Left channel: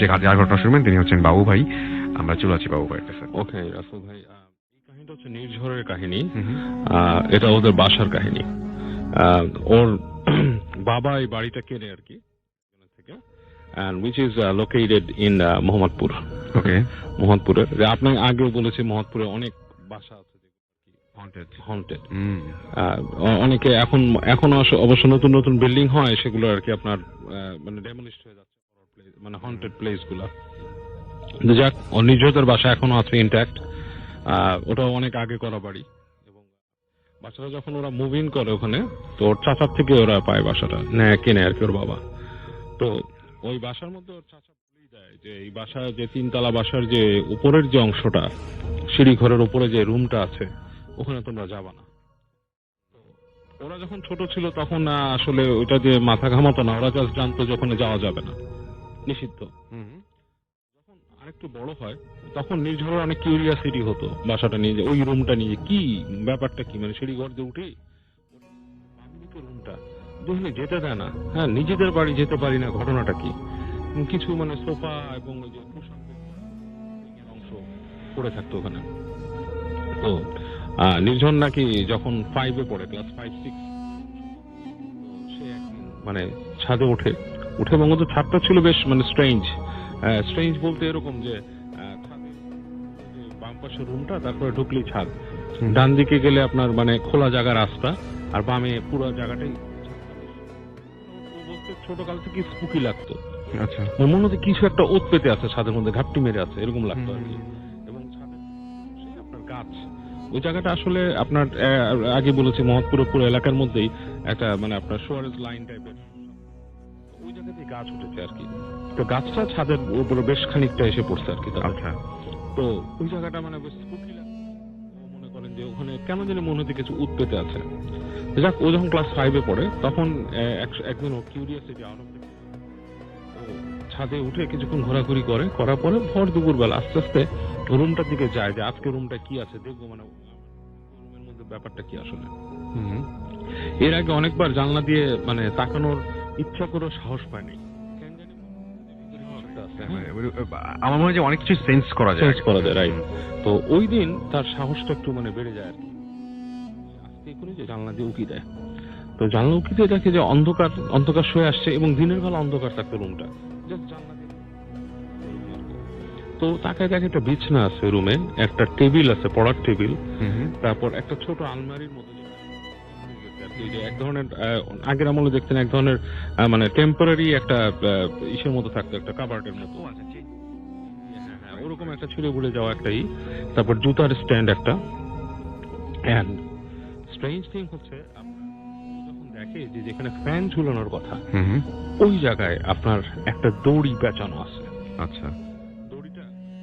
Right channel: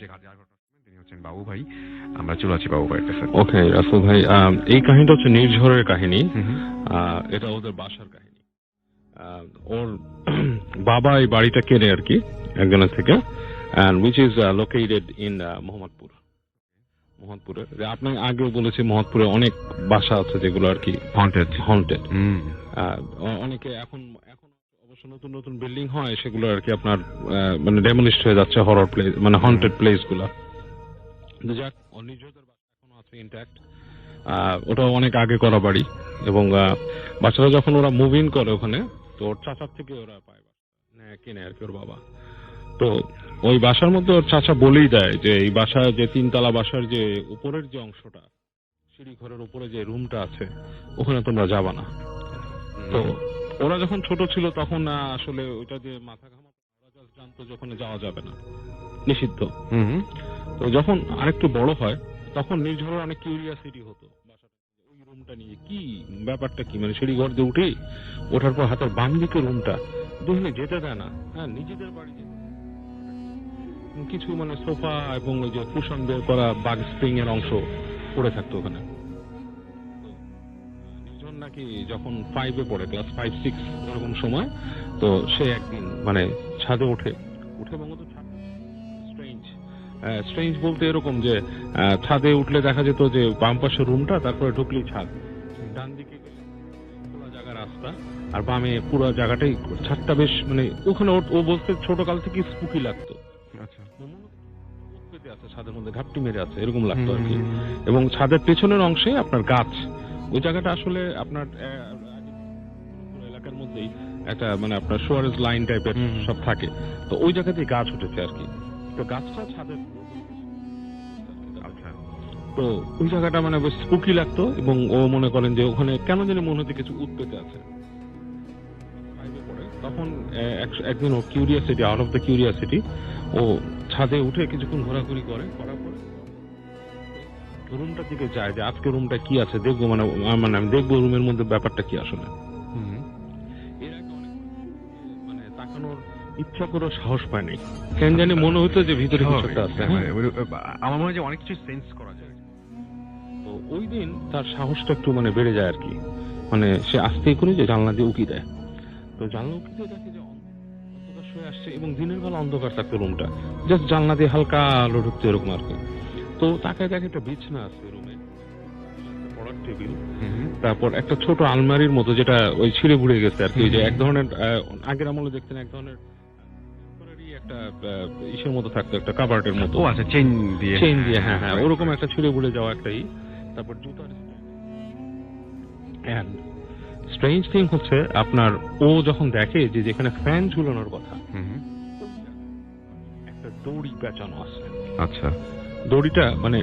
যে যার ঘটনা শুনবেন তিনি হচ্ছেন বাবু ভাই। আমরা চলে আছি বাবু ভাইয়ের কাছে। ওকে রাসেল ভাই, এই কাহিনীটা হচ্ছে নির্ঝরের কাহিনী। এটা ওদের বাসার কাহিনী। ওর বাবা এই বাড়িটা কেনে আর কি একজনের থেকে, and which is located in Mohammadpur. ওকে, মোহাম্মদপুরের আপনাকে আগেও বলেছি মোহাম্মদপুরে অনেক বাসা আছে যেগুলো আর কি হন্টেড। অনেকে এখনো অবশ্য নতুন নতুন বিল্ডিং হয়, সেগুলো আর কি আপনার মানে ডেমোলিশড হয়ে যাচ্ছে, হরর প্লেস মানে হন্টেড প্লেস গুলা। যাক, নির্ঝরের বাসা এখনো আছে ইনট্যাক্ট। ওটা অনেক আগে করা বাড়ি, এবং বাচ্চারা যখন ওরা মুভ ইন করে ওখানে, তো ওর চাচার থেকে ওরা পায় বাসাটা কেনে আর কি ওর বাবা। তো ওই বাসার মধ্যে ওর চাচা বলেই দেয় যে এই বাসা যে 3 তলা বাসার যে উপরের যে অংশটা, সিঁড়ি ঘরের উপরে যে রুমটা আছে, ওখানে তোমরা যাবা না। তো ওরা যখন ছোট ছিল তখন আসলে ওইটা যে মাথা ঘামাতো না, ওরা জাস্ট জানতো যে ওখানে যাওয়া যাবে না, নিষিদ্ধ। তো যখন আরেকটু বড় হয় তখন নির্ঝরের অনেক কিউরিয়াসিটি হতো বাসাটা নিয়ে, যে ওই রুমটা নিয়ে কি ব্যাপারটা কি, মানে সিঁড়ি ঘর দিয়ে উঠে ওঠার পর হাতের বাম দিকে রুমটা দেখলে যেতে দেয় না। হ্যাঁ, নিজেদের বাড়ি যেতে পারি না, ঘটনাটা কি? কিছু মানে সোফা এবং ওই যে কুশন বের করা বাগ স্প্রিং এর অংশ পড়ে থাকতো ওখানে। তো নির্ঝর নাকি যখন 5-এ পড়ে, ক্লাস 5-6 এরকম সময়, তো সে একদিন মানে ছাদে উঠে এবং ওদের ছাদটা ছিল বেশ মানে স্ট্রেঞ্জ বলতে এরকম যে ছাদে উঠলে দেখা যেত যে বাম পাশের রুমটা, তারপরে ঢুকলেই ছাদ, ডান দিকে গেলে আপনার মানে খোলা জায়গা রাস্তা, আর বামে পুরো জায়গাটাই ছাদটা। বেশ মানে ওখানে ও বলতে ছোটকাল থেকে স্পুকি লাগতো। আচ্ছা, মনে হচ্ছে কিছু একটা ওত পেতে আছে ছাদের মধ্যে, ঘাপটি মেরে আছে এরকম লাগতো আর কি। এবং ছাদের পেছনের অংশে আপনার গাছ, ওই জায়গাটা আসলে আপনার আগে বলেছি মোহাম্মদপুরের পুরো এলাকার মধ্যেই একটা মানে আপনার শোয়ারেজ লাইন টাইপের সব থাকে, তো ওই জায়গাতেই গাছ উঠেছে আর কি। তো গাছটা ছাদের উপরে বেশ খানিকটা এসে পড়ছে আর কি। আচ্ছা, তো ওই জায়গাটা মানে বেশ স্পুকি লাগতো, এবং ও মনে করেন যে ওখানে কেন জানি মনে হচ্ছে কিছু উৎপেতে আছে। যাক, ও যখন ক্লাস 5-এ পড়ে তখন একদিন ও curiosity, out of the curiosity, ও ছাদে উঠে কিছুক্ষণ ঘোরাঘুরি করার পরে ভর দুপুর বেলা আস্তে আস্তে রুমটার দিকে যায়, যে আজকে রুমটা কি আছে দেখবো, মানে আমি দেখবো রুমের মধ্যে ব্যাপারটা কি আসলে। এর আগে অনেকবার জানলা দিয়ে মানে তাকানোর ইচ্ছা করে সাহস পায়নি, কেন জানি মনে হতো যে ভিতরে কিছু একটা আছে। আমার মনে হয় যে অনেক কিছু সেন্স করা যায়, রাইট। তো ওই দিন তার সাহসটা একটু মানে বেড়ে যায় আর কি, মানে সে আস্তেই করে যে জানলা দিয়ে উকি দেয়। তো জানলা উকি দিয়ে দেখে যে অন্ধকার শুয়ে আসছে, এবং দিনের বেলা অন্ধকার থাকতো রুমটা, জাস্ট জানলা দিয়ে হালকা আলো ঢুকতো এরকম আর কি। তো তাকায় দেখে একটা বিছনা আছে রুমে, একটা টেবিল আছে, পড়ার টেবিল, তারপর একটা ছোট আলমারির মতো যেটা ওই ছিঁড়ে ঘুরে গেছে আর কি, যে এক ধরনের আগের আমলে দেখতেন এক ধরনের মানে টেম্পোরারি একটা ইসের মতো থাকতো, একটা কাবার্ডের মতো, আচ্ছা চেইন দিয়ে, হ্যাঁ ওরকম একটা ছিঁড়ে ঘুরে যাওয়া একটাই। তারপর জুতার স্ট্যান্ড একটা। এন্ড স্ট্রেঞ্জ থিং হচ্ছে আপনার, ও যখন দেখে যে যেখানে ফ্যান ঝুলানোর কথা, ওই জায়গায় আপনার একটা দড়ি পেঁচানো আছে। আচ্ছা, দড়িটা মানে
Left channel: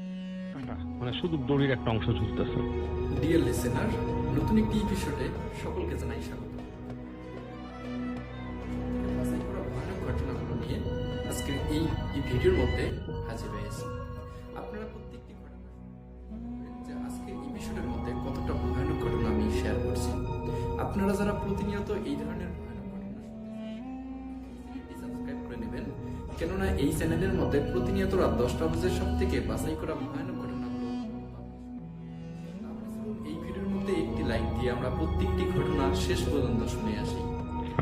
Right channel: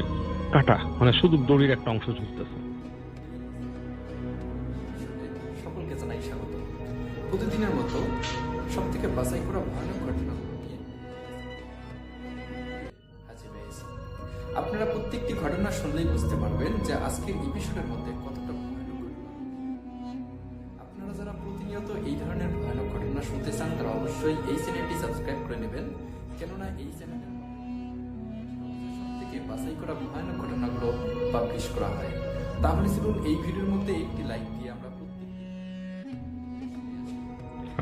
কাটা, মানে শুধু দড়ির একটা অংশ ঝুলতেছে। ডিয়ার লিসেনার, নতুন একটি এপিসোডে সকলকে জানাই স্বাগত। প্রতিদিনের মতো সবথেকে বাছাই করা ভয়ানক ঘটনাগুলো নিয়ে আজকে এই ভিডিওর মধ্যে হাজির হয়েছি। আপনারা প্রত্যেকটি ঘটনা শুনলেই বুঝতে পারবেন যে আজকের এপিসোডের মধ্যে কতটা ভয়ানক ঘটনা আমি শেয়ার করছি। আপনারা যারা প্রতিনিয়ত এই ধরনের ভয়ানক ঘটনা শুনতে চান তারা অবশ্যই এই চ্যানেলটি সাবস্ক্রাইব করে নেবেন, কেননা এই চ্যানেলের মধ্যে প্রতিনিয়ত রাত 10টা বাজে সব থেকে বাছাই করা ভয়ানক ঘটনাগুলো পাবলিশ করা হয়। তাহলে চলুন এই ভিডিওর মধ্যে একটি লাইক দিয়ে আমরা প্রত্যেকটি ঘটনা শেষ পর্যন্ত শুনে আসি।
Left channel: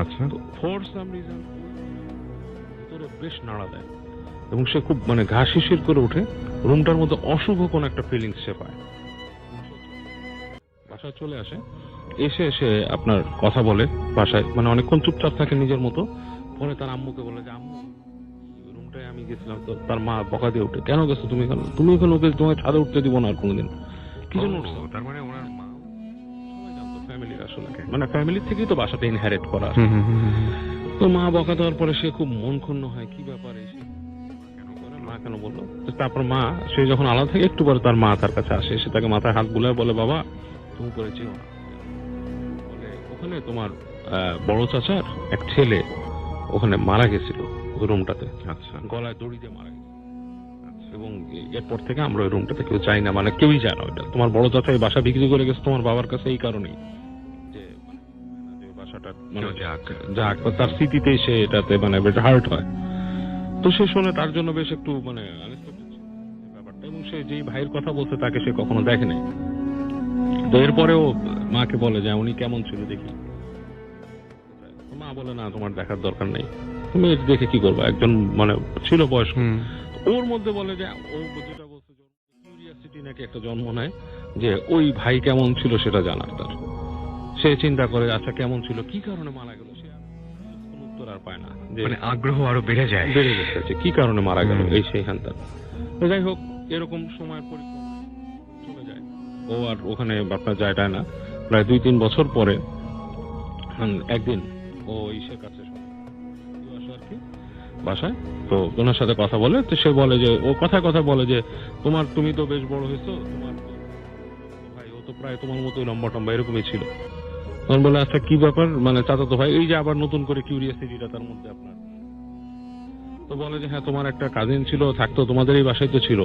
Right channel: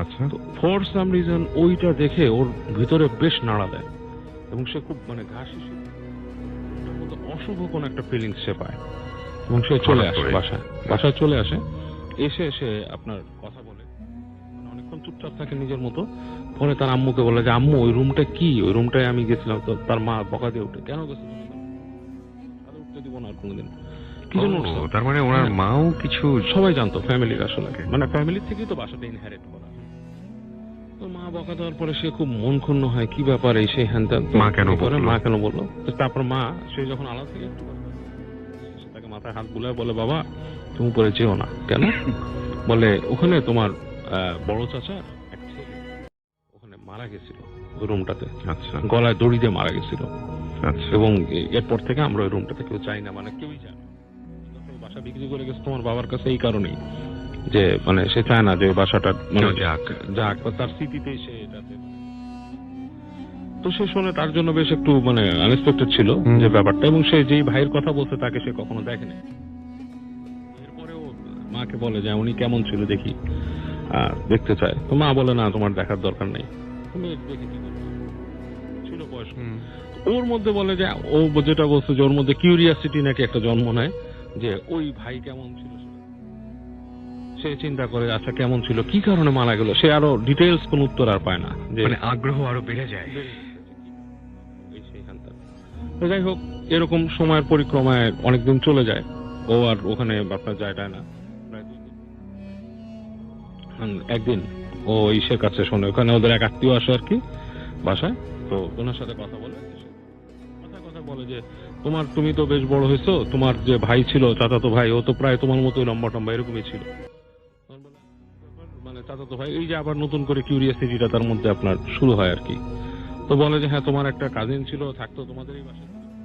আচ্ছা, তো ফর সাম রিজন ওইটা দেখে ওর ভিতরে বেশ নাড়া দেয়, এবং সে খুব মানে ঘা শিশির করে উঠে, রুমটার মধ্যে অশুভ কোন একটা ফিলিংস সে পায়, এবং সে চলে আসে বাসায় চলে আসে। এসে আপনার কথা বলে বাসায়, মানে অনেকক্ষণ চুপচাপ থাকে নিজের মতো। পরে তার আম্মুকে বলে যে আম্মু ওই রুমটা কি, ওই রুমটায় আমি গেছিলাম। তো তার মা বকা দিয়ে উঠে, কেন গেছো তুমি এখানে? ওকে তোমাকে ছাদে উঠতে দিব না আর কোনোদিন। কি জন্য? তার মানে ওনার মাও কিছু সবাই জানতো, ফ্যামিলির আসলে মানে ফ্যামিলি থেকেই তো বাসাটা ইনহেরিট করা। তো মা বকা দেওয়ার পরে সে খুব মন ক্ষুণ্ণ হয়, কি ব্যাপার এই সেই হ্যান ত্যান, মা কেন বললো। তারপর মা, সে যখন আলাদা থেকে একটু পরে তার মা তার কাছে আসে, সে তাকে মাথায় হাত বুলায় বলে, বাবা তুমি উপরে যেও না। কেন? বলে ওখানে তোমার বড় চাচার এক ছেলে ওখানে মারা গেছিল ওই রুমটাতে। আচ্ছা, গলায় দড়ি দিয়ে মারা গেছিল। আচ্ছা, এবং এরপর থেকে আমরা ওই রুমটাতে কেউ যাই না, মানে কেউই যায় না। ওইটা তোমার বড় চাচা এই বাসা বিক্রি করে গেছে তোমার বাবার কাছে, এই কারণেই যে মানে সে চায় না যে বাসাটা মানে যাক, তার স্মৃতিতেই সে এটাতে মানে হার্ট হয়। তো সে শুনে তার জন্য বেশ একটু মানে আনএক্সপেক্টেড ছিল যে ব্যাপারটা, এবং সে যেই ভাইয়ের কথা বলছে তাকে সে কখনো দেখে নাই। তো এরপরেও মাকে বলে যে উনি কেমন ছিল দেখি, দেখতে চায়। তো মা বলে না, তোমার দেখার দরকার নেই, তুমি দেখে কি করবা, একজন মানে ছিল বয়স্ক। ওর মধ্যে বলে যে ও যেটা বলছে যে ওর মধ্যে কিউরিয়াসিটি নাকি একটা জন্ম নেয় যে ওই ভাই কেমন ছিল সেটা জানার তার। সে চিন্তা করে আচ্ছা কেমন ছিল, কি কারণে মারা গেল, সে আরো ডিটেইলস কোন উত্তর আর পায় না, যে আগ্রহ আরো বেড়ে গেছে যে কি কারণে মারা গেল এই সেই হ্যান তার। তো যাই হোক, এরকম সময়ের পরিক্রমায় অনেকদিন চলে যায়, ও আর ওখানে আপনার যায় না। প্রায় 2-3 বছর পরে একদিন ও ইসের কাছে শোনে, ওখানে ওদের এক আত্মীয় আসে আর কি বাসায়। তো ওনার সাথে কথা বলে, তো সে বলে যে ও কথা বলে যে তুমি তো বেশ বড় হয়েছো, তোমার যে ভাই ছিল চাচাতো ভাই, ও তো প্রায় তোমার মতোই লম্বা টম্বা এরকমই ছিল। তখন বলে আচ্ছা কি ব্যাপার, মানে চাচাতো ভাই, এই যে আবার নতুন করে কিউরিয়াসিটিটা তার মধ্যে আপনার শুরু হয় আর কি। তো বলে যে হ্যাঁ তোমার একটা কাজিন ছিল, থাকতো তোমাদের এই বাসায় তো ছিল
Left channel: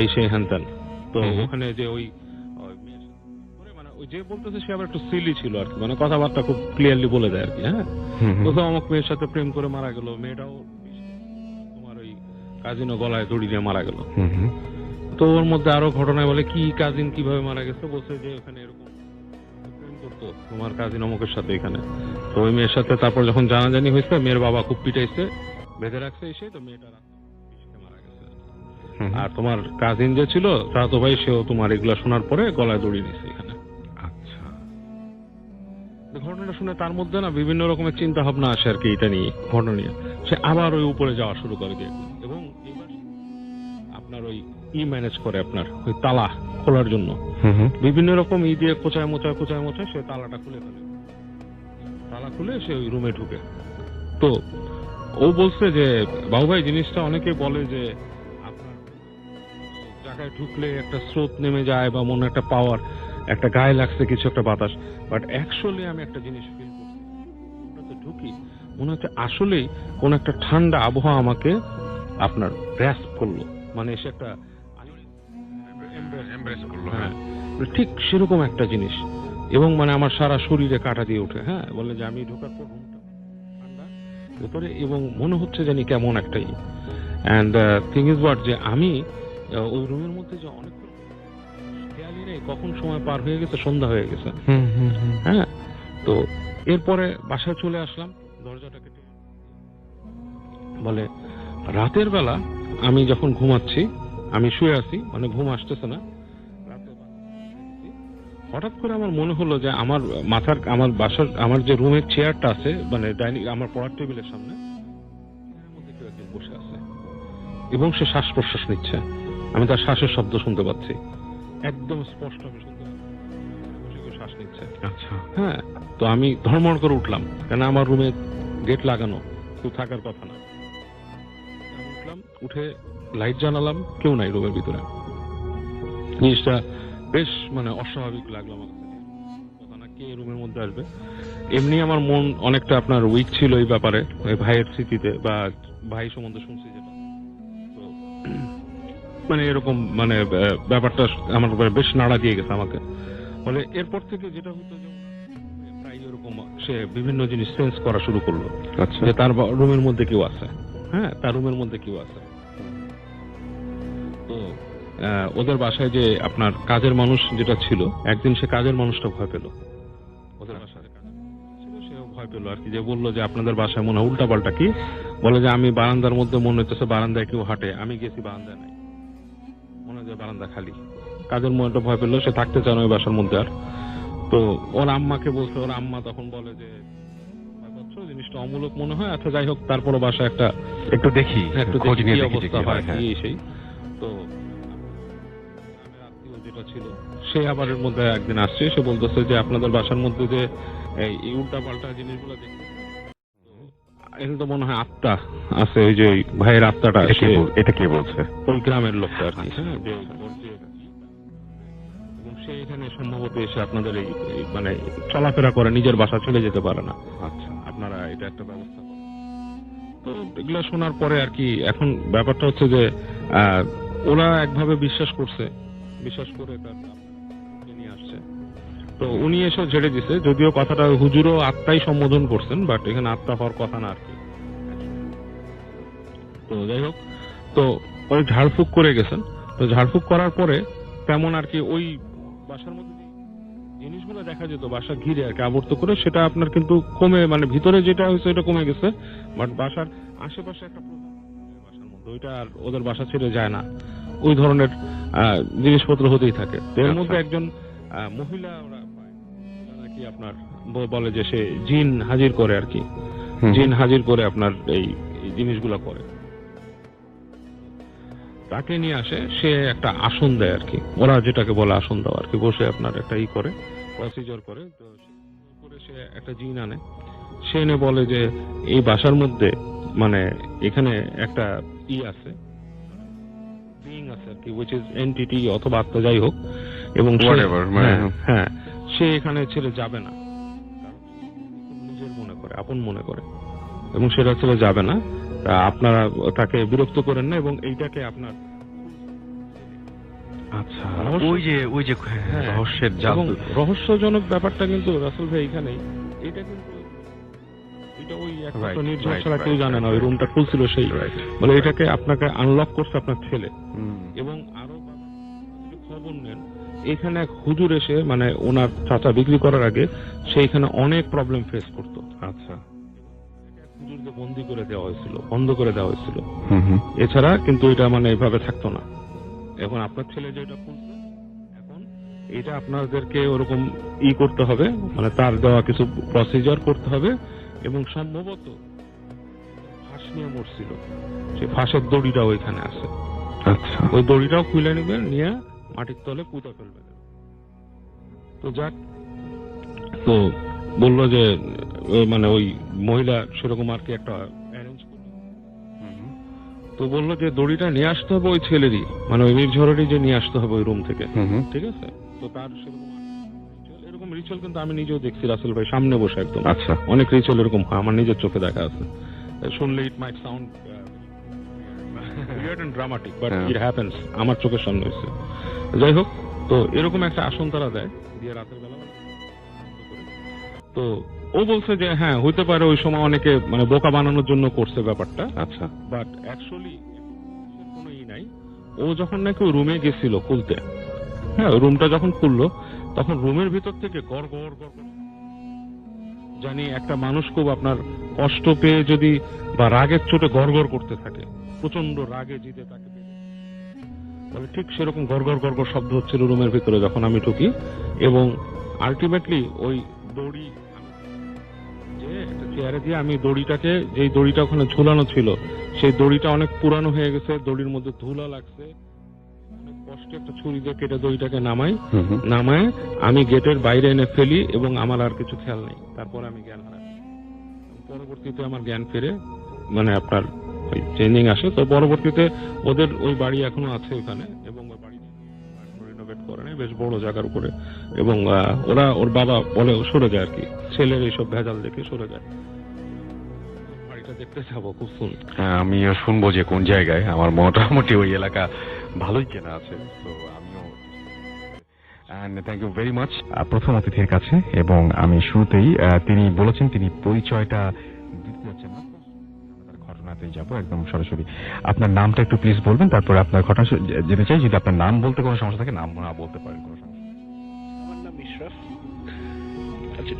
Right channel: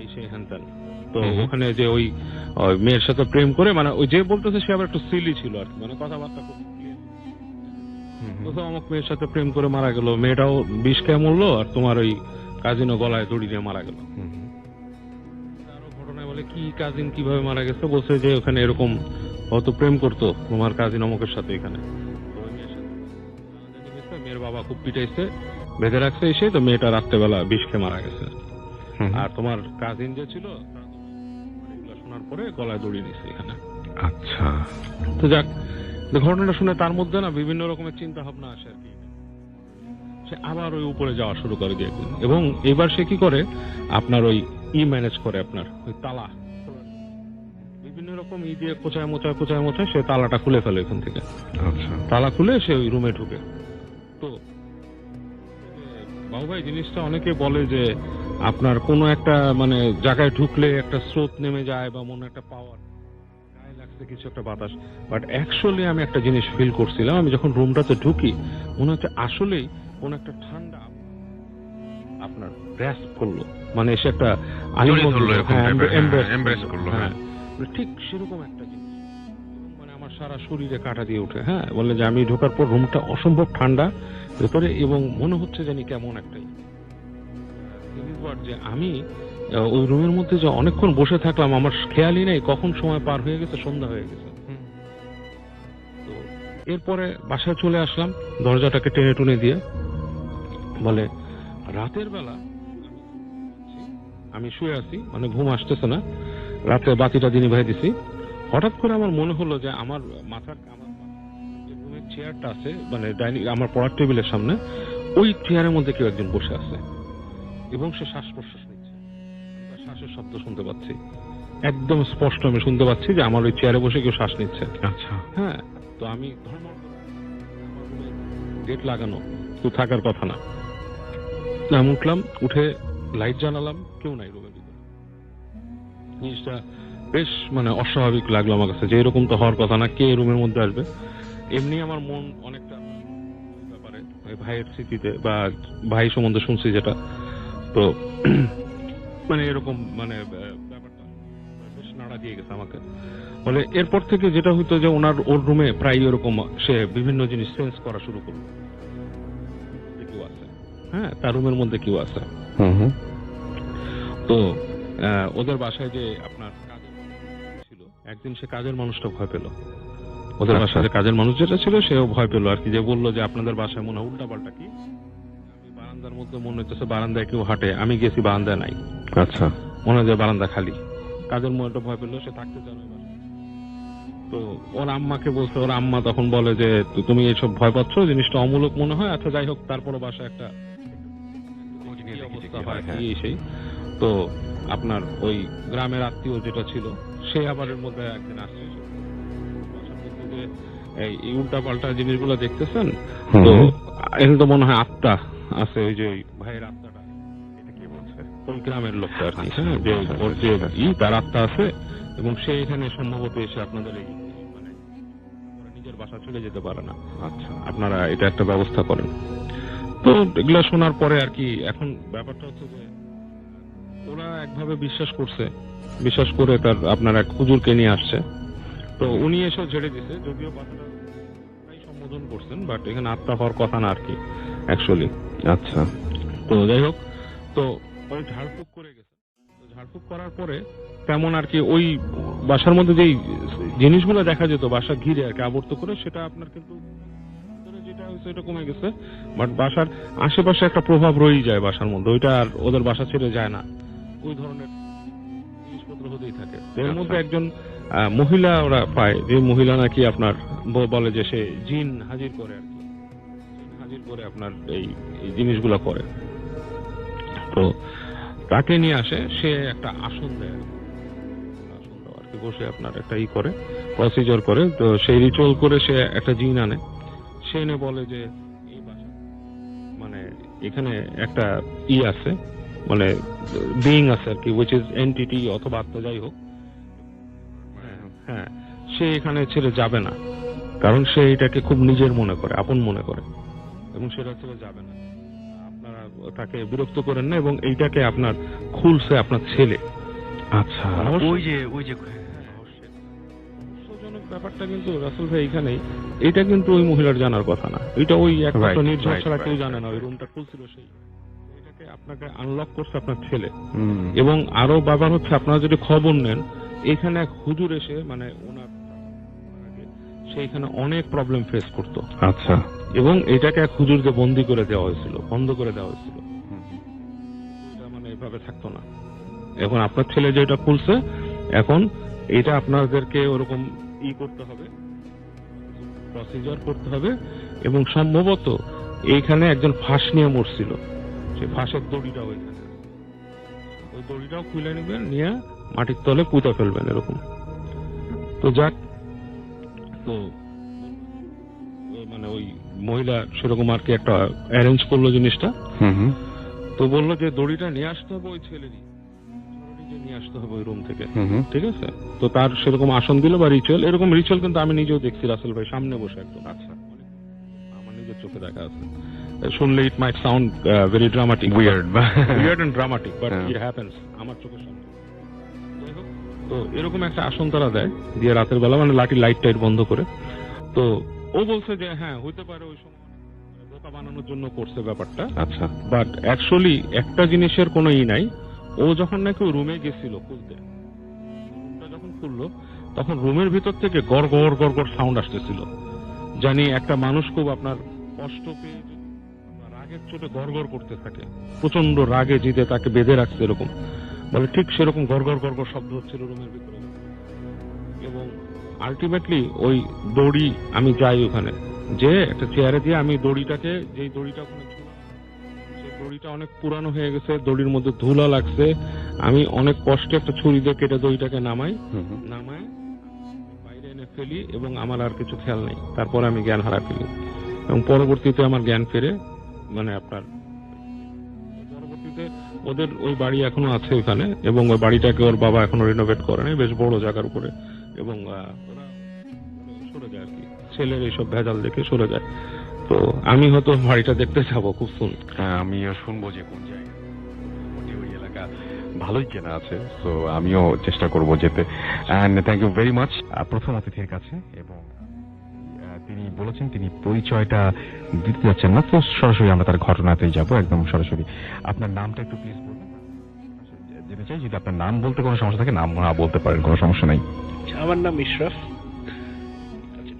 এই সেই হ্যান ত্যান। তো ওখানে যে ওই মেয়ের সাথে প্রেম করে, মানে ওই যে বলতেছে সে আবার একটু সিলি ছিল আর কি, মানে কথাবার্তা খুব ক্লিয়ারলি বলে দেয় আর কি। হ্যাঁ, তো অমুক মেয়ের সাথে প্রেম করে মারা গেল, মেয়েটাও বিষ খেয়ে মরলো, আর তোমার ওই কাজিনও গলায় দড়ি দিয়ে মারা গেল। তো ওর মধ্যে আরো ঘটনায় বলে কি কাজিন কিভাবে মারা গেছে, বলছে যে ওখানে এরকম হয়তো প্রেম করতো তোমার কাজিন অমুকের সাথে এখানে। তো ওই মেয়ের সাথে তারপর যখন জানাজানি হয়েছে, মেয়ের বাবা খুব পিটাইছে, বেঁধে রাখছে এসে, তো মেয়েটা রাত্রেবেলা বিষ খেয়ে মারা গেছে। আর তোমার কাজিন যে ছিল চাচাতো ভাই, সেও তোমার এগুলা শোনার পরে গলায় দড়ি দিচ্ছে এখানে। আচ্ছা, তো যাক, ঘটনাটা শুনে তার মধ্যে না বিভিন্ন রকমের চিন্তা ভাবনা আসে আর কি, এটা নিয়ে ঘটনা নিয়ে। সে আবার ওই উপরে যাওয়া শুরু করে দিয়ে, এবং এবার সে কি করে আপনার ওই ম্যানেজ করে আপনার ওই তালা খোলার জন্য বিভিন্ন রকম দিয়ে কোচায় মোচায় সে তালাটা খুলে ফেলে এখান থেকে। আচ্ছা, তালা খুলে সে ওই রুমে ঢুকে। তো ও বলছে যে বাবু ভাই, জিনিসটা অনেকে বলে যে আপনার কোনো একটা মানে জায়গায় ঢুকলে একটা স্রোত নেমে যায়, বা মনে একটা পাওয়ার, একটা গায়ে লাগছে কিছু একটা বাতাস। বাট অ্যাকচুয়ালি আমি একটা জিনিস ফিল করছিলাম, আমি যখন রুমটাতে ঢুকি মনে হচ্ছে আসলেই কোন একটা ঠান্ডা আবহাওয়া আমাকে আপনার গ্রাস্প করলো, মানে এসে একটা ঠিক সেরকম একটা জিনিস, এবং মানে আমার সারা শরীরে কাঁটা দিয়ে ওঠে। হ্যাঁ, বলে যে আমি ঢোকার পর রুমটা অসম্ভব ঠান্ডা ভেতরে, এবং মনে হচ্ছে জানি কেমন একটাই। অ্যান্ড থিং ইজ হোয়াট, যে আমি ওই রুমের মধ্যে যে অনেকক্ষণ বসে থাকলাম, আমার খেয়ালই নেই কখন সময় পার হয়ে গেছে, সন্ধ্যা হয়ে গেছে। হ্যাঁ, তো এরপরে বাসায় চলে আসলাম, দরজাটাকে টেনে টুনে দিয়ে। বলে রাতের বেলা আমি যখন ঘুমাচ্ছি, আমি শুয়ে আছি, মানে ঘুম আসতেছে না, রাতে বাতিটা দিনই ভাই দিছি, হঠাৎ করে আমার মনে হলো যে আমার আমার বাসার আমার যে রুমের চেয়ারটা আছে, মানে ডাইনিং আমার পড়ার টেবিলের সামনে, ওই চেয়ারের মধ্যে কেউ একজন বসে আছে, এবং সে শ্বাস প্রশ্বাস নিচ্ছে। আমি তার শ্বাসের শব্দ শুনতে পাচ্ছি, একদম স্পষ্ট আমি শুনতে পাচ্ছি যে আমার ওই চেয়ারে বসে কেউ শ্বাস নিচ্ছে। আচ্ছা, হ্যাঁ, তো আমি ধর্মড় করে উঠলাম, কেন আমার রুমে গেট লাগানো, কেউ থাকার কথা না। আমি উঠলাম, উঠে লাইট জ্বালালাম, কেউ নাই রুমের ভিতরে। জিনিসটা বেশ মানে অস্বাভাবিক লাগলো আমার কাছে, যে এরকম তো হওয়ার কথা না, কে রুমের মধ্যে আসবে। এমনি আমার মন অনেকটা আপনার উইক ছিল এই ব্যাপারে, ওই ভাইয়ের স্মৃতিতে বা ভাই সম্বন্ধে শুনছি যেটা। তো মানে এরকম মানে ব্যাপারটা আমার বেশ নাড়া দিয়ে গেছে আমাকে। বলে এরপর থেকে যেটা হইতো যে ওর রুমে প্রায় এরকম সে বিভিন্ন জিনিস সেন্স করা শুরু করলো। আচ্ছা, যে তার রুমের মধ্যে কেউ আছে। হ্যাঁ, তার রুমের মধ্যে কেউ আছে। তো ওদের বাসায় যে আপনার কাজের মানুষ যেটা ছিল, একদিন সে কাজের মানুষটা ভয় পেল। ওদের বাসায় যে কাজের মানুষ যেটা ছিল সেও ভয় পেল আর কি, যে বললো যে আপনাদের বাসায় মনে হয় উল্টা পাল্টা কি। বলে যে আমি বারান্দার মধ্যে মনে হচ্ছে বারান্দায় কেউ হাঁটে, আমি গেছি বারান্দায় নাই। আচ্ছা, মনে হয় যে বারান্দা খালি। কাজের মনটা ভয় পেলো, সে থাকতে চায় না ওই বাসার মধ্যে আর। তো ওর আম্মাকে বলছে, ওর আম্মা তখন বলে যে তুমি এইসব ভয় পাচ্ছ, জিনিসটা অমূলক মনে হয়, আচ্ছা যাই হোক, তারপরে বাসায় একটু দেখি কি অবস্থা হয় সেই। তো আপনার ওই গ্রামের আত্মীয় যেটা ছিল, সে আবার এর মধ্যে একদিন আসছে, সে বলতেছে যে আপনাদের বাসার মধ্যে যে এই উল্টা পাল্টা জিনিসগুলো দেখতেছেন, তো এখানে তো মনে হয় আত্মা আছে, ওই যে ভাইয়ের আত্মাটা। এটা কে বলছে? ওই গ্রামের লোকটা আর কি, যে ওর যে তার আত্মা আছে, এবং সে এখানে সম্ভবত এসে আপনাদের এই মানে চলাফেরা করে, নিজের বাসা চলে যেতে পারে না। আচ্ছা, আপনারা এটা একটা ব্যবস্থা করেন। তো এগুলা শোনার পরে আর কি, এখন ব্যাপারটা হচ্ছে যে ওরা একভাবে বিশ্বাস করে তার আপনার এক হুজুরকে নিয়ে আসছে। তো উনি এসে ঝেড়ে দিছে, যদিও কথাটা হুজুরও আত্মাই সম্বোধন করছেন, বাট এখানে আত্মা হওয়ার কথা না আর কি অ্যাকচুয়ালি। আচ্ছা, তো যাই হোক, তো ওই ঝাড়ফুঁক করে গেছেন। তো ঝাড়ফুঁক করার পরে তেমন আর কি ওই বাসার মধ্যে যেই জিনিসগুলো দেখা যেত বাসা ঘিরে আর কি আবর্ত করে, সেটা আপনার কিন্তু কমে, মানে ভিতরে যেটা হয়েছে এটা কমে গেছে, বাট বাসার আশেপাশে একটা প্রভাব রয়েই যায় বাসার মধ্যে, ওইটা আর ওদের বাসা ছেড়ে যায় না। ওই ধরনের জিনিসপত্র হতেই থাকে। এর মধ্যে একজন মহিলা ওরা পায়, যে মহিলা নাকি আপনার বলে যে সে জিন হাজির করে আর কি, জিন হাজির করে আপনার এই জিনিসগুলো করে। তো তাকে নিয়ে আসে, সে একটা আসন দেয় আর কি, ওরা যেটাকে বলে আসন দেওয়া আর কি, বসে আপনার একটা করে প্রসিজার করে। তো সেই রিচুয়াল করে সে একটা জিন আনে, সে এনে বলে যে এই বাসার মধ্যে মানে এখানে একটা আছে, মানে বিইং আছে আর কি, উইচ ইজ এন্টিটি অথবা আত্মা, যাই হোক, এবং হ্যাঁ সে এখানে ছেড়ে যাবে না, কারণ সে এটাকে খুব নিজের মনে করে, আপন মনে করে, এবং সেটা ছেড়ে যাবে না। আপনারা তাকে বিরক্ত করেন না, এবং এইটাকে আপনার খুলছে আপনার ছেলে। আচ্ছা, ওই যে রহস্যের জাদু, রহস্যজনক ব্যাপারটা কিন্তু রাসেল ভাই এখানেই, এটা কিন্তু ওই মহিলার জানার কথা না, এটা ওই একটা নির্ঝর ছাড়া কেউ জানে না। ওই রুমটা খুলছিল সেই, বলে এটাকে আপনাকে আনলক করছে আপনার ছেলে। এবং আরো ব্যাপার হচ্ছে, আপনারা যদি খবর নেন, এখানে এক হুজুর এসে, মানে ওনার চাচা বিক্রি করার আগে সেইখানে অনেক প্রবলেম ফেস করতো। আচ্ছা, এবং এটাকে এক হুজুরকে বন্দি করে দেওয়া হয়েছিল, বন্ধ করে দেওয়া হয়েছিল। এছাড়া কিন্তু এটা মানে এইভাবে থাকতো না। এখন আপনার ছেলে যেটা খুলছে, এখন এটা আপনাদেরকে ওরকম করতে হবে, মানে তার দেওয়া কিছু প্রসিজার করতে হবে, এবং সম্ভবত এইখানে একজন ফাঁস নিয়ে মরছিল, সেই ফাঁসের দড়িটাও ওইখানে আছে। আচ্ছা, ওই দড়িটাও খুলে নেবেন, নিয়ে মাটির তলে পুঁতে ফেলবেন এরকম। তো যাক, তো বললো যে মানে ওই মহিলা সেরকম আর কি একটা অ্যারেঞ্জ করলো জিনিসটা। তো বললো যে দড়িটা নিয়ে আসতে হবে ওই ছেলেরই, মানে ওই নির্ঝরেরই, যে নিয়ে আসতে হবে ওই রুম থেকে, ঠিক আছে? তো তার সেরকম আসন দিল বা রিচুয়াল, এরকম রিচুয়াল কিন্তু আমি নিজেও দেখছি রাসেল ভাই, সামনে বসে একদম। আচ্ছা, অনেক রিচুয়াল এরকম হয়, আমার নিজের চোখে দেখা আছে। শুনলে it might sound very dramatic, weird and dramatic, but it happens, আমার চোখের সামনে হয়েছে। যাই হোক, তো এরকম একটা আসন তারা দেয়, দিয়ে রাতের বেলা মানে লাঠি লাইট টাইট বন্ধ করে। তো ও বলছে যে হ্যাঁ হইতে পারে ওই সময় অনেকে মানে বোকা বানানোর জন্য করছে ব্যাপারটা। আচ্ছা, বাট অ্যাকচুয়ালি একটা জিনিসের কোনো নাই। ও যখন নাকি ওই রুমে গেছিল খুলতে, হ্যাঁ রুমটা যখন খুললো, তখন রুমের ভিতর থেকে গড় গড় গড় গড় সাউন্ড আসতেছিল। জানি একটা মানুষ খুব আপনার কষ্ট পেয়ে যদি বা রাগের চোটে গড় গড় করতে থাকে, প্রচন্ড রাগে জিতে তাকে বেঁধে রাখছে এরকম, বলে ঠিক সেরকম গড় গড় গড় গড় শব্দ হচ্ছিল রুমের ভিতরে যখন আমি ঢুকি। এবং আলটিমেটলি ওই দড়ি, আমি যাই ওখানে, যে একটা চেয়ারে দিয়ে আমি দড়িটাকে, যেই দড়িটা ওখানে ঝুলানো ছিল, সেই দড়িটা অনেক পুরানো হয়ে গেছে, দড়ির মধ্যে ধুলা লাগছে। আমি অনেক কষ্টে একটা ছুরি দিয়ে কেটে দড়িটাকে নামায় আমি গেটের বাইরে এনে ফেলি, এবং আমার আর কিছু খেয়াল নেই। তারপরে আমি জ্ঞান হারা ফেলি, এবং পরবর্তীতে আমার জ্ঞান ফিরে, মানে আপনার ওই চেঞ্জিং আসে। তো পরবর্তীতে ওদের ওই বাড়ি এখনো আছে ওখানে, এবং ওই বাড়িটাকে ওর বাবা এখনো রিনোভেট করে নাই, বেশ বড় জায়গার উপরে। এবং ওর বাবা বলে সরে যায় আর কি, ছেলের এইসব ভেজাল দেখে সরে যায়। তো আমি হয়তো বাড়িটা দেখতে যাবো খুব শুন। আমিও শুনবো যে কোন জায়গায়, আমার মোটামুটি ওই এলাকা ভালোই চেনা আছে, তো আমিও চেষ্টা করব যেতে। And thank you very much প্রথম অতিথির কাছে। এবং আমি শুরুতেই তিনি বলেছেন তিনি পরিচয়টা দিতে যাচ্ছেন না, তো সরাসরি আমরা তার ঘটনাতেই যাব, একদম সরাসরি। আপনার নামটা একটু প্লিজ বলবেন, তারপরে আপনার ঘটনা যেতে চাই। যদি আপনার নাম বলতে কোনো সমস্যা থাকে নাম না বলতে পারেন, কোনো সমস্যা নাই। আমার নাম ইশরাফ। আচ্ছা,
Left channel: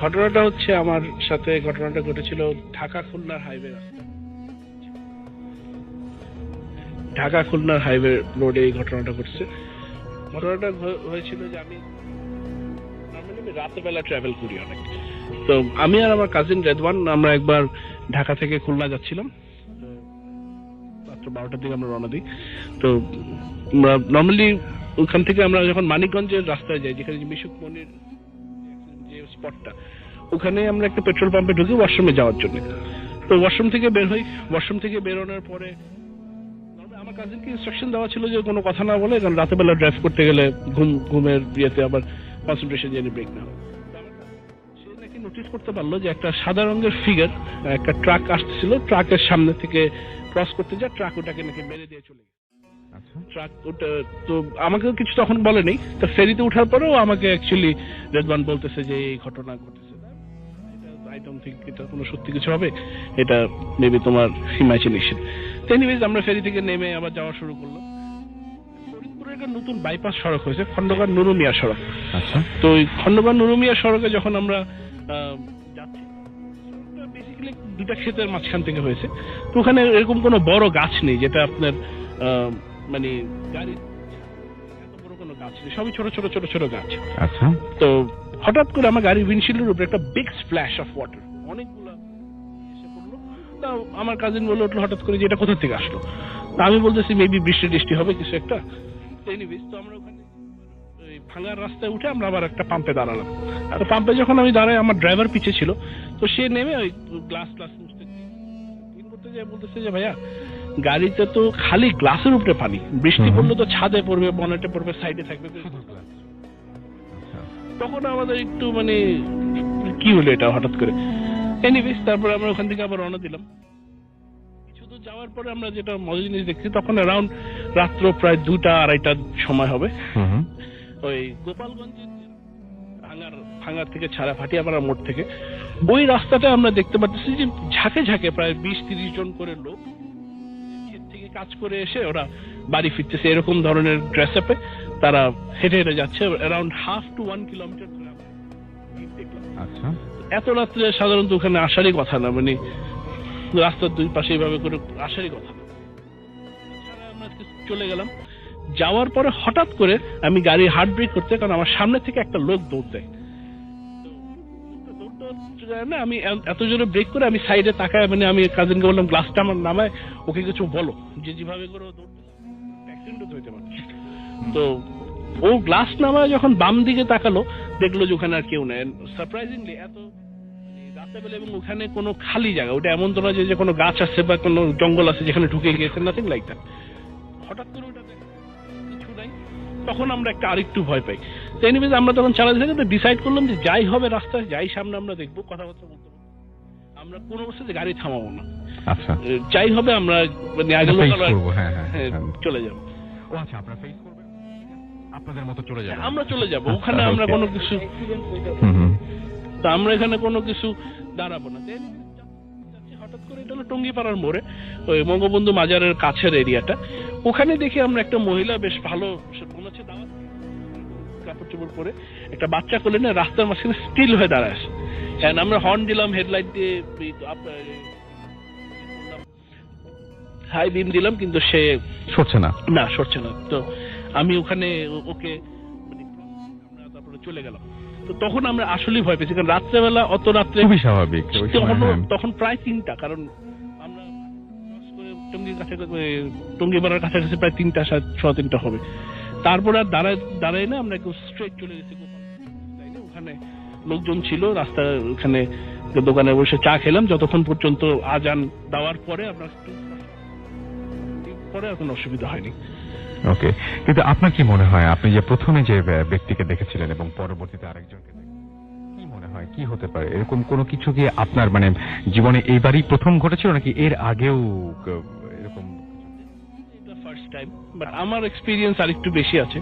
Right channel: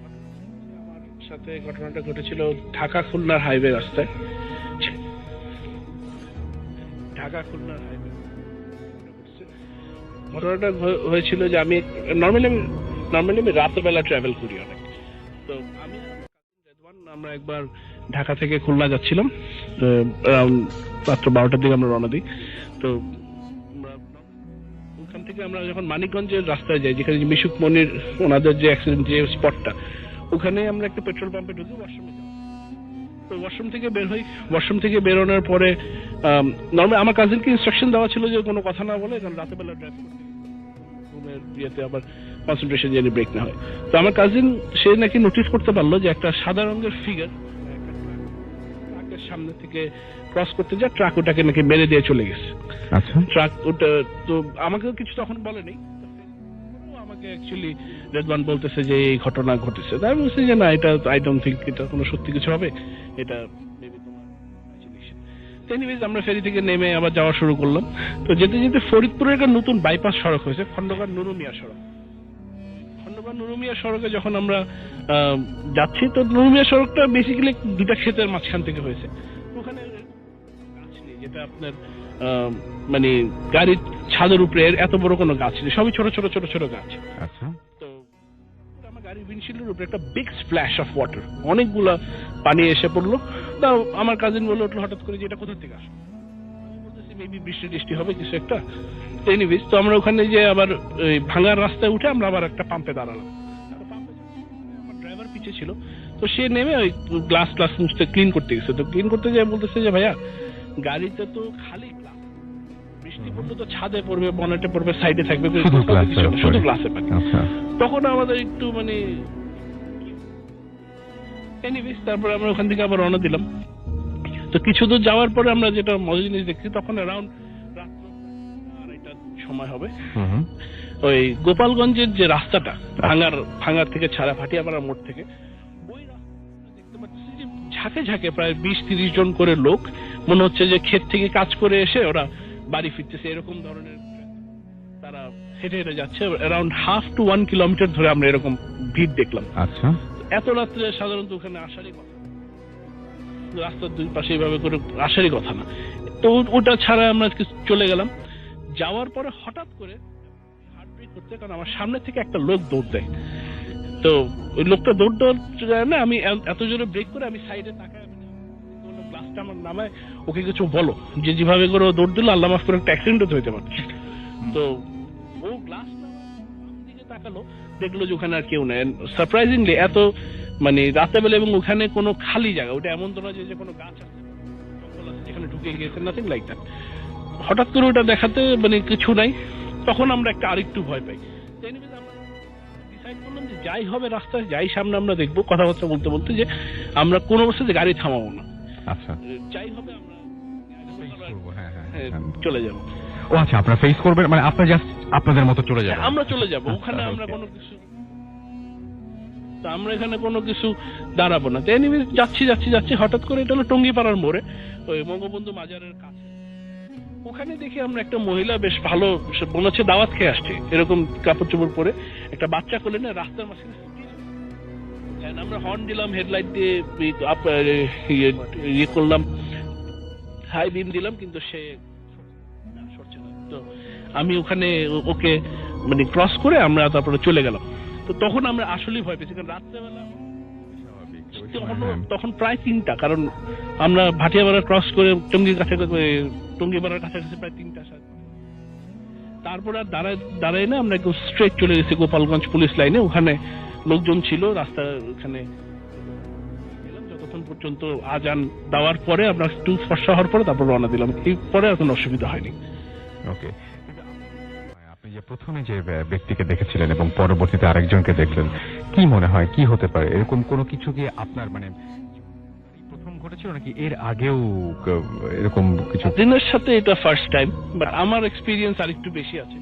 ঘটনাটা হচ্ছে আমার সাথে ঘটনাটা ঘটেছিল ঢাকা খুলনার হাইওয়ে রাস্তায়, ঢাকা খুলনার হাইওয়ে রোডে এই ঘটনাটা ঘটছে। ঘটনাটা হয়েছিল যে আমি নর্মালি আমি রাতের বেলা ট্রাভেল করি অনেক। তো আমি আর আমার কাজিন রেদওয়ান আমরা একবার ঢাকা থেকে খুলনা যাচ্ছিলাম, রাত্র 12টার দিকে আমরা রওনা দিই। তো নর্মালি ওখান থেকে আমরা যখন মানিকগঞ্জের রাস্তায় যাই, যেখানে মিশুক মনির ওনাদের যে অ্যাক্সিডেন্ট যে স্পটটা, ওখানে আমরা একটা পেট্রোল পাম্পে ঢুকি ওয়াশরুমে যাওয়ার জন্য। তো ওয়াশরুম থেকে বের হই, ওয়াশরুম থেকে বেরোনোর পরে নর্মালি আমার কাজিনকে ইনস্ট্রাকশন দেওয়া ছিল যে কোনো কথা না বলে, কারণ রাতের বেলা ড্রাইভ করতে গেলে ঘুমের ইয়েতে আবার কনসেন্ট্রেশন যেন ব্রেক না হয়। তো আমার কাজিন সে নাকি নোটিস করতে পারলো যে একটা সাদা রঙের ফিগার একটা ট্রাক আসতেছিল, ট্রাকের সামনে থেকে ক্রস করতে যায়, ট্রাক ওটাকে নাকি মেরে দিয়ে চলে গেছে। আচ্ছা, ট্রাক ওটা তো আমাকেও কিছু তখন বলেনি। তো ফেরিতে ওঠার পরেও আমাকে অ্যাকচুয়ালি রেদওয়ান বলতেছে যে এই ঘটনা ঘটেছে। তাই আমি বলছি যে না, এটা আই ডোন্ট থিঙ্ক এটা কোনো সত্যি কিছু হবে, এটা মেবি তোমার ইমাজিনেশন। এনিওয়েজ আমরা ফেরি থেকে নেমে আবার যাওয়া শুরু করলাম। তো যেতে যেতে ফরিদপুরের একটা নতুন বাইপাস সড়ক হয়েছে, খন্দকার নুরুমিয়া সড়ক। আচ্ছা। তো ওই খন্দকার নুরুমিয়া সড়কে যখন আমরা যাচ্ছি, তো নুরুমিয়া সড়কটা বেসিক্যালি দুটা ক্ষেতের মাঝখান থেকে হয়েছে। তো ওখানে এরকম কোনো বড় গাছ নেই যেটা আপনার মানে গাড়ির ছাদের উপরে এত বড় কোনো গাছ নেই, সবই ছোট ছোট ছোট ছোট গাছ। আচ্ছা। তো হঠাৎ করে আমার গাড়ির উইন্ডশিল্ডের উপরে একটা বিগ স্প্ল্যাশ অফ ওয়াটার, অনেকগুলা পানি এসে পড়লো। তা আমার কাজিন বলে উঠলো হঠাৎ করে যে এটা কোথা থেকে আসলো। তা আমি বলতেছি মেবি বৃষ্টি টিষ্টি হবে কিছু একটা। এনিওয়েজ তো আমরা ওখানে যে আবার ভাঙার রাস্তায় উঠে আমরা আবার একটা পাম্পে দাঁড়ালাম। আর পাম্পে যখন আমি দাঁড়াই, আমার ড্রাইভার পিছে ছিল, তো সে নেমে ওই গ্লাস মুছতে ক্লিন করতে গেছে। তো ক্লিন করতে যেয়ে বলতেছে যে ভাইয়া গাড়িতে তো খালি গ্লাসের উপরে পানি, বৃষ্টি পড়লে তো ছাদে পড়বে, বনেটে পড়বে, সাইডে থাকবে, শুধু গ্লাসে পানি। তখন আমাদের একটু মানে কি হলো এটা হঠাৎ করে। এনিওয়েজ তারপর আমরা ওখান থেকে আবার রওনা দিলাম। তো কিছু দূর যাওয়ার পরে আমরা যেটা মজা জিনিস দেখছি, তখন অ্যারাউন্ড রাত্র প্রায় 2-2:30 সময় হবে। ওই গোপালগঞ্জের যে রাস্তাটা ভাঙার থেকে ছাড়া ভাটিয়াপাড়া মোড় থেকে, ওই রাস্তাটা আমরা দেখতে পাচ্ছি যে ঝাঁকে ঝাঁকে প্রায় 20-30 জন করে লোক, মনে হচ্ছে যে ক্ষেত থেকে কাজ করে এসে ওরা বাড়ি ফিরতেছে, এরকম ধরনের ড্রেস আপে তারা হেঁটে হেঁটে যাচ্ছে। অ্যারাউন্ড 1/2 to 1 কিলোমিটার ধরে আমরা এরকম ভিড় দেখলাম। আচ্ছা। এত রাত্রে সাধারণত ওখানে আসারই কথা না, মানে রাস্তার দুই পাশে এইভাবে করে আসারই কথা না। তো ওটা ছাড়া আমরা চলে গেলাম। যাওয়ার পরে হঠাৎ করে আমি গাড়ি হার্ড ব্রেক করতে, কারণ আমার সামনে থেকে একটা লোক দৌড় দেয়। তো ওই লোকটা দৌড় যায় না, আমি এত জোরে ব্রেক করে আমি সাইডে তাকায়, মানে আমি কাজিনকে বললাম গ্লাসটা আমার নামায়, ওকে কিছু বলো, যে যেভাবে করে ও দৌড় দিল আল্লাহ মাফ করে একটা অ্যাক্সিডেন্টও হইতে পারছে। তো ও গ্লাস নামায় যখন বাম দিকে তাকালো, দেখলো যে ওখানে আর কেউ নেই। সারপ্রাইজিংলি এত মানে রাতেবেলা, এবং ওখানে কোনো খালি জায়গা, ওটা এমন তো না যে কোনো গাছ আছে বা কোনো জঙ্গল আছে যেখানে ঢুকে গিয়েছে, নাথিং লাইক দ্যাট। হঠাৎ করে ওটা দেখাতে মানে কিছু নাই, তখন আমরা একটা আরেকটু ভয় পাই। তো এনিওয়েজ আমরা তখন চালাতে থাকি, ডিসাইড করলাম যে যাই হবে রাস্তায় যাই সামনে আমরা দেখবো, কথাবার্তা বলতে বলতে, যে আমরা কোনো অবস্থাতে গাড়ি থামাবো না। আচ্ছা। যাই হবে আমরা মানে আগে চলে যাবো। ও আচ্ছা, আপনারা ফেস করবেন, মানে আপনারা জাস্ট আপনাদের মতো চলে যাবেন? আমরা চলে যাবো, ওখানে আমরা কোনো কিছু, তো আমরা এখানে কোনো কিছু দাঁড়াবো না। তো এনিওয়েজ যাচ্ছি হঠাৎ করে, এটা হলো টঙ্গিপাড়ার মোড়ে, ওই বঙ্গবন্ধু মাজারের কাছের এরিয়াটা। ওখানে দেখি আমরা একটা মহিলা বেশ ভালো, মনে হচ্ছে দাওয়াত খেয়ে আসছে, এরকম কাপড় চোপড় পরে একটা বাচ্চা কোলে না রাস্তার মাঝখানে স্টিল হয়ে দাঁড়ায় আছে। আমরা হর্ন দিলাম, হেডলাইট দিয়ে ইয়ে করলাম, হাই বিম দিলাম, কিন্তু সে সরছে না। তো আমি ওখানে ওকে মানে ক্রস করে আমরা তারপরে চলে গেলাম। তো তখন আমরা আসলেই ভয় পেয়েছি, কারণ রাত্রেবেলা অত রাত্রে খুবই স্বাভাবিক, তখন প্রায় 3টা, কারণ আমরা ভাটিয়াপাড়া ক্রস করে টঙ্গিপাড়ার কাছাকাছি প্রায় 3টা হবে। তারপর আর দাঁড়াই না, আমরা একটু স্ট্রেট চলে গেছি গোপালগঞ্জ পুলিশ লাইনে। ওখানে লোকজন ছিল, রাস্তার ওখানে দোকানে বসে চা খেলাম, যতক্ষণ পর্যন্ত আজান দেওয়ার পরে আমরা একটু ফর্সা হওয়ার পরে তারপর রওনা দিলাম। এরপরে আর কোনো অসুবিধা হয়নি। ওকে, কিন্তু আপনার কি মনে হয়, আপনি যে প্রথমে যে ব্যক্তিকে দেখেছিলেন এবং পরবর্তীতে আরেকজনকে দেখলেন, কি মনে হয় কি হতে পারে? এরকম কোনো কিছু কি আপনার মানে জীবনে এইবারই প্রথম ঘটেছিল, নাকি এর আগেও এরকম কিছু? দিনের সাথে এটা ফার্স্ট টাইম, বাট আমার এক্সপিরিয়েন্স আরেকটু বেশি আছে।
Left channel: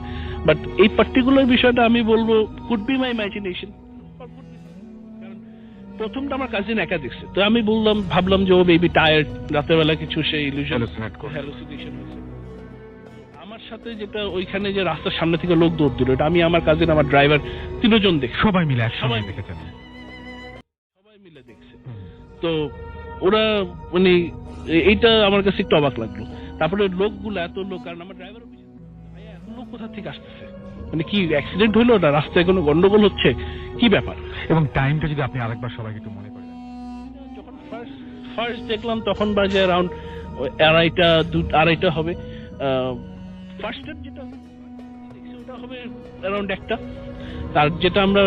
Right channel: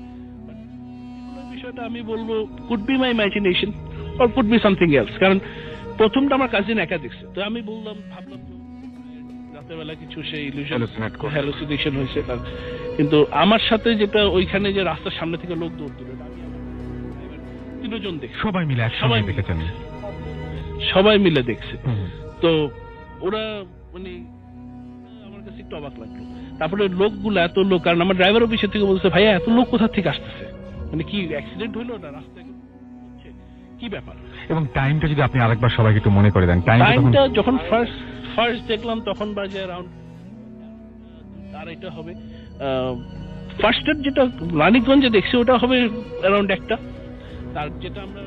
বাট এই পার্টিকুলার বিষয়টা আমি বলবো could be my imagination or could be something else. কারণ প্রথমটা আমার কাজিন একা দেখছে, তো আমি ভাবলাম যে ও বেবি টায়ার্ড, রাতের বেলা কিছু সেই ইলুশন হ্যালুসিনেশন হয়েছে তার। কিন্তু আমার সাথে যেটা ওইখানে যে রাস্তার সামনে থেকে লোক দৌড় দিল, এটা আমি, আমার কাজিন, আমার ড্রাইভার, 3 জন দেখছি। সবাই মিলে দেখছে। তো ওরা মানে এইটা আমার কাছে একটু অবাক লাগলো। তারপরে লোকগুলো এত লোক, কারণ আমার ড্রাইভার অফিসের থেকে বলছে ভাইয়া এত লোক কোথা থেকে আসতেছে, মানে কি অ্যাক্সিডেন্ট হইলো না, রাস্তায় কোনো গন্ডগোল হচ্ছে, কি ব্যাপার? এবং টাইমটা যদি আপনি আরেকবার সবাইকে একটু মনে করে দেন। টাইমটা যখন ফার্স্ট দেখলাম তখন বাজে অ্যারাউন্ড 2:30 হবে। ফার্স্টের যেটা রানীগঞ্জে দেখছি ওটা হবে অ্যারাউন্ড 1টা, আর যেটা আমরা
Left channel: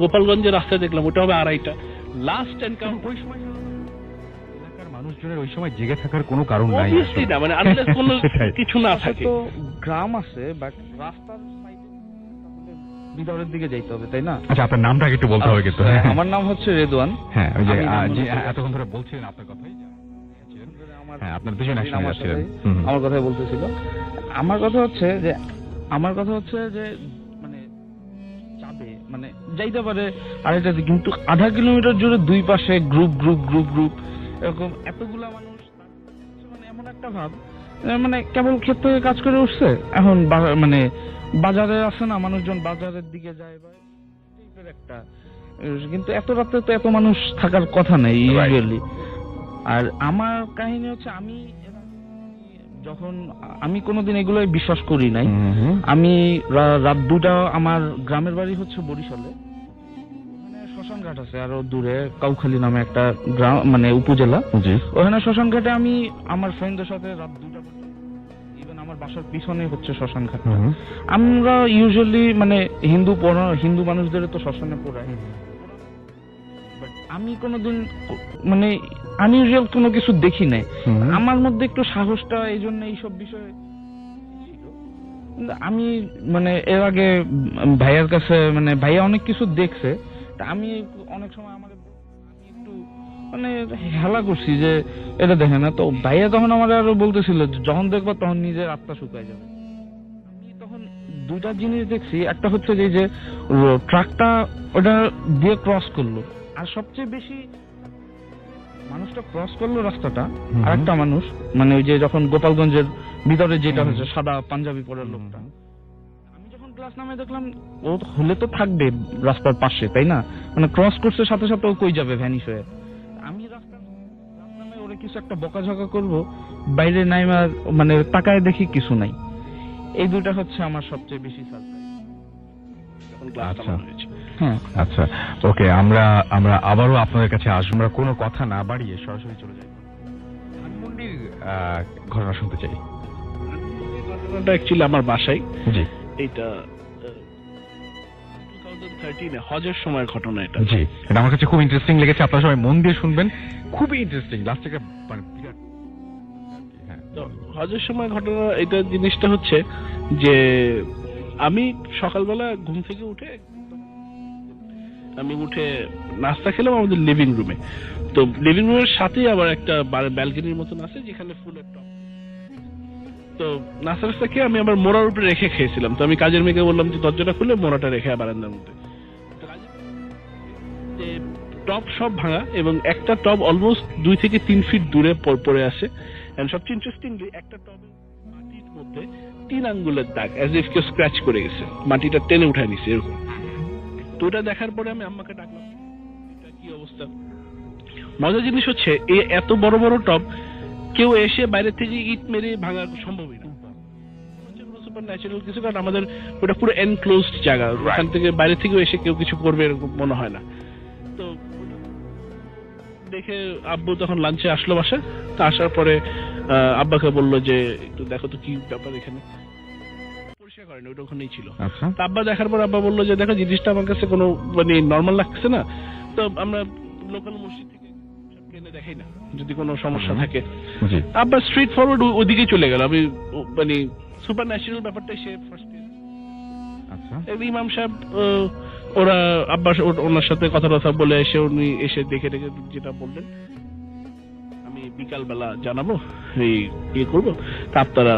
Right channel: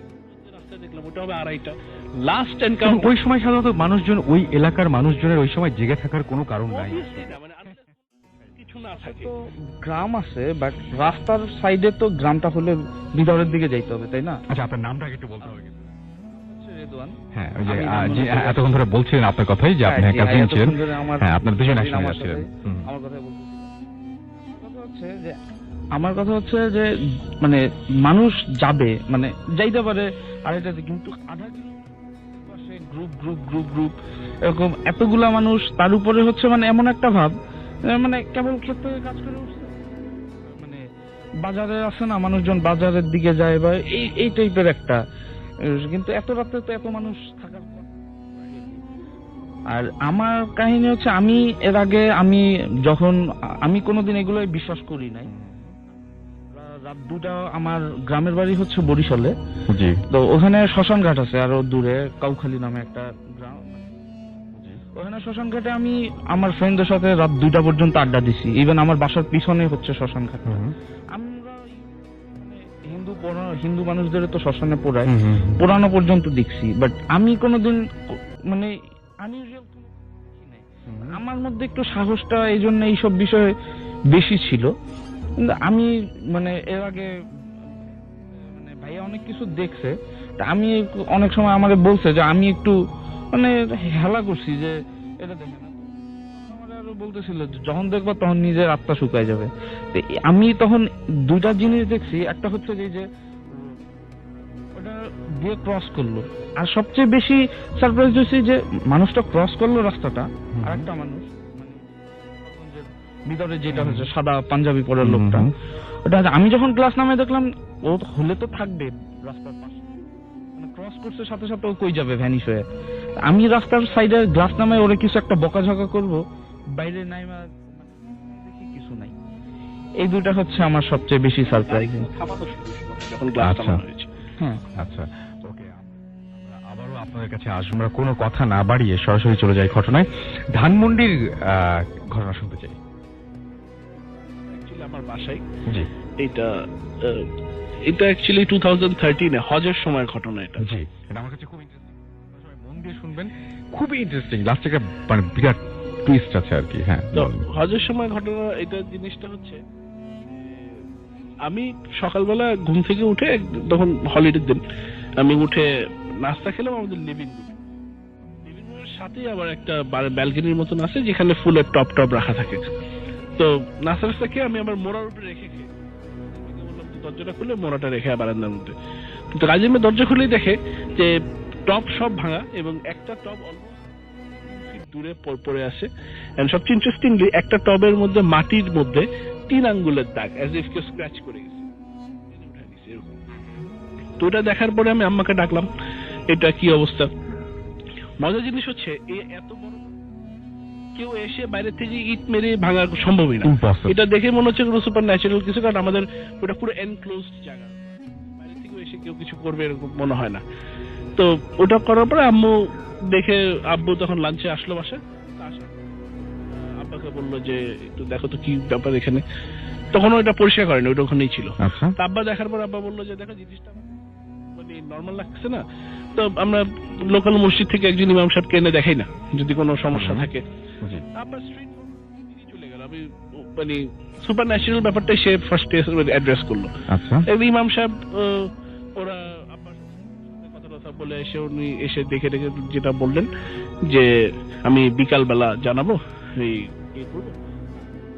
গোপালগঞ্জের রাস্তায় দেখলাম ওটা হবে 2:30। লাস্ট এনকাউন্টার ওই সময় সাধারণত মানুষজন, ওই এলাকার মানুষজনের ওই সময় জেগে থাকার কোনো কারণ নাই, মানে আনলেস কোনো কিছু না থাকে। তো গ্রাম আছে, বাট রাস্তার সাইডে তো গ্রামটা হলে ভিতরের দিকে যাইতে হবে, তাই না? আচ্ছা, আপনার নামটা একটু বলতে হবে কিন্তু। আমার নাম হচ্ছে রেদওয়ান। হ্যাঁ, ওই যে এতক্ষণ ধরে বলছিলেন আপনার কথাই, যে আপনি কাজিন ছিলেন। হ্যাঁ, আপনার দুজন একসাথে যাচ্ছিলেন। আমার কথাই বলতেছিল। আমার কথা হচ্ছে যে মানে মানুষ যাবে, মানে যাইতে পারে আড়াইটাতে, কিন্তু 0.5 কিলোমিটার জুড়ে দুই পাশে গ্রুপ, এরকম এতগুলা মানুষ, তার উপরে হচ্ছে মানে এমন একটা ভাব মানে কেবল ক্ষেত থেকে কাজ করে উঠছে, এখন মানে বাজারে আছে না, মানুষজন বাজারের দিকে যায় বা এই টাইপের একটা, কিন্তু এত রাতে তো এত মানুষ থাকার কথা নেই ইউজুয়ালি। আর আমার কাহিনী হচ্ছে, আমি এর আগে আমি কোনোদিন এগুলোই বিশ্বাস করি নাই। আমি রাত 2টা, আমার গ্রামের বাড়ি হচ্ছে বরিশালে, তো ওখানে শ্মশান ঘাট আছে আরো দূরে, কাউখালী নামে একটা গ্রাম মানে উপজেলা। ওখানে শ্মশান ঘাটে আমি আমার ফ্রেন্ডদের সাথে রাত 2টা পর্যন্ত আড্ডা দিছি। ইভেন আমার বাসার পিছনে হচ্ছে শ্মশান ঘাট। আমরা ইউজুয়ালি মানে হিন্দু মানুষদের তো শ্মশানে পোড়ানো পর্যন্ত দেখছি, বাট আমি কোনোদিন মানে আনইউজুয়াল কোনো কিছু দেখি নাই। আমার মধ্যে একটু সাহসটা এই জন্য এইসব বিষয়ে বেশি ছিল। আমি মানে এর আগে ভাইয়ার কাছে, মানে ভাইয়া অনেক কিছু দেখছে, আমি অনেক সময় আমাকে বলছে যে আমি একটু মানে হেলা করছি যে এটা দেখে না, তো ভাইয়া তখন আমার আরো বলতেছিল যখন দেখবো তখন নিজের আত্মা শুকায় যাবে। আমি তখন 2টা জিনিস দেখছি, একটা হচ্ছে যে ট্রাকটা ওটা দিয়ে ক্রস করলো, আর সবচেয়ে বেশি সারপ্রাইজ হয়েছে যে মানুষটা ক্রস করলো রাস্তাটা, আর একটা মানুষ মানে ওই যে যখন গোপালগঞ্জের ভিতরে যেটা হচ্ছে সাদা পাঞ্জাবি পরের লোকটা, ওটা আমি যখন গ্লাস নামে দেখলাম, ও হলে তো থাকবে রাস্তার পাশে, তাই না? মানে ক্রস করছে সাথে সাথে ও কই যাবে ভ্যানিশ হয়ে। আমি রাস্তার সাইডে গ্লাস নামে ওরে কিছু একটা বকাঝকা করব, বাইরে নাইমা মানে তাকায় দেখি কিছু নাই। এই 2টা হচ্ছে আমার সবচেয়ে বেশি সারপ্রাইজ। আচ্ছা, ওকে, আমরা আবারও আপনাদের কাছে আসবো। আমরা কোনো কথা না বাড়িয়ে সরাসরি চলে যাই ঘটনায়। ধানমন্ডির ঘটনা শুনতে চাই। ঘটনাটা অ্যাকচুয়ালি আমার বাসায়। জি, এটা অ্যাকচুয়ালি 2013 হজের সময়ের ঘটনা। জি, এটা আমার কাছে খুব ইন্টারেস্টিং লেগেছে। আপনারা সবাই মন দিয়ে শুনবেন, খুবই ইন্টারেস্টিং। লাস্টে একটা মানে বিরাট টুইস্ট আছে আর কি। হ্যাঁ, তো হজের সময় ঘটনা এটা জিনিসটা হচ্ছে যে আমি সকালবেলা ঘুম থেকে উঠে, তখন হলিডের দিন, আমি উঠে নাস্তা খেলাম আমাদের লিভিং রুমে। তো লিভিং রুমের সাথেই আবার একটা ব্যালকনির মতন আছে যেখানে ফুলের টপ রাখা থাকে। তো নাস্তা খেয়ে আমি আবার মোড়ার উপরে রেখে খেয়েছিলাম। তো আমি কাজের মেয়েকে বললাম যে দরজাটা খুলে মোড়াটা রেখে বারান্দার মধ্যে। তো কাজের মেয়ে দরজা খুলেই দেখে যে টব সব ভাঙা, এবং একটা টব অলমোস্ট 2 থেকে 3 ফিট দূরে পড়ে আসে। এন্ড সবচেয়ে ইন্টারেস্টিংলি, একটা টবের মধ্যে মাটির মধ্যে 3 আঙ্গুলের দাগ, অ্যাজ ইফ কেউ স্ক্র্যাচ করে গেছে, মাটিটা টেনে উঠায় নিছে এরকম। তো ওটা দেখার পরে আমি আম্মাকে ডাকলাম, এটা কি অবস্থা। মজার জিনিস হচ্ছে এত বড় বড় টব কেউ এসে বাইরে থেকে ইট মেরে ভাঙা সম্ভবই না। এটা দেখে মনে হচ্ছে কোনো সুপার ন্যাচারাল কিছু, কারণ আমাদের ওটা পুরো এনক্লোজড জায়গা, ওখান থেকে বাইরে থেকে এসে কেউ কিছু করবে এরকম মনে হয় না। তো ওটা করার পরে আব্বু তখন লাঞ্চে আসলো বাসায়। তো আসার পরে আব্বাকে বললো যে একটু দেখো তো কি ব্যাপার এখানে। তখন ওটা পরিষ্কার করেনি, ওটা ওখানেই ছিল। আব্বা দেখার পর আব্বা বললো যে দেখো জিনিসটা আমার কাছে কোনো মানে নর্মাল লাগছে না, তো আমরা লোকাল মসজিদ থেকে একজন ইমাম সাহেবকে এনে দেখাই না যদি কোনো সমস্যা থাকে। আব্বা স্ট্রেট ফরওয়ার্ড ওদিকে চলে গেল। আমি মানে সুপার ন্যাচারাল ব্যাপারটাই সে ফার্স্ট অ্যাড্রেস করলো। ইমাম সাহেব ওরা আব্বা ওনার সাথে কথা বলে উনি এসে দেখে যেটা বললেন যে আমি বিকাল বেলা জানাবো, এই করবো, তা আপনারা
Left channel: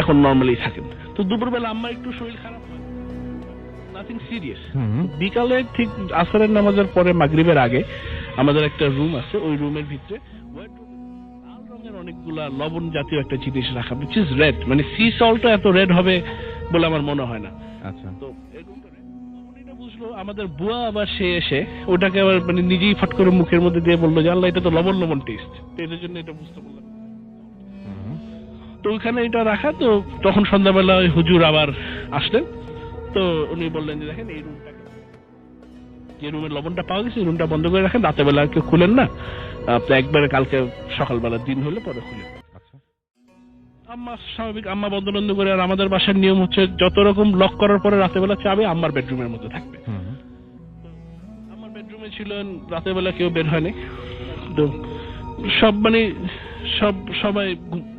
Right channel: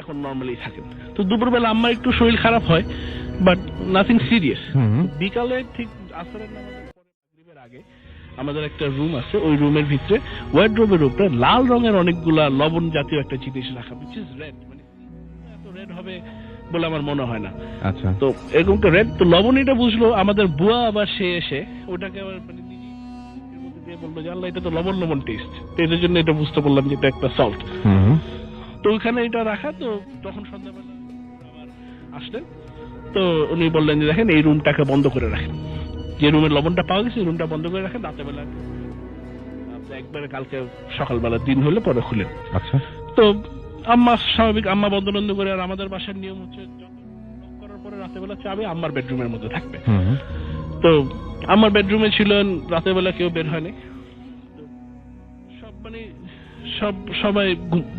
এখন নর্মালি থাকেন। তো দুপুরবেলা আমার একটু শরীর খারাপ হয়, বাট নাথিং সিরিয়াস। বিকালে ঠিক আসরের নামাজের পরে মাগরিবের আগে আমাদের একটা রুম আছে, ওই রুমের ভিতরে ওয়ার্ডরোবের উপরে লাল রঙের অনেকগুলা লবণ জাতীয় একটা জিনিস রাখা, which is red, মানে সি সল্টও এত রেড হবে বলে আমার মনে হয় না। আচ্ছা, তো এরকম তো রেড, তো লবণ এটা বুঝলো আমাদের বুয়া, আবার সে এসে ওটাকে আবার মানে নিজেই ফট করে মুখের মধ্যে দিয়ে বললো যে আল্লাহ এটা তো লবণ টেস্ট, তো এটার জন্য এটা বুঝতে পারলাম যে এটা একটা সল্ট। তো ওইখানে এটা রাখা। তো তখন সন্ধ্যাবেলা হুজুর আবার আসলেন, তো উনি বললেন যে দেখেন এই রুমটাকে বন্ধ করে রাখেন, যে রুমের লবণটা পাওয়া গেছে রুমটা বন্ধ করে রাখেন, রাতের বেলা কেউ খুলেন না, আপনি একবারে কালকে সকালবেলা দিন হলে পরে খুলেন। আচ্ছা, তো আম্মা স্বাভাবিক আম্মা বন্ধ করে, আর আমাদের বাসার নিয়ম হচ্ছে যত রকম লক করার পরে রাতের বেলা চাবি আম্মার বেডরুমের মধ্যে থাকবে। তো আমার বেডরুমে ছিলেন, রাতের বেলা কেউ বের হয়নি। তো সবাই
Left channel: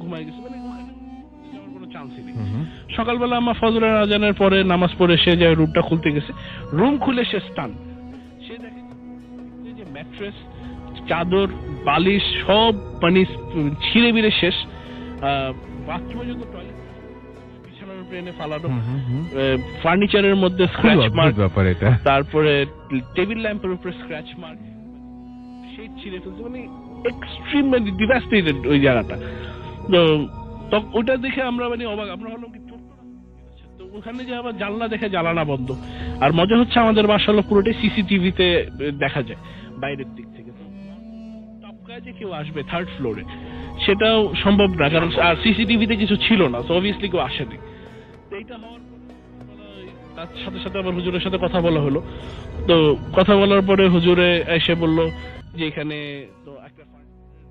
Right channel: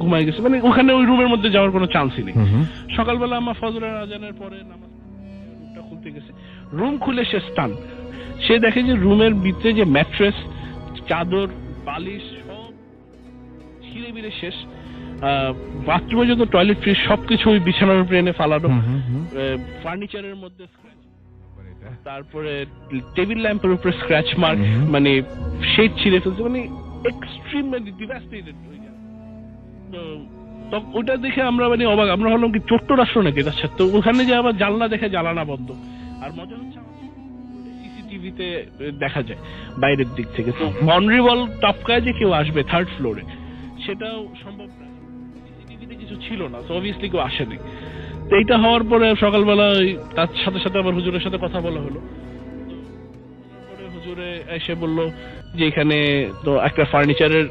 ঘুমায় গেছে, মানে ওখানে ওই রুমের মধ্যে যাওয়ার কোনো চান্সই নেই। সকালবেলা আমার ফজরের আজানের পরে নামাজ পড়ে সে যে রুমটা খুলতে গেছে, রুম খুলে সে স্টান। সে দেখে যে রুমের ভিতরে যে ম্যাট্রেস, চাদর, বালিশ সব মানে ছিঁড়ে বিড়ে শেষ। বাথরুমে যত টয়লেট ফ্রি সবকিছু ওই বিছানার উপরে এনে ফালানো, ফার্নিচারের মধ্যে স্ক্র্যাচ মার্ক, তারপরে টেবিল ল্যাম্পের উপরে স্ক্র্যাচ মার্ক, মানে শেড ছিঁড়ে ফেলছে, মানে এক্সট্রিম মানে ডিভাস্টেটেড ওই জায়গাটা। তো ওইটা দেখে আমরা মানে অবাক, আমরা ভাবলাম কি ছোট্ট রাষ্ট্র নাকি। আচ্ছা, তো ওখানে যে আবার জানলা দেখে জ্বালানা বন্ধ। আর মজা হচ্ছে আমাদের বাসা হলো পুরোটাই সিসিটিভিতে দেখা যায় বাইরের দিক থেকে। তো বাউন্ডারি ওয়াল টপকায় যে কেউ আসবে থার্ড ফ্লোরে সেটাও সম্ভব না, কারণ আর সিসিটিভিতে কিছু ছিল না, তো অবভিয়াসলি কেউ আসেনি। তো এইটা হওয়ার পরে সকালবেলা তার সাথে সাথে আবার হুজুরের সাথে কথা বলা হলো। তো কথা বলার পরে হুজুরে এসে বলল যে এখানে তো একটা ফার্নিচারের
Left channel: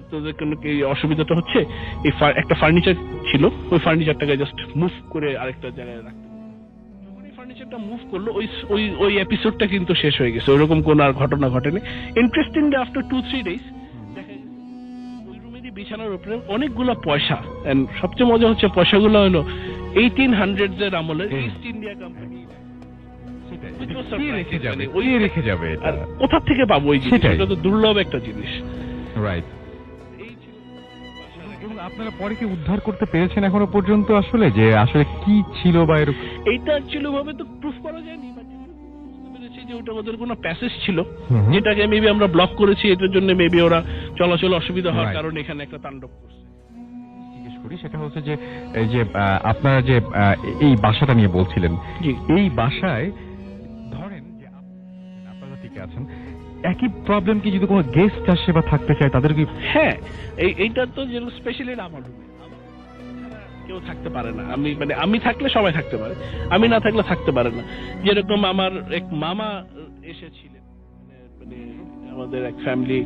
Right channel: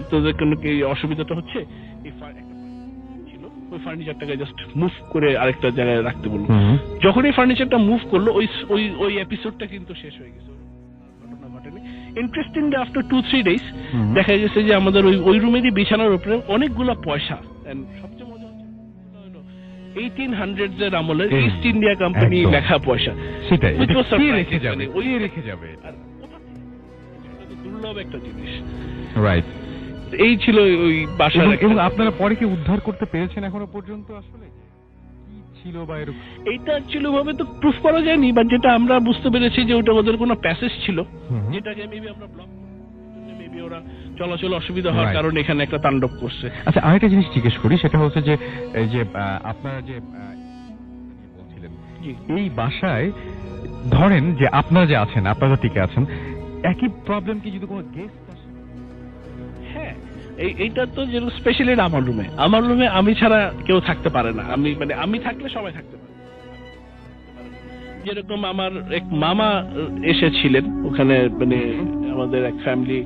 আপনাদের কোনো কি অসুবিধাটা হচ্ছে, এই একটা ফার্নিচার ছিল, ওই ফার্নিচারটাকে জাস্ট মুভ করে আরেকটা জায়গায় রাখতে বললো। যখন এই ফার্নিচারটা মুভ করলো ওই এপিসোডটা কিন্তু শেষ হয়ে গেছে, ওইরকম কোন আর ঘটনা ঘটেনি। ইন্টারেস্টিংলি আফটার 2-3 days দেখা গেছে যে আমাদের ওই রুমেরই বিছানার উপরে অনেকগুলো পয়সা, এন্ড সবচেয়ে মজা হচ্ছে পয়সাগুলো হলো 1800s এর আমলের ইস্ট ইন্ডিয়া কোম্পানি লেখা পয়সা। সেটাই, Which was কে surprising, রেখে যাবে, মানে ওই কে রেখে যাবে এটা? আর কোথা থেকে পাবো ওই জিনিস? সেটাই। এটা তো দুর্লভ একটা জিনিস। রাইট। এই ছিল ওই বাসার এবং আপনারা পরে কি উদ্ধার করতে পেরেছেন এখনো পর্যন্ত আসলে যে আসলে কি ছিল বা এরকম? এইটা অ্যাকচুয়ালি ভাবে তো প্রুফ করা যায়নি, বাট যেটা আমরা বুঝতে পেরেছি যে ওটা ওদের কোনো প্যাসেজ ছিল যেটাকে মেবি আমরা ব্লক করেছি, এটার জন্য মেবি ওরা চলাচল অসুবিধা হওয়ার Right. কারণে এখানে একটা তাণ্ডব করছে। আচ্ছা, আরেকটা জিনিস জিজ্ঞেস করি, সেটা হচ্ছে যে এই যে আপনারা যে এই বাসাটা নিয়ে বলছিলেন, জি। এই বাসায় ধরেন যে আপনারা যে আছেন, আপনারা টিকে আছেন, একই প্রবলেম কি যদি কোনো গেস্ট আসে বা থাকতে চায় তাদের কি? হ্যাঁ, এইটা তো যেরকম স্পেশালি আমার রুমে আমি ছাড়া কেউ থাকতে পারে না। আমি থাকলে সবাই থাকতে পারে, আমি না থাকলে থাকতে পারে না। যেরকম আমার এক মামা এসেছিলেন ওখানে, মানে আমাদের এক ফ্যামিলি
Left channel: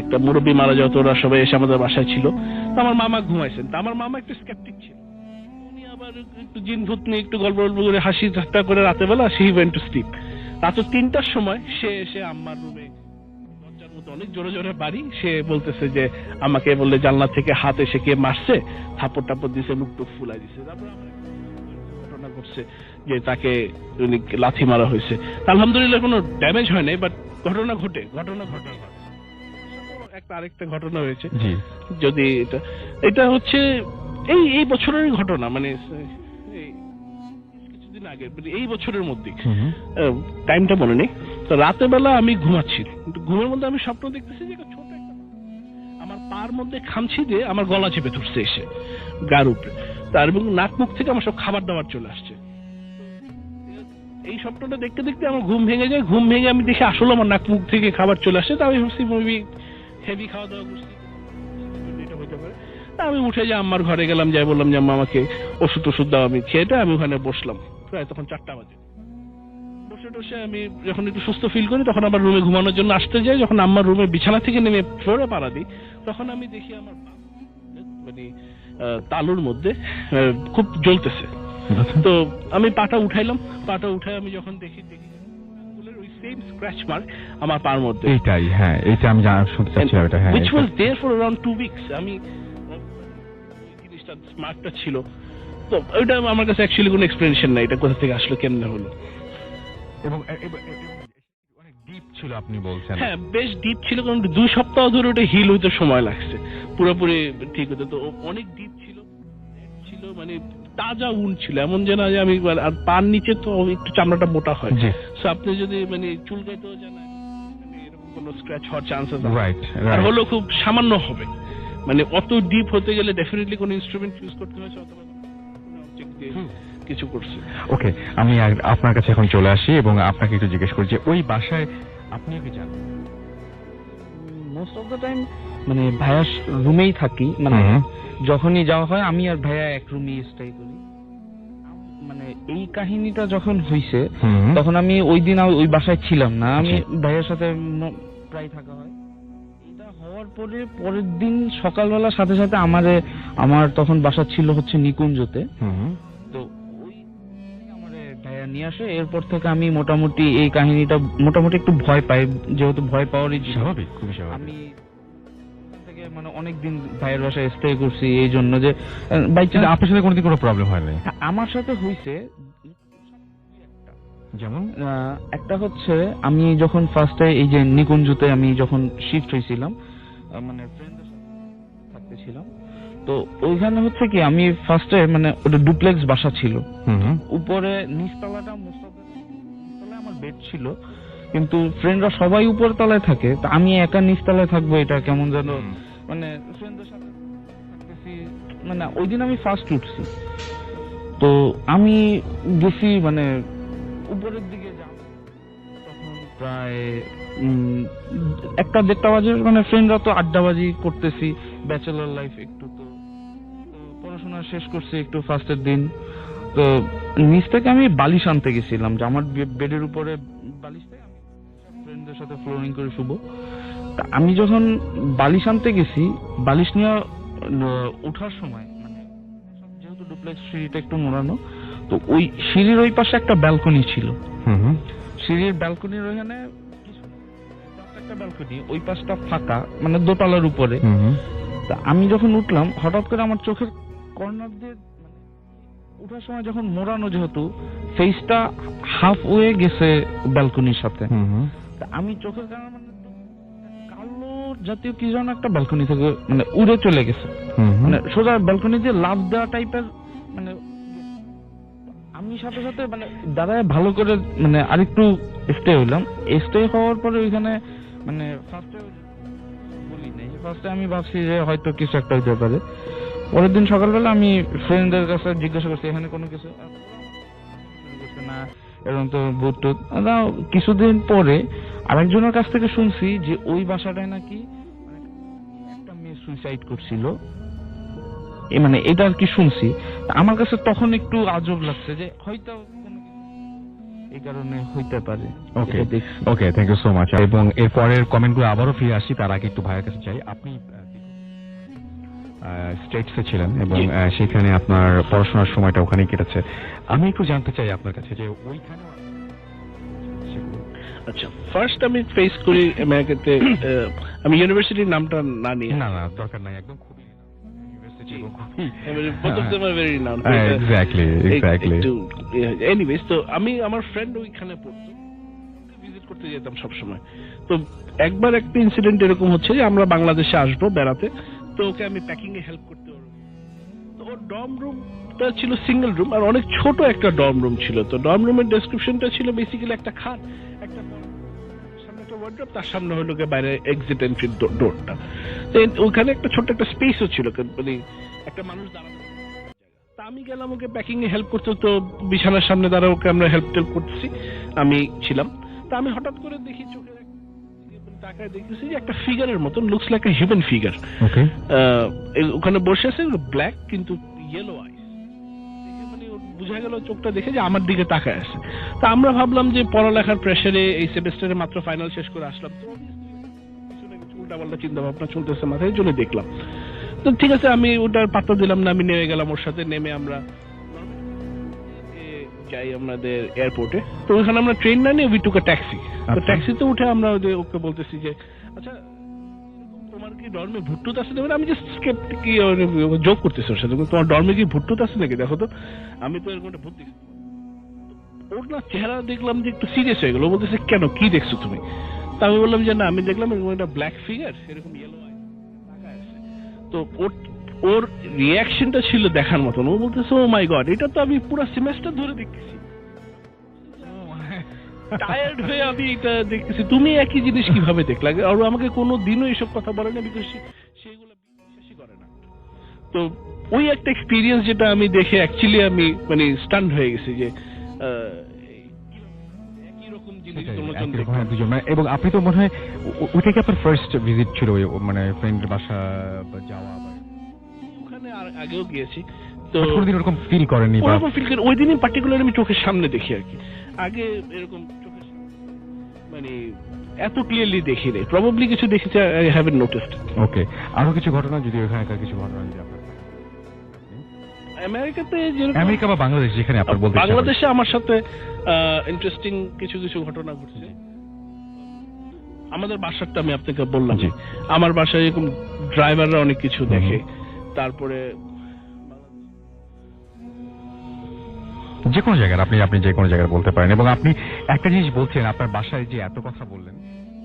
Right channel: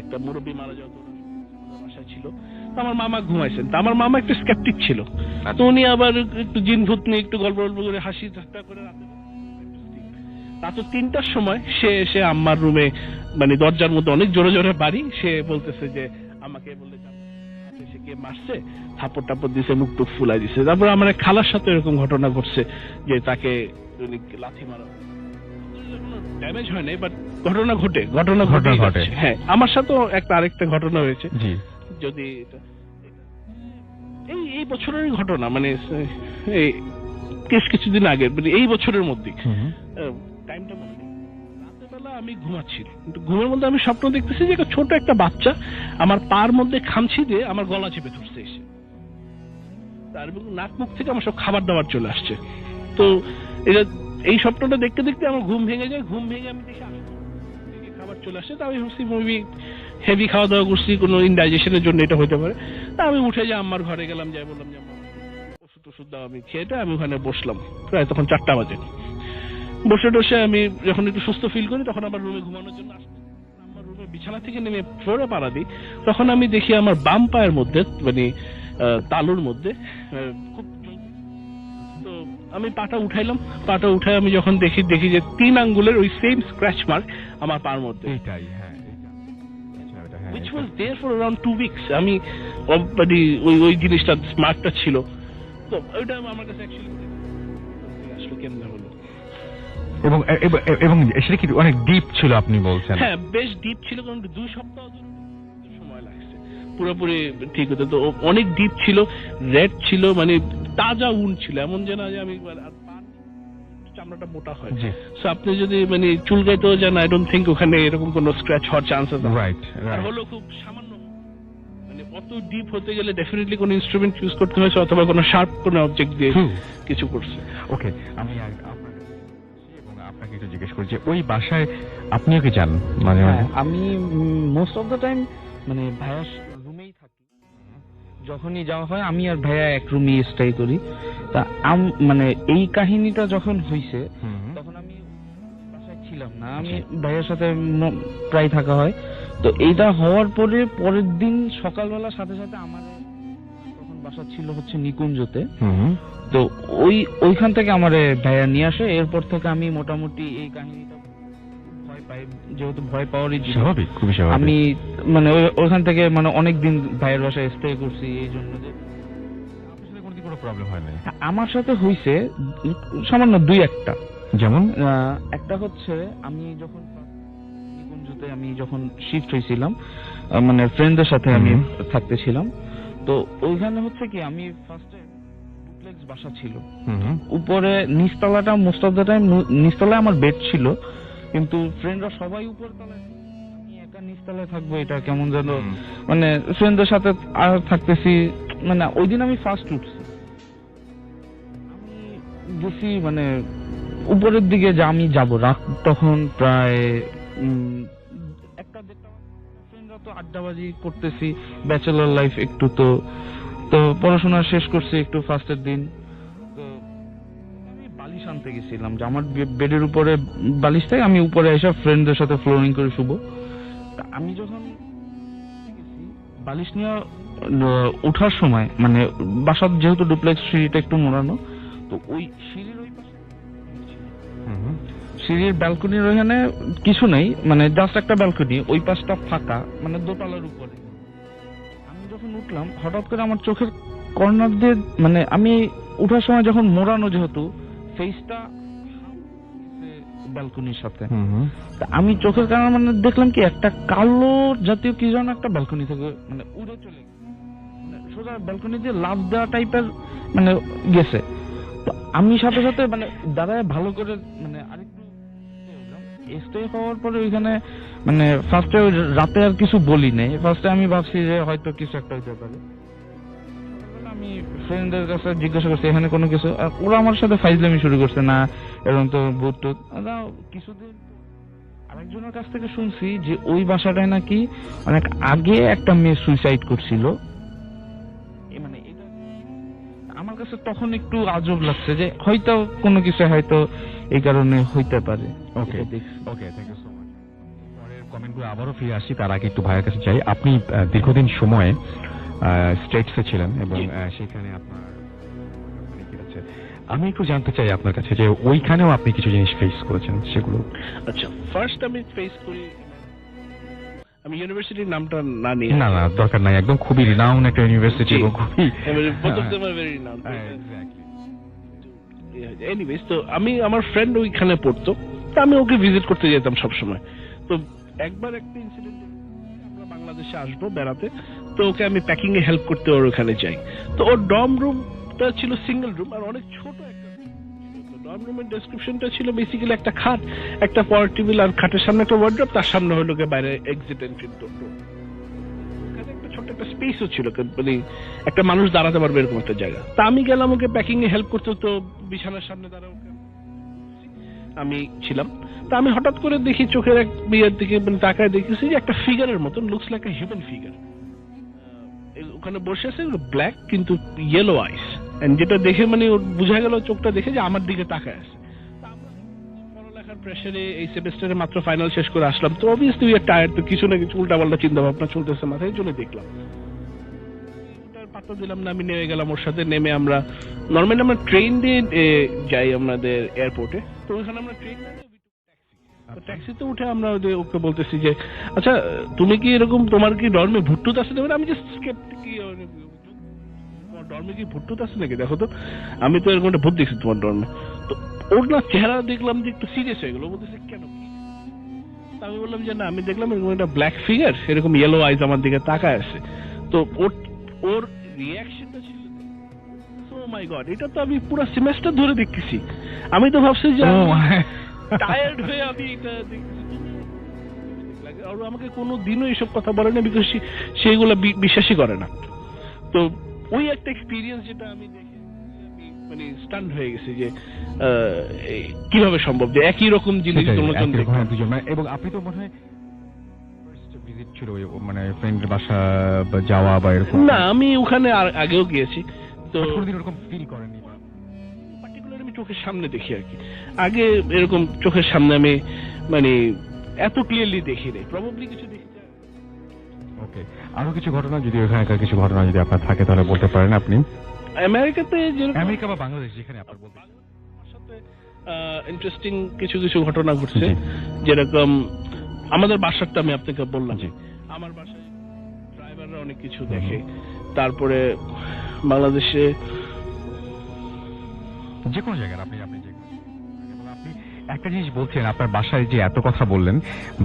একটা মুরব্বী মারা যাওয়া, তো ওরা সবাই এসে আমাদের বাসায় ছিল। তো আমার মামা ঘুমাইছেন, তো আমার মামা একটু স্কেপটিক ছিল, তো উনি আবার একটু জিন ভূত নিয়ে একটু গল্প করে হাসি ঠাট্টা করে রাতের বেলা সে ওয়েন্ট টু স্লিপ। রাত 3টার সময় সে এসে আম্মার রুমে মানে দরজার মধ্যে অনেক জোরে জোরে বাড়ি, সে বলতেছে যে আমাকে বললে জানলা থেকে হাত এসে কে মারছে, থাপড় টাপড় দিছে, মুখ টুক ফুলাই দিছে। তারপর আমার এক খালার সাথে এরকম ঘটনা ঘটছে যে তাকে লাথি মারা হয়েছে। আলহামদুলিল্লাহ কোনো ড্যামেজ হয় নাই, বাট ঘটনা ঘটে। হ্যাঁ, আমার সাথেও আরেকটা ঘটনা হয়েছে। যদি এটা হচ্ছে এই বছরের ঘটনা, মানে এই কিছুদিন আগে, মানে এই বছরের মধ্যে, টাইমটা মনে নেই। তো রাতের বেলা আমি ঘুমাচ্ছি, ঘুমের মধ্যে আমি স্বপ্ন দেখতেছি যে ছোট একটা বাচ্চা আমার পার মধ্যে খামচি দিয়ে আমার গলা চেপে ধরছে এসে গার উপরে, তার এবং নাক মুখ থেকে আমার সব খাবার দাবার চলে আসছে। তো এই স্বপ্নটা দেখতে দেখতে আমার ঘুম ভেঙে যায়। ঘুম ভেঙে আমি দেখি আসলে আমার নাক মুখ থেকে খাবার চলে আসছে। তা আমি ভাবছি মেবি হেভি খাওয়া দাওয়া করছি, কোনো ইনডাইজেশনের জন্য এটা হতে পারে। তা আমি উঠে যে আম্মার ঘরে গেলাম, যাই বললাম যে আম্মা আমাকে ওষুধ দাও। আমি খেয়েটা আমি ওখানে বসলাম, প্রায় তখন 4টা বাজে। বসে টসে আমি যখন একটু সুস্থ ফিল করি তখন আবার রুমে ঘুমানোর জন্য আসতে যাই। যখন আম্মার রুমে বিছানা থেকে নেমে ফ্লোরে পাড়া দিই, তখন আমি দেখি আমার বাম পায়ের মধ্যে, মানে তালুর মধ্যে খুব জ্বলতেছে। তো আমি পাটা উঠাইলাম, পাটা উঠাই আমি যখন দেখি যে 3 আঙ্গুলের ওই সেম স্ক্র্যাচ মার্ক আমার পার মধ্যে। এইটাই, হ্যাঁ, এটা আমি শুনতে চাচ্ছিলাম এটা। হ্যাঁ, which was there for around 2 weeks। আমি মানে ওই জিনিসটা স্মার্টটা ছিল। তো ওইটা আমার কাছে অ্যাকচুয়ালি কোনো এক্সপ্লেনেশন নাই, এটা কোথা থেকে আসলো, কেমনে হলো। এবং সেটা কি অনেক ডিপ ছিল আপনি বলছেন? হ্যাঁ, বেশ ডিপ ছিল, কারণ 2 সপ্তাহ ধরে ওটা হিল হইতে সময় লাগছে পুরোপুরি ঠিক হতে। তো অনেক ডিপ ছিল, রেড ছিল, মানে তাজা উন ছিল, এমন যে না যে আমি, আর পার নিচে তো একটু চামড়াটা মোটা হয়, সো আপনি যদি মানে চুলকাইতেও যান, আই ডোন্ট থিঙ্ক ওখানে এরকম কোনো স্ক্র্যাচ হওয়ার চান্সেস আছে। রাইট। আর হলো খুব সামান্য হবে, মানে অত ডিপ হতে গেলে ডেফিনেটলি কোনো ইনস্ট্রুমেন্ট ইউজ করতে হয়েছে, অথবা কোনো শার্প কোনো অবজেক্ট দিয়ে কিছু করছে। ওকে, আমি আপনার কাছে এখন চলে আসি এবং আপনাকে একটু জিজ্ঞেস করি যে ওই বাসায় আপনিও কি যান মাঝে মাঝে? আমি মোস্ট অফ দ্য টাইম মানে ভাইয়ার রুমেই থাকি, মানে যখনই যাওয়া হয় আমি আর ভাইয়া এক রুমে স্টে করি। তা মানে এই কাহিনীটা যখন হইছে তখন আমি ওই দিন ওই বাসায় ছিলাম না, আমি ভাইয়ার সাথে প্রায় থাকা হয়। তো এইটা হওয়ার পরের দিন সকালবেলা সাথে সাথে আমার তখন বাসা ছিল হচ্ছে নিকুঞ্জতে। তো ওইখান থেকে আমারে ভাইয়া নিয়ে আসে। এরপর থেকে আমি মোটামুটি এই কাহিনীটা মোটামুটি একটু ভয় পাই, যেহেতু ভয় পাওয়ারই স্বাভাবিক, খুবই স্বাভাবিক। আমি মানে ওইখান থেকে মানে অনেকদিন ভাইয়ের বাসায় স্টে করছি, এই জন্য যে আপনার সাথে কোনোদিন কোনো প্রবলেম হয় না? আমার সাথে হইছে সামান্য 2-1টা। যেমন একটা হচ্ছে আমি যখন ফার্স্টে এই যে নিকুঞ্জতে আমি যখন শিফট হয়েছিলাম, মানে ফ্রেন্ডদের সাথে আমি থাকতেছিলাম, তো ওইখানে হচ্ছে কি আমি ফার্স্টে মানে ওটা ডুপ্লেক্স বাসা ছিল, উপরে নিচতলাটা মোস্ট অফ দ্য টাইম নিচতলায় আমার বেড ছিল, কিন্তু ফ্রেন্ডরা সবাই উপর তলায় থাকে, তা আমি একা নিচতলায় থাকবো, এটা কেমন যেন মানে ফ্রেন্ডদের সাথে আর থাকতেছি। মানে ওই দিন আমি ফার্স্ট উঠছি, তো আমি গেছি মানে উপরের দিকে, যে আমি যাব, রাত তখন প্রায় 1-1:30 বাজে। মানে ফ্রেন্ডরা তো আড্ডাবাজি করতেছি, ব্যাচেলর লাইফ একটু, তো পড়াশোনা শেষ করছি একটু ফার্স্টের দিন। তো নিচ থেকে আমি বালিশ আনতে গেছিলাম, যে আমার বেডের উপরে বালিশ থেকে আমি উপরে এসে ফ্রেন্ডদের সাথে ফ্লোরিং করে শুভ। তা আমি যখন বালিশ আনতে গেছি, বালিশ নিয়ে ওঠার সময় মানে বাসার যেহেতু ডুপ্লেক্স, সিঁড়িটা একটু মোড়ানো, তো ওই সিঁড়ির ওই পাশে একটা ব্যালকনি ছিল। সিঁড়ির ব্যালকনির ওখানে কিছু নেই, মানে জাস্ট একটা ব্যালকনি, ওই পাশটা ফাঁকা, মানে দোতলার উপরে। তা আমি যখন উঠলাম, হঠাৎ করে আমার চোখের কর্নার দিয়ে, মানে আমি উঠার সময় যখন মোড়ানো, যেহেতু ফেসটা হাফ ওয়ে গেছে ব্যালকনির সাথে, তা আমি চোখের কারণে মানে দেখলাম কি একটা কালো জাতীয় কি যেন একটা ব্যালকনি থেকে মানে উড়ে চলে গেছে, মানে সোজা ব্যালকনি দিয়ে লাফ দেওয়া টাইপের মানে গেছে। তো আমি সাথে সাথে মানে দাঁড়ায় ভালো করে মানে আরেকটু স্টে হইলাম। স্টে হওয়ার পরে ওইখানে মানে ফার্স্টে রাতে আর কিছু বলি নাই, ফার্স্টে আমি ভাবছি যে হয়তো কিছু একটা হইতে পারে। পরের দিন সকালবেলা আমি ফ্রেন্ডদের কাছে জিজ্ঞাসা করছি এখানে কোনো কিছু, ওরা আমার সাথে ফাইজলামি শুরু করছে, না এরকম তো ভূত টুত। কিছুদিন পরে আরেকজনের কাছ থেকে শুনছি যে ওই বাসাটায় নাকি অনেক আগে একটা মেয়ে সুইসাইড করছিল, মানে এটা আর কি শুনছি। আমার কাছে তখন একটু আজব লাগছে যে হয়তো কোনো কিছু হয়তো এই কারণে হইতে পারে। ওকে ওকে, থ্যাংক ইউ সো মাচ। এবং এর পরের কমেন্টগুলো আবারও ফিরে আসি, তার আগে একটু ভাইয়ের কাছে চাই। আপনি দীর্ঘদিন সময়ে স্টেটসে ছিলেন এবং সেখানে আপনার পড়াশোনার সময়টা ওখানেই কেটেছে। আমি একটু জানতে চাই আপনার কাছে যে ওইখানেও আপনি কিছু জিনিস ফেস করেছেন, সেগুলো। আচ্ছা, ফার্স্ট আমি ফেস করি আমেরিকাতে, আমি ইউনিভার্সিটির নামটা না নিয়ে, না দরকার নাই, একদম খুবই রিনাউন্ড একটা ইউনিভার্সিটি এবং খুবই both of them are very renowned. Exactly anyways, তো আমি আমার ফ্রেন্ড ওইখানে পড়তো, তো আমি ওকে ভিজিট করতে যেতাম সবসময়। তো একবার একটা ইনসিডেন্ট এরকম হচ্ছে যে আমরা বাংলাদেশে আসবো বেড়াতে, তো ওকে আমি প্যাকিং এ হেল্প করতে ওর ওখানে যাই। তো ওর ডর্ম রুমটা ছিল সিঙ্গেল রুম, আর অনেক ছোট একটা ডর্ম রুম ছিল। তো ডর্ম রুমের ডেসক্রিপশনটা ছিল বেসিক্যালি একটা খাট, একটা পাওয়ার টেবিল, আর খাটের সামনে একটা ওয়ার্ড্রপ, তার সামনে হলো বাইরে এক্সিট এন্ট্রি ডোরটা। ওখানে একটা ছোট্ট একটা স্পেসও ছিল, মানে একটা মানুষ দাঁড়াতে পারবে এরকম একটা জায়গা। তা আমি গেলাম ওকে প্যাকিং এ হেল্প করতে, তো বিছানার সামনে দাঁড়া ওকে আমরা হেল্প টেল্প করতেছি, আমি ছিলাম। তা আমি হঠাৎ করে দেখি চোখের এক বিয়ের দিকে মানে তাকায় দেখেছি যে একটা ফিগারের মতন, looks like a human figure, ওখানে বসে আছে, ব্ল্যাক কিন্তু ইয়েলো আইস, যেটা দেখে মানে বোঝা গেল চোখটা দেখে যে আমার দিকে তাকায় আছে। তা আমরা ভাবলাম যে পড়ালেখার প্রেসারে এই সেমিস্টারে মাত্র ফাইনাল শেষ করে আসলাম, তো অবভিয়াসলি উই আর টায়ার্ড, তো কিছু না কিছু উল্টাপাল্টা চিন্তা ভাবনা চলতেছে মাথায়, জন্য দেখলাম। তো ঠিক আছে, আমি ওটার পাত্তা দিলাম না, আমি নেমে গেলাম ওর সাথে। নেমে আমরা নর্মালি আমরা ট্রেন দিয়ে যাই আমাদের এয়ারপোর্টে, তো ওইখানে আমরা ট্রেন না নিয়ে উই টুক আ ট্যাক্সি। তো ট্যাক্সিতে উঠে আমরা ওকে বলতেছি যে আচ্ছা তুমি কি এরকম, তোমার কি ডর্মে ভুট্টুত আছে? আমি জাস্ট জোক করতেছি ওর সাথে, তোমার ডর্মে কি ভুট্টুত আছে নাকি, দেখো তো, আমি তো এরকম একটা ভূত দেখছি তোমার ডর্মে। তো ওর না চেহারা দেখলাম যে একটু সিরিয়াস হয়ে গেল, বলতেছে কেন, কি দেখছো তুমি? তা আমি বললাম যে না, আমি দেখলাম এরকম একটা ব্ল্যাক ফিগার, এরকম ইয়েলো আইজ আমার দিকে তাকায় আছে। তো ওর রিয়াকশনটা ছিল দেখার মতন। ও বলতেছে ও মাই গড, এটা তো আমি পুরো সেমেস্টার ধরে দেখতেছি, আমি তো ভাবছি যে টায়ার্ড হয়ে আমি এটা দেখতেছি, তুমি একই জিনিস কিভাবে দেখলা? আর আমাকে কোনো দিনও এইসব কথা বলে না, বিকজ সেইগুলো বিশ্বাসই করে না। তো ওই একটা এক্সপিরিয়েন্স যেটা আমি দেখে অ্যাকচুয়ালি আমি মানে স্টান্ড হয়ে গেছি যে কিভাবে সম্ভব যে একই রকম জিনিস দুজন দেখলাম। এবং আপনি তো মনে হয় ওইটা কি আপনার ফার্স্ট ভিজিট ছিল, মানে ফ্রেন্ডের বাসা যাওয়া বা এরকম? না, আমি ওখানে আগেও গিয়েছি, তো কোনদিন ওরকম ফিল করেনি? ওরকম ফিল করি ওই দিনই পার্টিকুলার আমি চোখের সামনে দেখি আর কি, আগে এরকম চোখের সামনে আমি মানে এত ক্লিয়ারলি দেখি নাই, প্রবাবলি কিছু দেখেছি, আই হ্যাভেন্ট নোটিসড। ওকে, আরো কিছু ঘটনা যদি ওখানকার কিছু ঘটনা যদি আপনার থাকে তাহলে বলতে পারেন আপনি। আমেরিকাতে, আমেরিকা বা বাংলাদেশ, যেখানে আপনার বলতে, বাংলাদেশে আমার সাথে ইন্টারেস্টিং কিছু কিছু ঘটনা ঘটছে। যেরকম আমাদের বাসারটা আমি আপনাকে বললাম, আমার বাসায় এরকম ড্রাইভাররা অনেক কিছু দেখে। তারপরে বাংলাদেশে যে কোনো জায়গায় আপনি যে কোনো জায়গায় বলতে পারেন। এবং আপনি একটা জিনিস বলছেন, আপনার বাসায় যে এত কথা বললেন,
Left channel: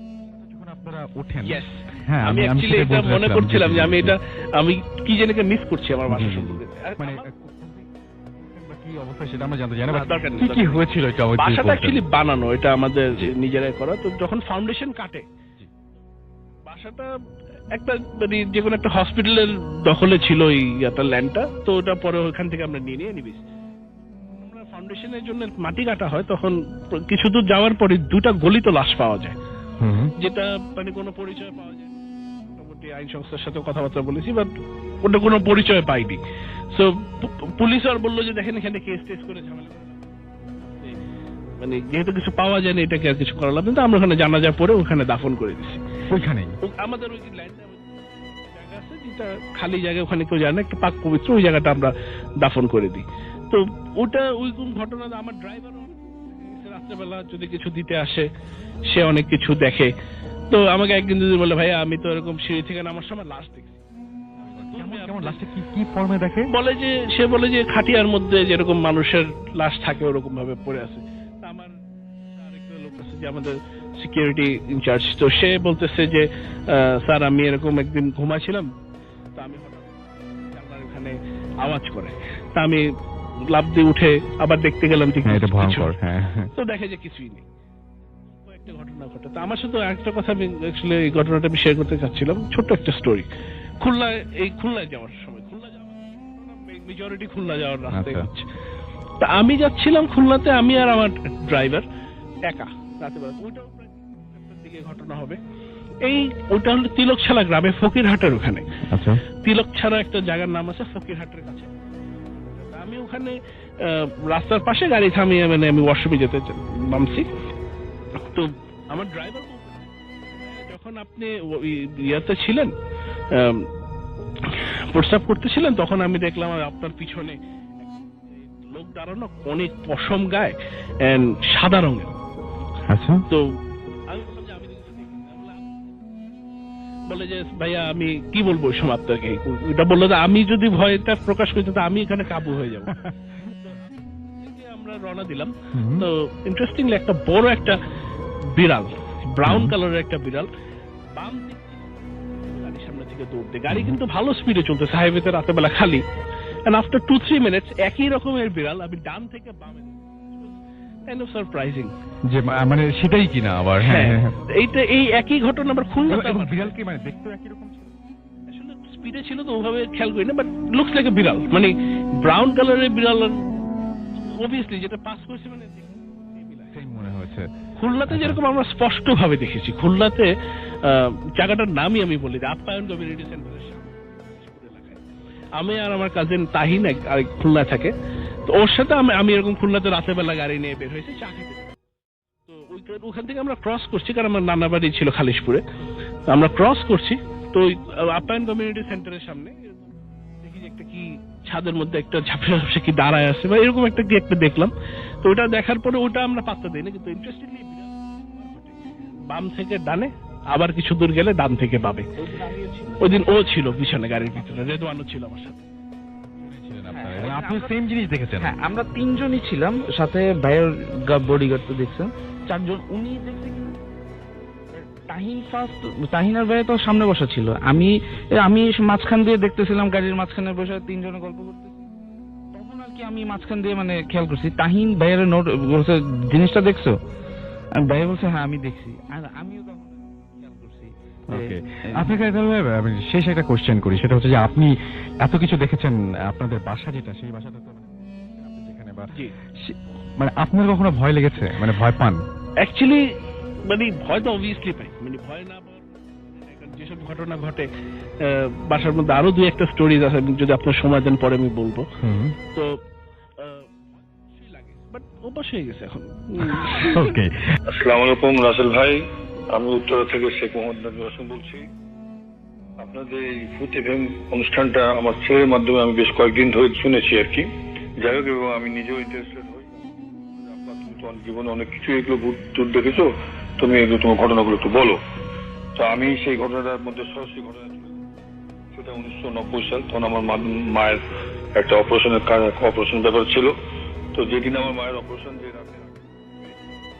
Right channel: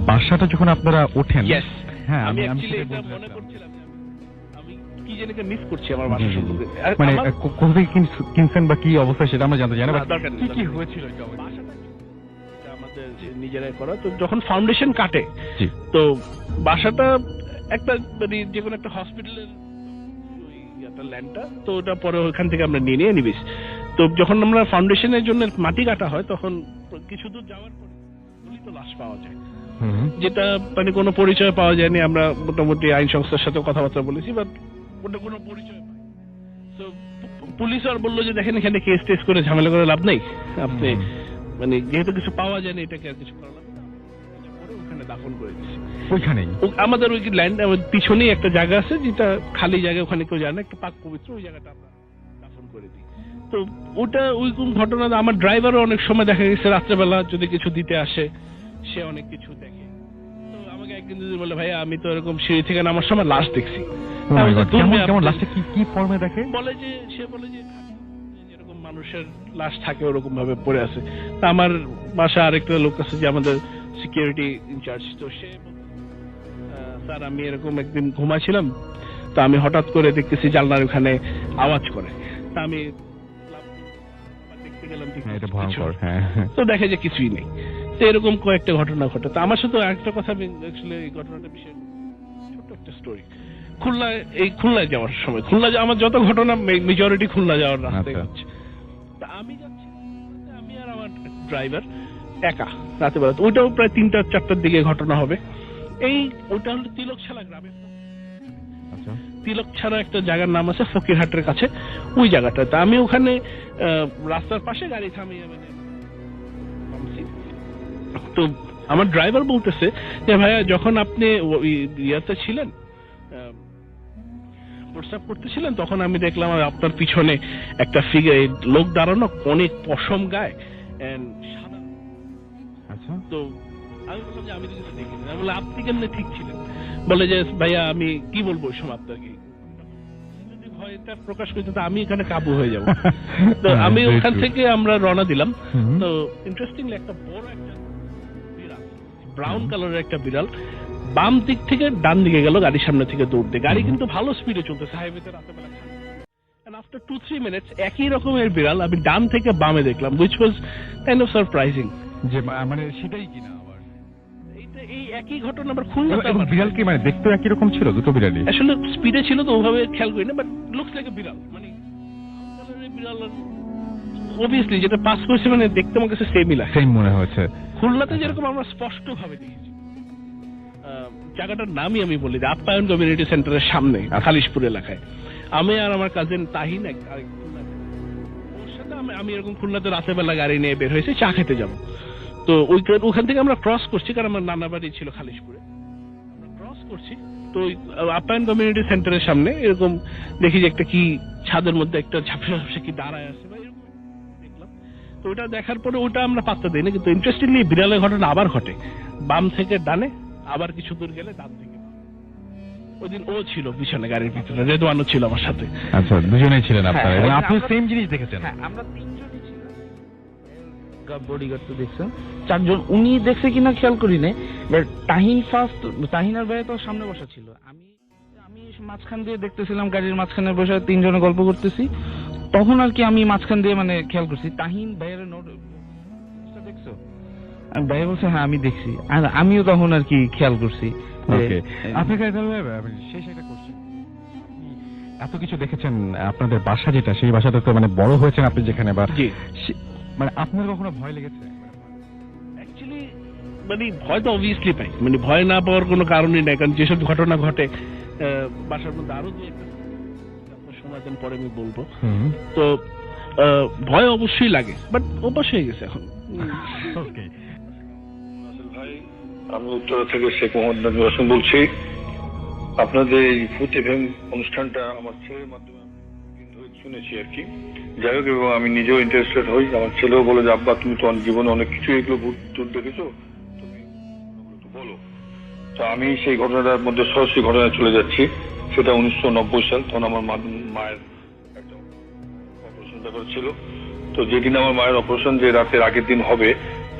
বাসাটা যখন আপনারা ওঠেন, Yes. হ্যাঁ আমি অ্যাকচুয়ালি সেটাই এটা বলতে মনে চাচ্ছিলাম, করছিলাম যে আমি এটা আমি কি জানি মিস করছি আমার বাসা জি, জি, জি। সম্পর্কে। মানে আমার- কোথা থেকে কিনছেন বা কি অবস্থা সেটা আমরা জানতে চাই না, না, but দরকার নেই, কি কি দরকার নেই। হয়েছিল এটা আমাকে যদি বাসাটা বলতেন। অ্যাকচুয়ালি বানানো, এটা আমাদের নিজেরাই করা। তো যখন ফাউন্ডেশন কাটে, জি। তো বাসাটা একটা মানে যে কোনো একটা হসপিটালের দখলে ছিল এই ল্যান্ডটা, তো ওটা পরে ওখান থেকে আমরা নিয়ে নিবিস। তো যখন আমরা ফাউন্ডেশনের জন্য মাটি কাটা হয়, তখন কিছু দূর যাওয়ার পরে দুটা গলিত লাশ পাওয়া যায়, হুম। যেটা মানে কোনো পরিচয় পাওয়া যায়নি। আমরা মোটামুটি আইন সংস্থার সাথে কথাবার্তা বলেছি, বাট ওটা কোনো পরিচয় পাইনি। সো পুলিশ আর বললো যে দেখেন এখানে কেস টেস করে ঝামেলা করে লাভ নেই, আপনি মানে যেহেতু কিছু পাওয়া যায়নি এটাকে আর কিছু করা লাভ নেই। তো আমরা ওখানে জানাজা পরে ওখানে দাফন করে দিচ্ছি। ওইখানেই আমাদের ওই ল্যান্ড পিছনেই একটা জায়গা আছে, যেটা খালি জায়গা, ওখানে কেউ যায় না, একটা পাক পবিত্র, ওই জায়গাটা আমরা দাফন করে দিই। তো ওটা ওই কোন ঘটনা, আমার ড্রাইভারও অনেক সময় দেখা গেছে রাত্রেবেলা যদি কিছু দিতে আসে, সে অনেক কিছু দেখে। তো আমাকে একদিন যদি বলে, ভাইয়া আমি তো এরকম সিঁড়ি থেকে নামার সময় লাশ দেখছি। Oh my আমি বলছি, God, "দূর কেমন মিয়া, কেমন আপনি-" লাস্টে কি ফর্মে দেখে? সে বলে যে খাটিয়ার মধ্যে যেরকম মানুষের লাশ থাকে ওরকম ভাবে পড়ে আছে। তা আমার বাসা আরেকটা লোক আছে যে আমাদের সিকিউরিটি ইনচার্জ, তো সে বলতেছে যে স্যার আমি এরকম একদিন ঘুমাচ্ছিলাম, তো আমি হঠাৎ করে দেখতেছি জানলার ওখানে আওয়াজ করে, তা আমি লাফ দিয়ে উঠে আবার দেখতে গেলাম যে হ্যাঁ, এটা কিছু ভয়ঙ্কর। নেই। হ্যাঁ, তো দেখে যে কিছুই নেই। তো এরকম কয়েকটা ঘটনা ঘটে। তো আমার সাথে একটা কথা আমি অ্যাকচুয়ালি এই ঘটনাটা আমি শেয়ার করতে চাচ্ছিলাম, ছোট্ট একটা স্টোরি। খুলনায় যাওয়ার সময়, আমার যত ঘটনা মেজরিটি খুলনা যাওয়ার রাস্তায় আচ্ছা। হচ্ছে। তা আমি যাচ্ছিলাম খুলনাতে, আমি আর আমার ড্রাইভার একা রাতে বেলা। ওইটাও প্রায় 3টা-4টার দিকে ঘটনা হবে। ওটা হলো তিলকছাড়া গ্রামে, ফকিরহাটের ওখানে। আচ্ছা। তিলকছাড়া একটা জায়গার নাম আছে ফকিরহাটের কাছে, ওই জায়গাটা। তা আমি ওখানে রাস্তার পাশে গাড়ি থামিয়ে মানে আমি ওয়াশরুমে যেতে নামছি। তো আমার ড্রাইভার বলতেছে যে ভাইয়া যখন আপনি ইয়াতে ছিলেন, প্রস্তাব করতেছিলেন, তখন আমি দেখলাম আপনার পিছনে একটা লোক দাঁড়ানো, অনেক পশম গায়ে, সাদা রঙের। আচ্ছা। তো আমি বললাম যে আমি তো কিছু দেখিনি। আমি বললাম আপনি কেমনে ঠিক ছিলেন? বলে যে ভাইয়া আমি কি বলবো ওই সময় আপনাকে। এটা বললো যে আমি যদি ভয়টা প্রকাশ করি তো আমি এখানে কাবু হয়ে যাব। তো আমি ওখান থেকে আমরা রওনা দিলাম। তো ইন্টারেস্টিংলি একটা বড় একটা বিড়াল, ব্রাউন কালারের একটা বিড়াল, বাম দিক থেকে ডান দিকে গেল গাড়ির সামনে থেকে দৌড়তে। গাড়ি কিন্তু ভালো স্পিডে চলতেছে, হাইওয়েতে রাতের বেলা খালি। এন্ড আফটার 2-3 মিনিটস একই রকমের বিড়াল আমি ডান থেকে বামে দেখলাম, which was kind of surprising। যে মানে সেটাই কিনা আবার? হ্যাঁ, হ্যাঁ। এই একই ঘটনা আবার খুলনাতে। এবং বিড়াল কি মানে দেখতে একই রকম ছিল? দুটো বিড়ালই আসলে স্পিডে ছিল তো ওভাবে খেয়াল করি না, বাট লুকস লাইক এ বিড়াল, মানে ব্রাউন কালারের বিড়াল। অবভিয়াসলি যেটা পাস করছে মানে দেখতে আমার কাছে সেমই লাগে। সেম মনে হচ্ছে। খুলনাতে যেরকম আমরা স্পষ্ট ভাবে দেখেছি, খুলনাতে জায়গাটার নামই আমি বলি যে আপ্যায়ন কমিউনিটি সেন্টারের সামনে খালিশপুর এলাকায়। আমি আর আমার কাজিন তাহিন আরেক খুলনা থাকে, তো ওর সাথে আমি এরকম খুলনাতে রাতের বেলা গাড়ি নিয়ে বের হয়েছি চা খেতে যাব। তো ওখান থেকে আমরা ক্রস করছি, কারণ আমার নানা বাড়ি ছিল খালিশপুরে। তো আমরা ক্রস করছি, তো ওই আপ্যায়ন কমিউনিটি সেন্টারের সামনে এরকম দেখি যে একটা কি ছাদের মধ্যে একটা ঝাপসা ঝাপসা কি দাঁড়ায় আছে বা এরকম একটা কি একটা দেখলাম। তো ওটা দেখার পরে ওটা আমরা পাত্তা দিই না, কিন্তু ইন্টারেস্টিংলি বিড়ালের ঘটনা আবার ঘটে, বাম থেকে ডানে, আবার কিছু দূর গেলে ডান থেকে বামে। ওই দিন ও ছিল পিছনে গাড়ির ভিতরে, রেদওয়ানও ছিল আমার সাথে। আচ্ছা, দুজনেই ছিলেন আপনারা এবং আপনি সেম জিনিস দেখেছেন? হ্যাঁ, আমরা 3জনই ছিলাম, সাথে ভাইয়ের বডিগার্ড তো দেখছেন 4জন। উনি দেখছে কিনা খেয়াল করি না, বাট তাহিন আর ভাইয়া তো সামনে বসা ছিল, আমি মাঝখান দিয়ে দেখতেছিলাম, গাড়ির মাঝখানে বসে 3জনে গল্প করতেছি। তখন আর কি আমি মাঝখান দিয়ে মানে খেয়াল করছি, তাহিন ভাইয়ের নোট বলছে জিনিসটা দেখছো? আর ভাইয়া বলছে হ্যাঁ আমি দেখছি। আর আমিও তখন আর কি খেয়াল করছি। ওকে, আপনাকে আমি শেষ একটা কোশ্চেন করি, সেটা হচ্ছে যে আপনি এত কিছু দেখেছেন, আপনাদের বাসা যেটা, সেই বাসাতে তো মানে বড় হয়েছেন আপনি যেখানে, বা মানে আপনার কখনো ভয় লেগেছে, মানে ভয় পান? অ্যাকচুয়ালি মানে ভয় তো অবভিয়াসলি পাই, মানে ভয় না পাওয়ার কোনো কারণই নাই, কারণ যেসব ঘটনা ঘটে বাসার মধ্যে আরো 2-1টা স্টোরিজ আছে, যদি আপনার সময় দেন পরে আমি বলবো। তো ভয় অবশ্যই লাগে, বাট অভ্যাস হয়ে গেছে এখন। ওকে, আসসালামু আলাইকুম রাসেল ভাই, আমি উত্তরা থেকে শেখ মোহাম্মদ নাজিম হাসান বলছি। আপনাদের এই ফুট এফএম অনুষ্ঠানটা আমার ছেলের মাধ্যমে আমি বেশ কয়েকদিন ধরে শুনেছি আর কি। যাই হোক, এবং আমি নিজেও ইন্টারেস্টেড হই। আমার ছেলেও বলে যে আব্বা তুমি তো জীবনে অনেক কিছু এগুলো ভূত দেখেছো, তুমি এগুলো তোমার ঘটনাগুলো একটু বলো। তো আমি সেই ঘটনাটার মধ্যে সরাসরি ঘটনায় চলে যাচ্ছি। সেটা 1990 সাল, তখন আমার মায়ের একটা অপারেশন ব্যাপার ছিল। তো যেদিন আমার মায়ের অপারেশন, যে রাতের আগের দিন হবে,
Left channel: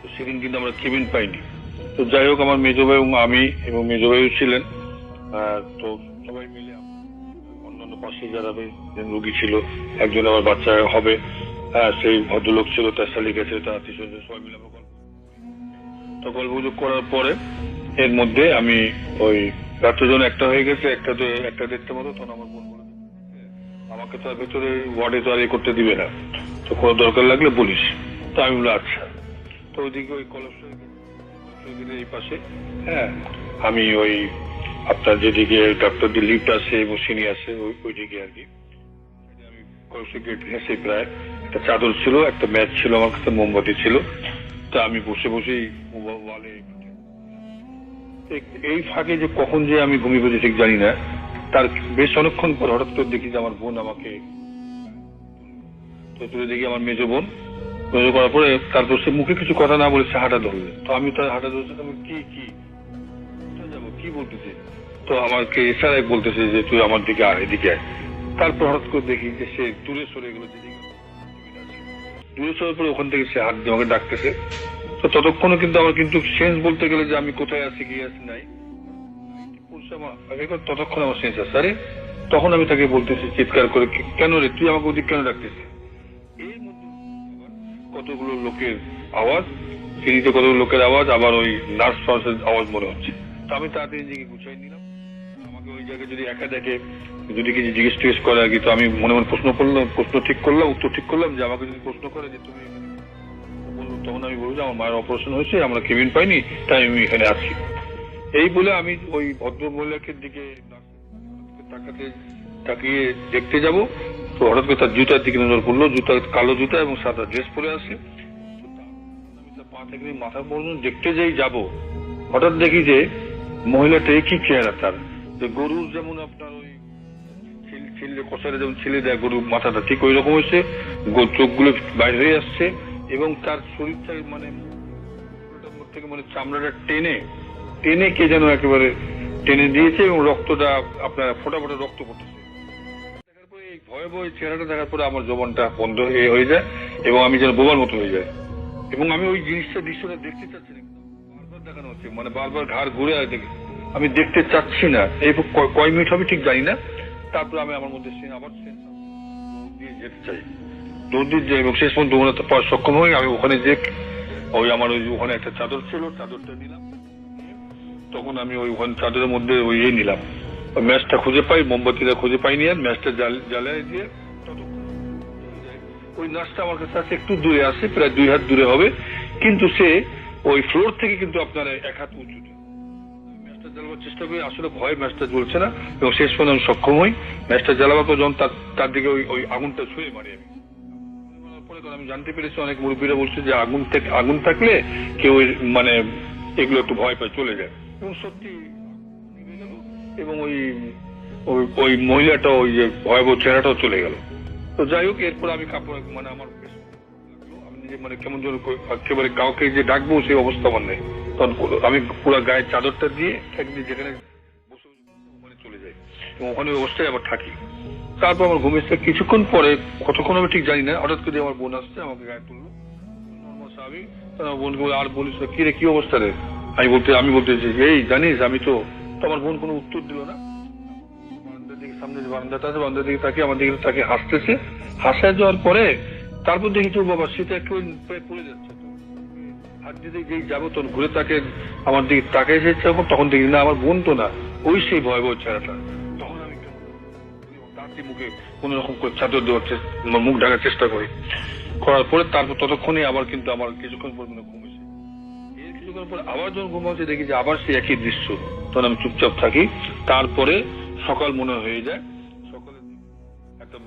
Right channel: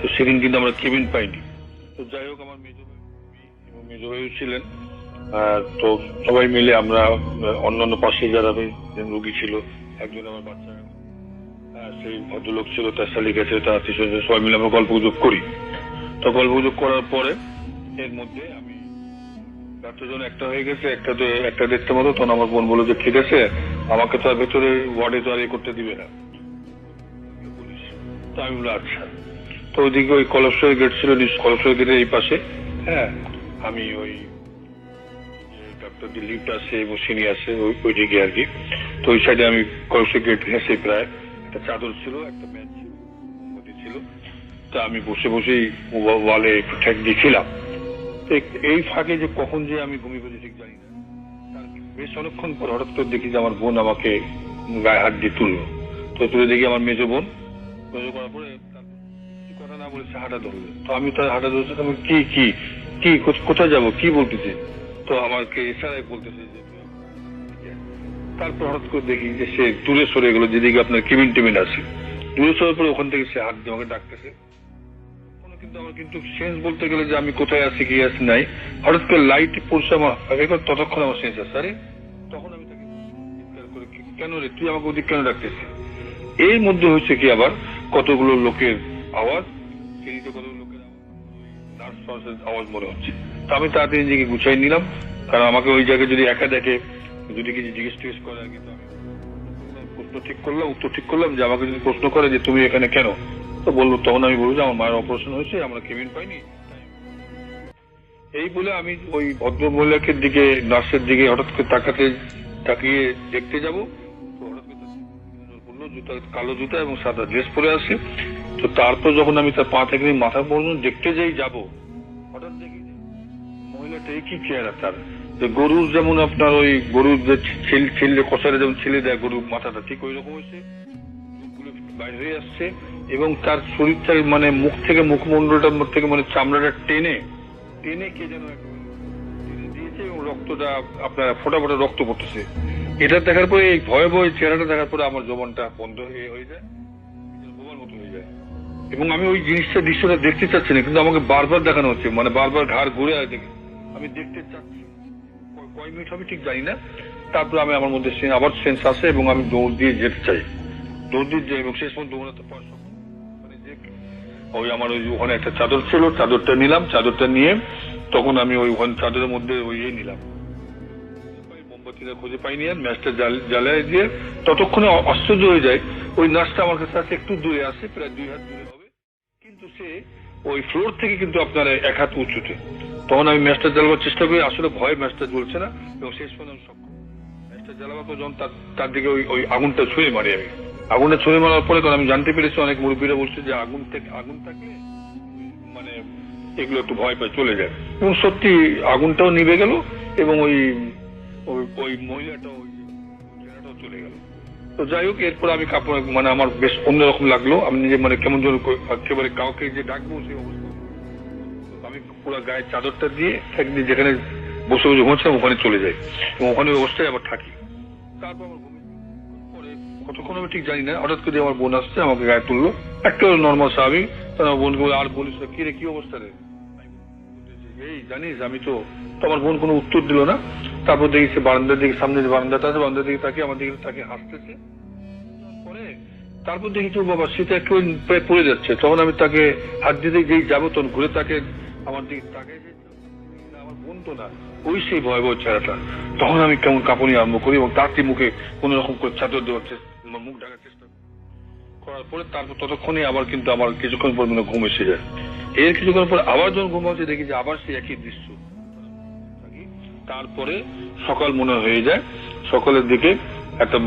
তো সেদিন কিন্তু আমরা কেবিন পাইনি। তো যাই হোক, আমার মেজো ভাই এবং আমি এবং মেজো ভাইও ছিলেন, তো সবাই মিলে আমরা অন্যান্য পাশে যারা রুগী ছিল, একজন আমার বাচ্চা হবে সেই ভদ্রলোক ছিল, তার শালিক আছে, তার আত্মীয় সবাই মিলে আমরা গল্পগুজব করি। তো গল্পগুজব করার পরে এর মধ্যে আমি ওই রাত্রে যখন 1টা হয়ে গেছে, 1টা-1:30 মতো, তখন আমার বোন বললো যে ঠিক আছে, আমাকে তো আর ভেতরে ওয়ার্ডে তো আর করতে দিবে না, তো কোনো দরকার লাগলে বলিস। তো আমি বললাম আচ্ছা। তো ওইদিকে ওই কলপসের গেট ছিল, কলপসের গেটের এই পাশে, আমি ওই আপনার যেদিকে ডাক্তারদের লিফট আছে এবং সিঁড়ি আছে ওইদিকে আর কি, তো ওই সাইডে আমি কলপসের গেট ঘেঁষে প্রায় একটা চাদর ছিল, একটা ম্যাচ ছিল, আমার কাছে মোমবাতি ছিল, তা আমি বসে বসেই ওয়ালে একটু ঠেক দিয়েছিলাম। এই ফাঁকে যে কখন যে আমি ঘুমিয়ে পড়েছি ঠিক জানি না, তার বেশ অনেকক্ষণ পর হঠাৎ করে দেখি যে আমার বোন আমাকে গায়ে হাত দিয়ে তুললো। তো তুলে দেখি আমার মেজো বোন। মেজো করার পরে তারপর সে মুখে কিছু কথা না বলে সে হাঁটা ধরবে। তো আমি তার হাঁটা ধরছি, আমি কি কোথায় যাবো, কি বলতেছি? তো আমাকে ইশারায় বলতেছে যে তুই আমার দিকে আয়, এদিকে আয়। তারপর হঠাৎ করে দেখি যে সে দূরে সরে গেলো, যেদিকে আপনার কেবিন টেবিন আছে, দূরে সরে পরে ওখান থেকে সে হাত দিয়ে আমাকে ডাকতেছে। তো ততক্ষণে কিন্তু আমার কিন্তু সেন্স বলতে গেলে যে আমি কোথায় আছি কি আছি নাই, হঠাৎ করে লাইট পড়ছে আমার, ততক্ষণ আমার সেন্স আছে। আরে তখন আমি তাকে বলতেছি চিৎকার করে, কেন রে তুই আমাকে ওদিক কেন ডাকতেছিস? এর মধ্যে হচ্ছে কি আবার কতগুলো লোকের আওয়াজ, সিঁড়িতে কতগুলো লোকের আওয়াজ, আবার ওই নার্স ফার্সের আওয়াজ মনে হচ্ছে। তো আমি তাড়াতাড়ি নিজেকে গুছাই নিলাম, কারণ আমাকে ওই জায়গায় যদি একা দেখে, যদি কিছু জিজ্ঞেস টিজ্ঞেস করে আর কি, তো আমি মনে মনে প্রশ্ন ঠিক করলাম, উত্তর ঠিক করলাম যে আমাকে যদি প্রশ্ন করে যে তুমি এখানে কেন, তো বললো, তখন আমি বলবো যে আমার মায়ের অপারেশন হয়েছে, আমরা কেবিন পাইনি, তাই আমি এখানে আছি। এই বলে আমি ওই ভদ্র মহিলাকে দিকে, নার্সের দিকে হঠাৎ করে তাকিয়ে দেখতে যাব, তো হঠাৎ করে তার জুতার দিকে নজর পড়লো, জুতা কালো জুতা এবং সাদা ড্রেস পরে আছে। তো তারপর যখন আমি তার পা থেকে মাথা পর্যন্ত দেখতে যাই যাব, হঠাৎ দেখি যে মহিলাটা কি চেহারা তার, যে গরুর যেমন আপনার ওই গরুর যে ছেলে কষারে যেমন ছেলে দেয় গরুর মাথাটা, ঠিক ওই রকম হয়েছে, চোখগুলো বাইরে হয়ে আসছে, এবং তার শরীরটা মানে মুখ থেকে মুখমন্ডলটার মধ্যে থেকে মানে চামড়াটা টেনে কে যেন একেবারে টেনে দিয়েছে, এবং রক্তটা আপনার ফোটা ফোটা রক্ত পড়তেছে। এটা দেখার পরে, এই ভয়াবহ চেহারাটা দেখার পরে আমার জবানটা বন্ধ হয়ে যায়, এবং আমি যেন বোবার মতো হয়ে যায়। এবং আমি ওই দৃশ্যটা দেখতে চাচ্ছি না, কিন্তু আমাকে বারবার দেখানো হচ্ছে, মানে বারবার ঘাড় ঘুরে দেখে আমি দেখতে চাচ্ছি না। এই কয় মিনিট হবে ঠিক জানি না। তারপর আমি আমার মধ্যে আবার সেন্স আসে এবং আমি দৌড় দিয়ে যেতে চাই, দৌড় দিয়ে যাই, এবং শেষ পর্যন্ত দৌড়াতে পারার সক্ষম হই। আমি ওখানে যে ওই আমার ওখানে একটা চাদর ছিল, চাদরটা নিলাম, চাদরটা নিয়ে তখন আমি ওই ওখানে চাদরের মধ্যে ওই নিলাম, ওই ম্যাচটা খুঁজে পাই, মোমবাতিটা খুঁজে পাইনি, আর ম্যাচটা জ্বালায় দিয়ে ততক্ষণে আশ্চর্য হয়ে যায়, ওই নার্সটা আমার কাছে আছে, একটু দূরে আসে, প্রায় 2 হাত দূরে হবে, কিন্তু সে ওই ফ্লোর থেকে কিন্তু আপনার 1 হাত উঁচুতে। তখন আমি ম্যাচটা জ্বালাবার চেষ্টা করি, আসলে ভয় ম্যাচটা জ্বলছে না, এবং শেষ পর্যন্ত আমি সক্ষম হই। ম্যাচটা জ্বালাবার পর যখন তার দিকে ওই আগুনটা ছুঁড়ে মারি, আমি আগুনটা ছুঁড়ে মারার পরে, কারণ আমি জানতে পেরেছি অনেক মুরব্বীরা বলছে যে আগুন থাকলে কেউ মানে এগুলো একটু ভয় পায়, চলে যায়, এবং সত্যি আগুনটাও নিভে গেল, এবং ওই মহিলাটা ওই যে ভয়াবহ চেহারাটাও চলে গেল। তো যাই হোক, এরপর আমি কাপড় মানে আমার বেশ অন্যরকম লাগলো, আমি নিজে মানে কেমন যেন একেবারে কাউকে যে ডাকবো সেই অবস্থা আমার নেই। তখন আমি পুরো গায়ের চাদরটা দিয়ে একদিন যেখানে বসে বসে ঘুমাচ্ছিলাম ওখানে চলে যাই, এবং ওখানে অবস্থায় আবার থাকি। তারপর আমার ঘুমিয়েছে, কিছুক্ষণ পরে, কতক্ষণ আমি ঠিক জানি না, হঠাৎ করে আমার বোন আসছে, আমাকে গায়ে তুললো, একটা নর্মাল স্বাভাবিক। তখন আমার বোনকে আর বলিস কি রে, কি অবস্থা রে? আমি বলতেছি এই জানিস আমি তো আমার বোন কোনো উত্তর দিল না। তারপর দেখি সে বারান্দার দিকে, সামনে যে বারান্দাটা আছে, বারান্দার দিকে তাকিয়ে আমার দিকে তাকে হাসতেছে। হাসায় যাওয়ার পরে তারপর দেখি তো বাবা সেটা একটু প্রায় পড়ে যাচ্ছে। তখন আমি তাকে হাত দিতে যেই যাবো, তখন ঘুরে তাকে আমার দিকে তাকে এসেছে, তখন দেখি না আমার বোন তো না, ওই সেই ভয়াবহ চেহারাটা। তখন আমি কেমন কাঁপুনি আরম্ভ করি, এবং তারটি মুখে কোন রকম করে চাদর দেওয়ার মুখ ঢাকার চেষ্টা করি। করার পরে তারপর ততক্ষণে আবার কিন্তু আমার কিছুক্ষণ পর মনে ঘুম এসে যায়। এর কিছুক্ষণ পর আবার যখন ঘুম হচ্ছে, দেখি যে আবার সেই একই দৃশ্য। তখন আমি চুপচাপ থাকি। তারপরে সকাল মনে হয়ে যায়, সকালের দিকে একটা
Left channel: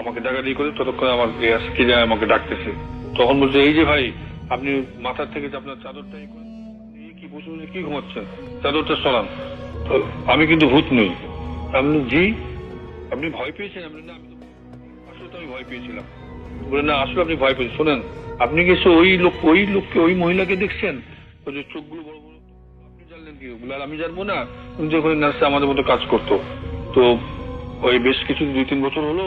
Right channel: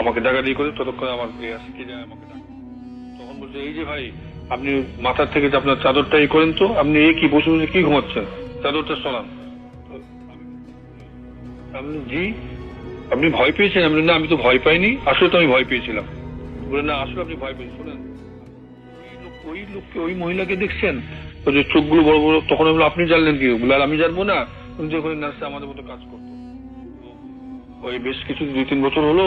আমাকে ডাকাডাকি করে, ততক্ষণে আমার কে যায় আমাকে ডাকতেছে। তখন বলছে এই যে ভাই, আপনি মাথার থেকে যে আপনার চাদরটা এই করেন, তো আপনি এই কি বসে বসে কি ঘুমাচ্ছেন, চাদরটা সরান। আমি কিন্তু ভূত নই। আপনি জি, আপনি ভয় পেয়েছেন? আমি না, আমি তো ভয় পাইনি, আসলে তো আমি ভয় পেয়েছিলাম। বলে না, আসলে আপনি ভয় পেয়েছেন। শোনেন, আপনি কি ওই মহিলাকে দেখছেন, ওই যে চোখগুলো বড় বড়? তখন আমি বললাম আপনি জানলেন কি? বলে আর আমি জানবো না, উনি যে ওখানে নার্সে আমাদের মতো কাজ করতো, তো ওই বেশ কিছু 2-3 বছর হলো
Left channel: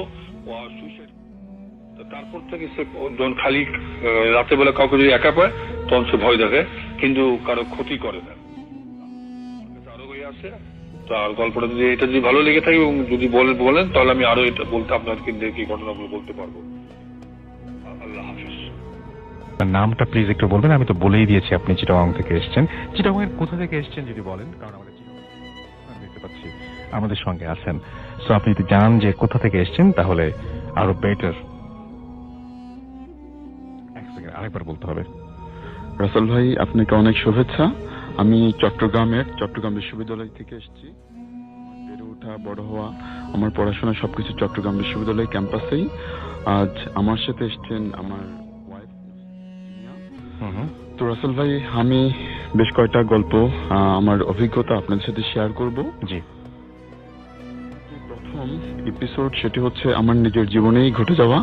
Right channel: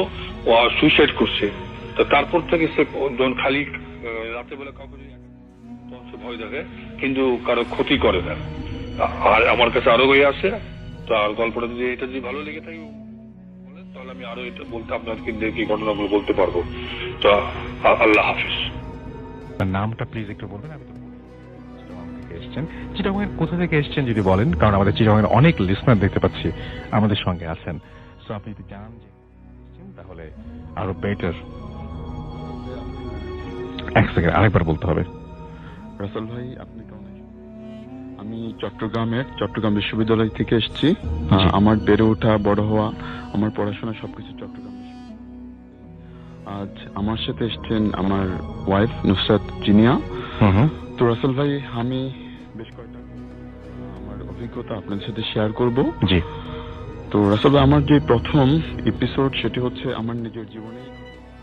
ও সুইসাইড করছে। তো তারপর থেকে সে যখন খালি রাতের বেলা কাউকে যদি একা পায়, তখন সে ভয় দেখে, কিন্তু কারো ক্ষতি করে না। আর আমার কাছে আরো বই আছে, তো আর গল্পটা যদি এটা যদি ভালো লেগে থাকে এবং যদি বলেন তাহলে আমি আরো এটা বলতে আপনাকে দেখি ঘটনাগুলো বলতে পারবো। তো আল্লাহ হাফিজ। নামটা প্লিজ একটু বলবেন। আমি তো বলেই দিয়েছি আপনি চিটাগাং থেকে এসেছেন। চিটাগাং এর কোথা থেকে এসেছেন যদি বলেন, কারণ আমাদের চিটাগাং এর অনেক লিসনার দেখতে পাচ্ছি আমাদের সঙ্গে আছেন। সো আপনি যদি জানান যে কোথা থেকে এসেছেন তাহলে আরো বেটার। এক সেকেন্ড, আরেকবার বলতে হবে। রাসেল ভাই, আপনাকে অনেক শুভেচ্ছা। আমি চট্টগ্রাম বিশ্ববিদ্যালয় থেকে এসেছি। আমার বেড়ে ওঠা, বড় হওয়া, আমার পড়াশোনা সবকিছু চট্টগ্রাম বিশ্ববিদ্যালয় ক্যাম্পাসেই। আজ আমার সাথে এসেছেন আমার ওয়াইফ নুসরাত জিনিয়া। তো রাসেল ভাই, আমি বেশ কয়েকটা গল্প, আমার অভিজ্ঞতা আপনাদের সাথে শেয়ার করব। জি। তো রাসেল ভাই, আমার যে প্রথম এপিসোড সেটি হচ্ছে আমার নিজের জীবনেই ঘটে যাওয়া।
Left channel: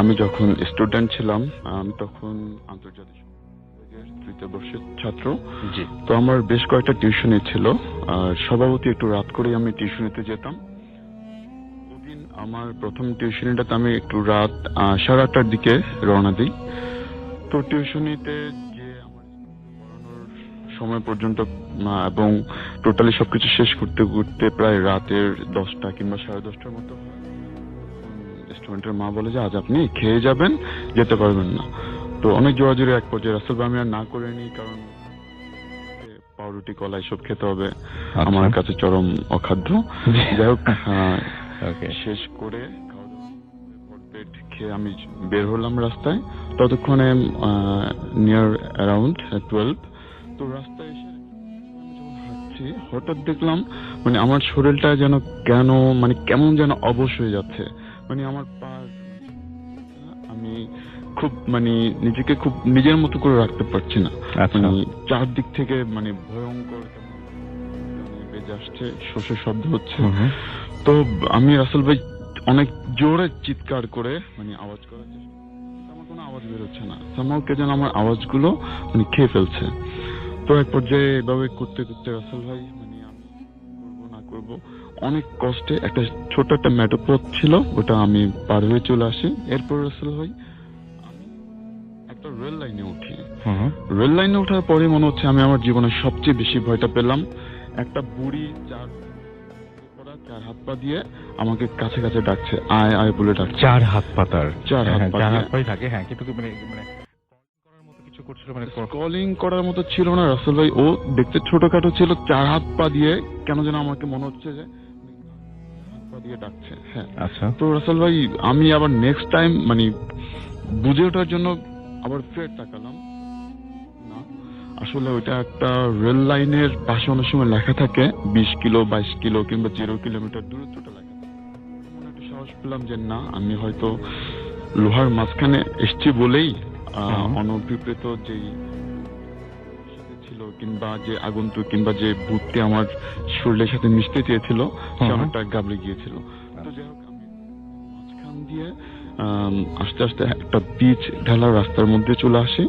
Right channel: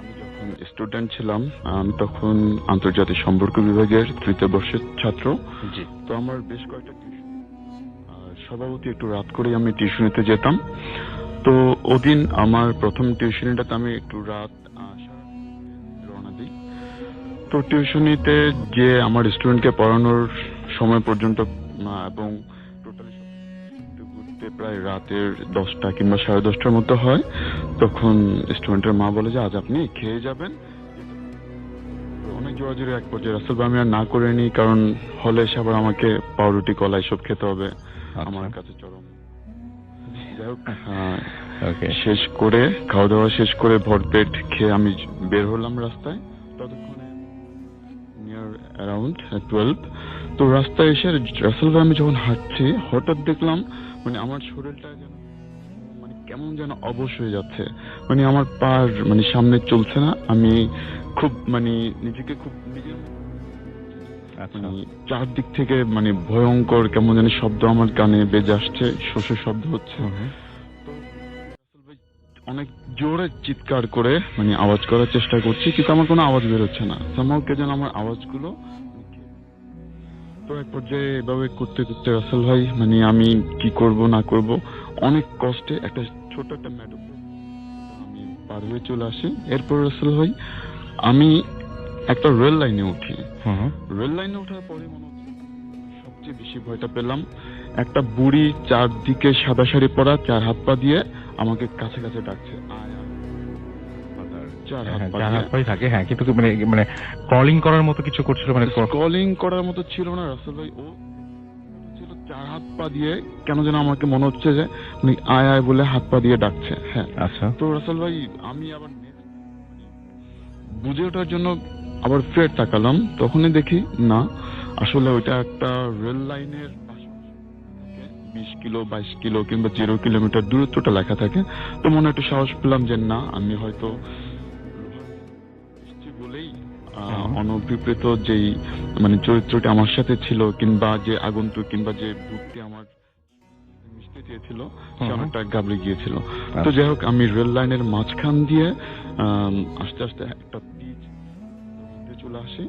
আমি যখন স্টুডেন্ট ছিলাম, আমি তখন আন্তর্জাতিক সম্পর্ক বিভাগের 3য় বর্ষের ছাত্র। জি। তো আমার বেশ কয়েকটা টিউশনি ছিল, আর স্বভাবতই একটু রাত করেই আমি টিউশনিতে যেতাম। তো ওদিন আমার প্রথম টিউশনিটাতে আমি একটু রাত 8:30টার দিকে রওনা দিই। তো টিউশনিতে যে আমার স্টুডেন্টকে পড়ানোর সময় পর্যন্ত এবং টোটালি সবকিছু শেষ করতে করতে প্রায় রাতের 10টা কিংবা 10:30টার মতো হয়। তখন স্টুডেন্টের মা বলে যে আজ আপনি খেয়ে যাবেন, যেতে পারবেন না। তো অনেক জোরাজুরি এক পর্যায়ে রাসেল ভাই আমি আর না করে নিই, কারণ হলে এসে আবার আমাকে পাউরুটি কলা এসব খেতে হবে, আমার কাছে চরম অখাদ্য। যাই হোক, শেষ করে খাওয়া দাওয়া শেষ করে ভরপেট খেয়ে আমি বের হলাম রাস্তায়। ততক্ষণে নিয়ার অ্যারাউন্ড 12। তো রাস্তায় এসে রাসেল ভাই আমি যখন হাঁটছি, হঠাৎ দেখলাম মানে আমার শরীরটা যেন কেমন যেন অবশ হয়ে যাচ্ছে। মানে আমার পার সামনে চলছে না, আমি খুব নিজেকে খুব নিজের মতো করে রাখতে পারছি না। চারদিক থেকে ভয়ঙ্কর কেমন যেন শব্দ আমার কানে বেজে আসছে, শোষের শব্দ হচ্ছে। তো আমি রাসেল ভাই অনেক জোরে চিৎকার করে আওয়াজ করার চেষ্টা করছি, কিন্তু আমার কোনো আওয়াজ বের হচ্ছে না। সামহাও কে যেন আমার আওয়াজগুলো খেয়ে ফেলছে। তো এক পর্যায়ে এভাবে করতে করতে রাসেল ভাই আমি কি করব না করব অনেক কষ্টে একটা ছোট একটা মেঠো পথ ছিল, ওটা আমি পার হয়ে চলে আসি। এরপর রাসেল ভাই আমি একটা রেল লাইনে উঠি। রেল লাইনে ওঠার পরে মনে হচ্ছে আমি আমার জীবনের সবচেয়ে বেশি ভয়টা পেলাম। একটা বুড়ি চারদিকে সাদা শাড়ি পরা, 4 হাত পা দিয়ে আমাকে কাছে কাছে ডাকছে, আয় আয় বলে ডাকছে। 4 হাত পাতার 4 হাত পাই থাকে। হ্যাঁ, কিন্তু কলিং করার মতো কিছু করছিল, কলিং করার মতো ছিল না রাসেল ভাই। ও দেখতে ছোটখাটো ছিল, 4 হাত পা দিয়ে কেন যেন আমাকে মনে হচ্ছে যে আয় আয় বলে হাত পা দিয়ে ডাকছে। হ্যাঁ, আচ্ছা। তো রাসেল ভাই আমি আবার নেক্সট টাইম বুঝে ওঠার জন্য আবার ফের তাকালাম, তখনই দেখি না, আসলে ওইটা একটা রেল লাইনের পাশে অনেক সময় লেখা থাকে 20 কিলো 22 কিলো কিংবা 0 কিলোমিটার দূরত্বটা লেখা থাকে। তো মনে একটু সাহস পেলাম যে না, আমি হয়তো লোহার মাঝখানে এসছি বলেই অনভিপ্রেত যেই চরিত্রটি আমার সাথে ছিল, কিংবা যে আগন্তুক কিংবা যে ভূতটি আমার শরীরের সাথে মিশতে চেয়েছিল, সে অনেকটা গাবড়ে গিয়েছিল। তো যাই হোক, আমি রেল লাইনের মাঝখান দিয়ে আস্তে আস্তে একটা পিচ ঢালা রাস্তার মধ্যে চলে আসি।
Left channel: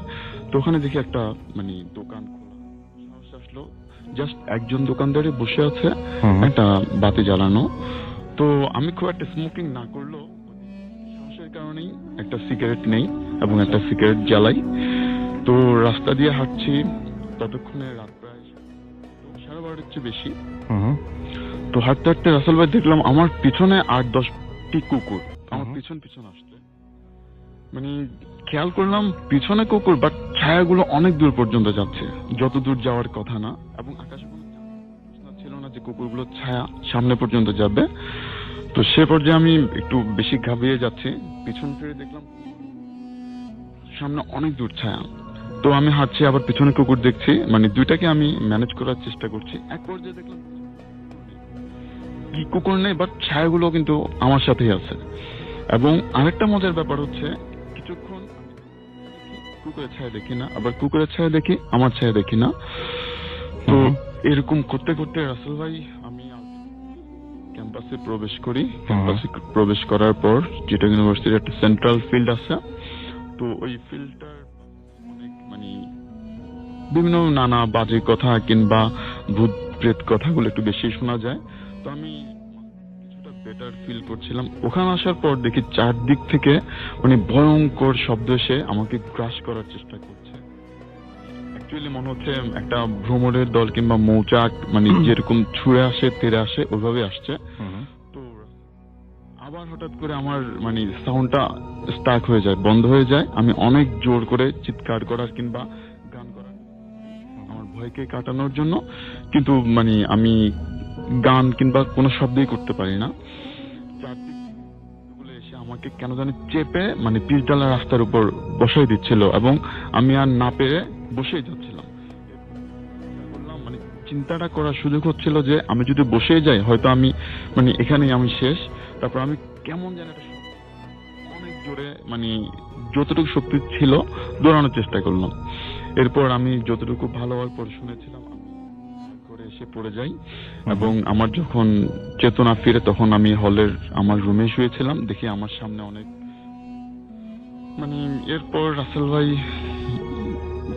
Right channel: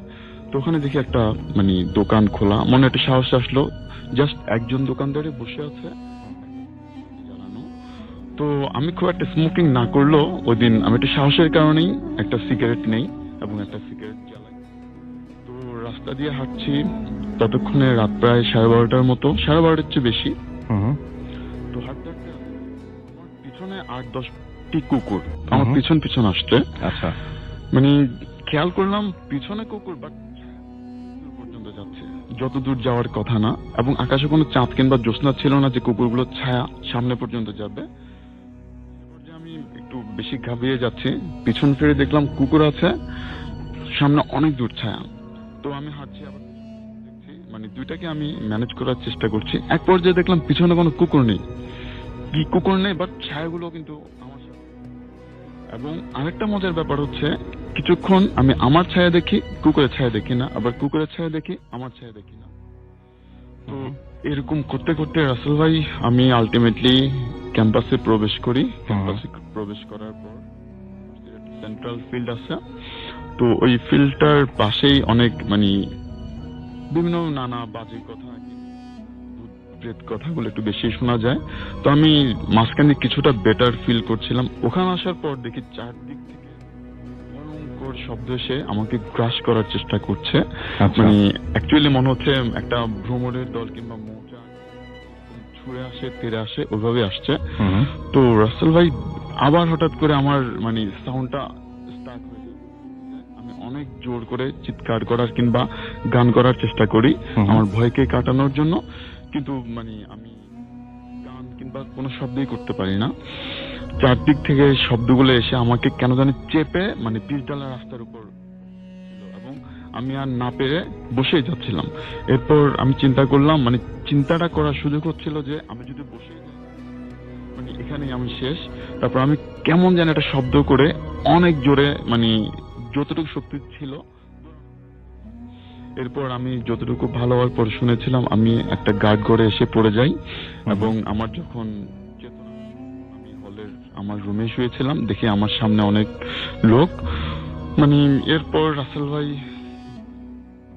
তো ওখানে দেখি একটা দোকান খোলা, মনে একটা সাহস আসলো। জাস্ট একজন দোকানদারে বসে আছে, একটা বাতি জ্বালানো। তো আমি খুব একটা স্মোকিং না করলেও ওই দিন আমি একটা সাহসের কারণেই একটা সিগারেট নেই এবং একটা সিগারেট জ্বালাই। তো রাস্তা দিয়ে হাঁটছি, ততক্ষণে রাত প্রায় 12:30টার মতো, 12:30টার চেয়ে বেশি। তো হাঁটতে হাঁটতে রাসেল ভাই দেখলাম আমার পিছনে 8-10টি কুকুর আমার পিছন পিছন আসছে। আচ্ছা, খেয়াল করলাম পিছনে কুকুর, বাট ছায়াগুলো অনেক দূর পর্যন্ত যাচ্ছে, যত দূর যাওয়ার কথা না। এবং আকাশে কোনো চাঁদ কিংবা জ্যোৎস্না ছিল না যে কুকুরগুলো ছায়া সামনে পর্যন্ত যাবে। তো সে পর্যায়ে আমি একটু বেশি ঘাবড়িয়ে যাচ্ছি, পিছন ফিরে দেখলাম কুকুর আছে, সামনে অনেক দূর ছায়া। তো আমি হাঁটছি, আবার পিছনে কুকুর দেখছি, দুইটাকে আমি ম্যানেজ করার চেষ্টা করছি। এক পর্যায়ে দেখলাম পিছনে কোনো কুকুর নেই, কি কুকুর নেই, বাট ছায়াগুলো কিন্তু আমার সাথেই আছে। এবং আরেকটা মজার ব্যাপার হচ্ছে, কিছুক্ষণ আমি আমার ছায়া দেখি, কুকুরের ছায়া দেখি না, আবার কুকুরের ছায়া দেখি, আমার ছায়া দেখি না। তো এরকম করতে করতে রাসেল ভাই আমি আলটিমেটলি ক্যাম্পাসে প্রবেশ করি। ক্যাম্পাসে প্রবেশ করার পর চিটাগাং ইউনিভার্সিটির একটা সেন্ট্রাল ফিল্ড আছে। তো ওই ফিল্ডটার পাশেই অনেক বিভিন্ন নানা বাজে কথা কিংবা ভূত ব্রেথ কথাগুলো একটু বেশি শোনা যায়। তো আমি মাঝখানে কিছুটা বেটার ফিল করছিলাম। ওখানে আসার পর দেখি চারদিক থেকে মানে ভয়ঙ্কর শব্দ এসে আমাকে গ্রাস করার চেষ্টা করছে। মানে অ্যাকচুয়ালি মনে হচ্ছে একটা ভ্রমণের দল কিংবা মৌচাক মানে যেরকম ছুঁড়ে আসে তেড়ে আসে ওইভাবে আসছে। তো রাসেল ভাই আবার হঠাৎ করে আমার মানে সাউন্ডটা স্টাক হয়ে যায়, বন্ধ হয়ে যায়। আমি অনেক জোর করে চিৎকার করার কিংবা গান করার চেষ্টা করি আমার ভয়কে কাটানোর জন্য, কিন্তু মানে আমি গান কিংবা কোনো শব্দই করতে পারি না। চারদিক থেকে শব্দগুলো এসে আমাকে কেন জানি চেপে মানে পিচঢালা রাস্তার উপর বসাই দিচ্ছিল এবং আমি আর না পেরে বসেই যাচ্ছিলাম। এরপর আমি চিন্তা করলাম, মানে চিন্তাটা করার সুযোগ হচ্ছিল যে আমি যদি বসেই যাই হয়তো আমি মানে এখানেই আমি শেষ। তারপর আমি কেমন যেন একটা শব্দ করে অনেক জোরে মানে যতটুকু শক্তি ছিল দৌড়ানোর চেষ্টা করলাম। এরপর আমি যতটুকু ভালো হওয়ার পর শুনেছিলাম আমি একটা গার্ড ঘরে এসে পড়ে যাই এবং আমার যখন চেতনা ফিরে তখন আমি হলের আমার রুমে শুয়েছিলাম। দেখি আমার সামনে অনেক লোক। মানে এরপর রাসেল ভাই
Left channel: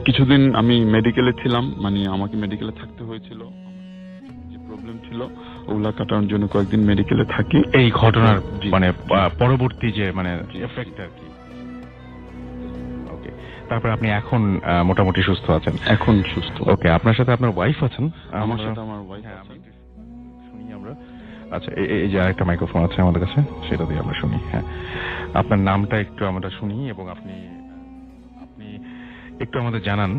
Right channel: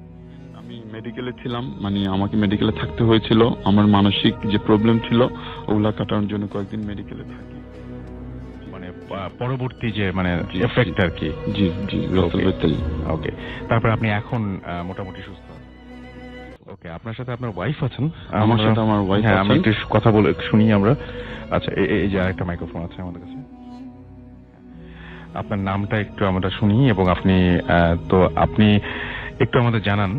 কিছুদিন আমি মেডিকেলে ছিলাম, মানে আমাকে মেডিকেলে থাকতে হয়েছিল। আমার মানসিক যে প্রবলেম ছিল ওগুলা কাটানোর জন্য কয়েকদিন মেডিকেলে থাকি। এই ঘটনার মানে পরবর্তী যে মানে এফেক্ট আর কি। জি জি ওকে, তারপর আপনি এখন মোটামুটি সুস্থ আছেন? এখন সুস্থ। ওকে, আপনার সাথে আপনার ওয়াইফ আছেন? আমার সাথে আমার ওয়াইফ হ্যাঁ, আছে। আমরা একটু কথা বলে শুনি আমরা। আচ্ছা, এই যে আরেকটা মাইক্রোফোন আছে আমাদের কাছে, সেটা দিয়ে আমরা শুনি। হ্যাঁ, আপনার নামটা একটু আমরা শুনি এবং আপনি তো আপনি একটু আমাদের জানান।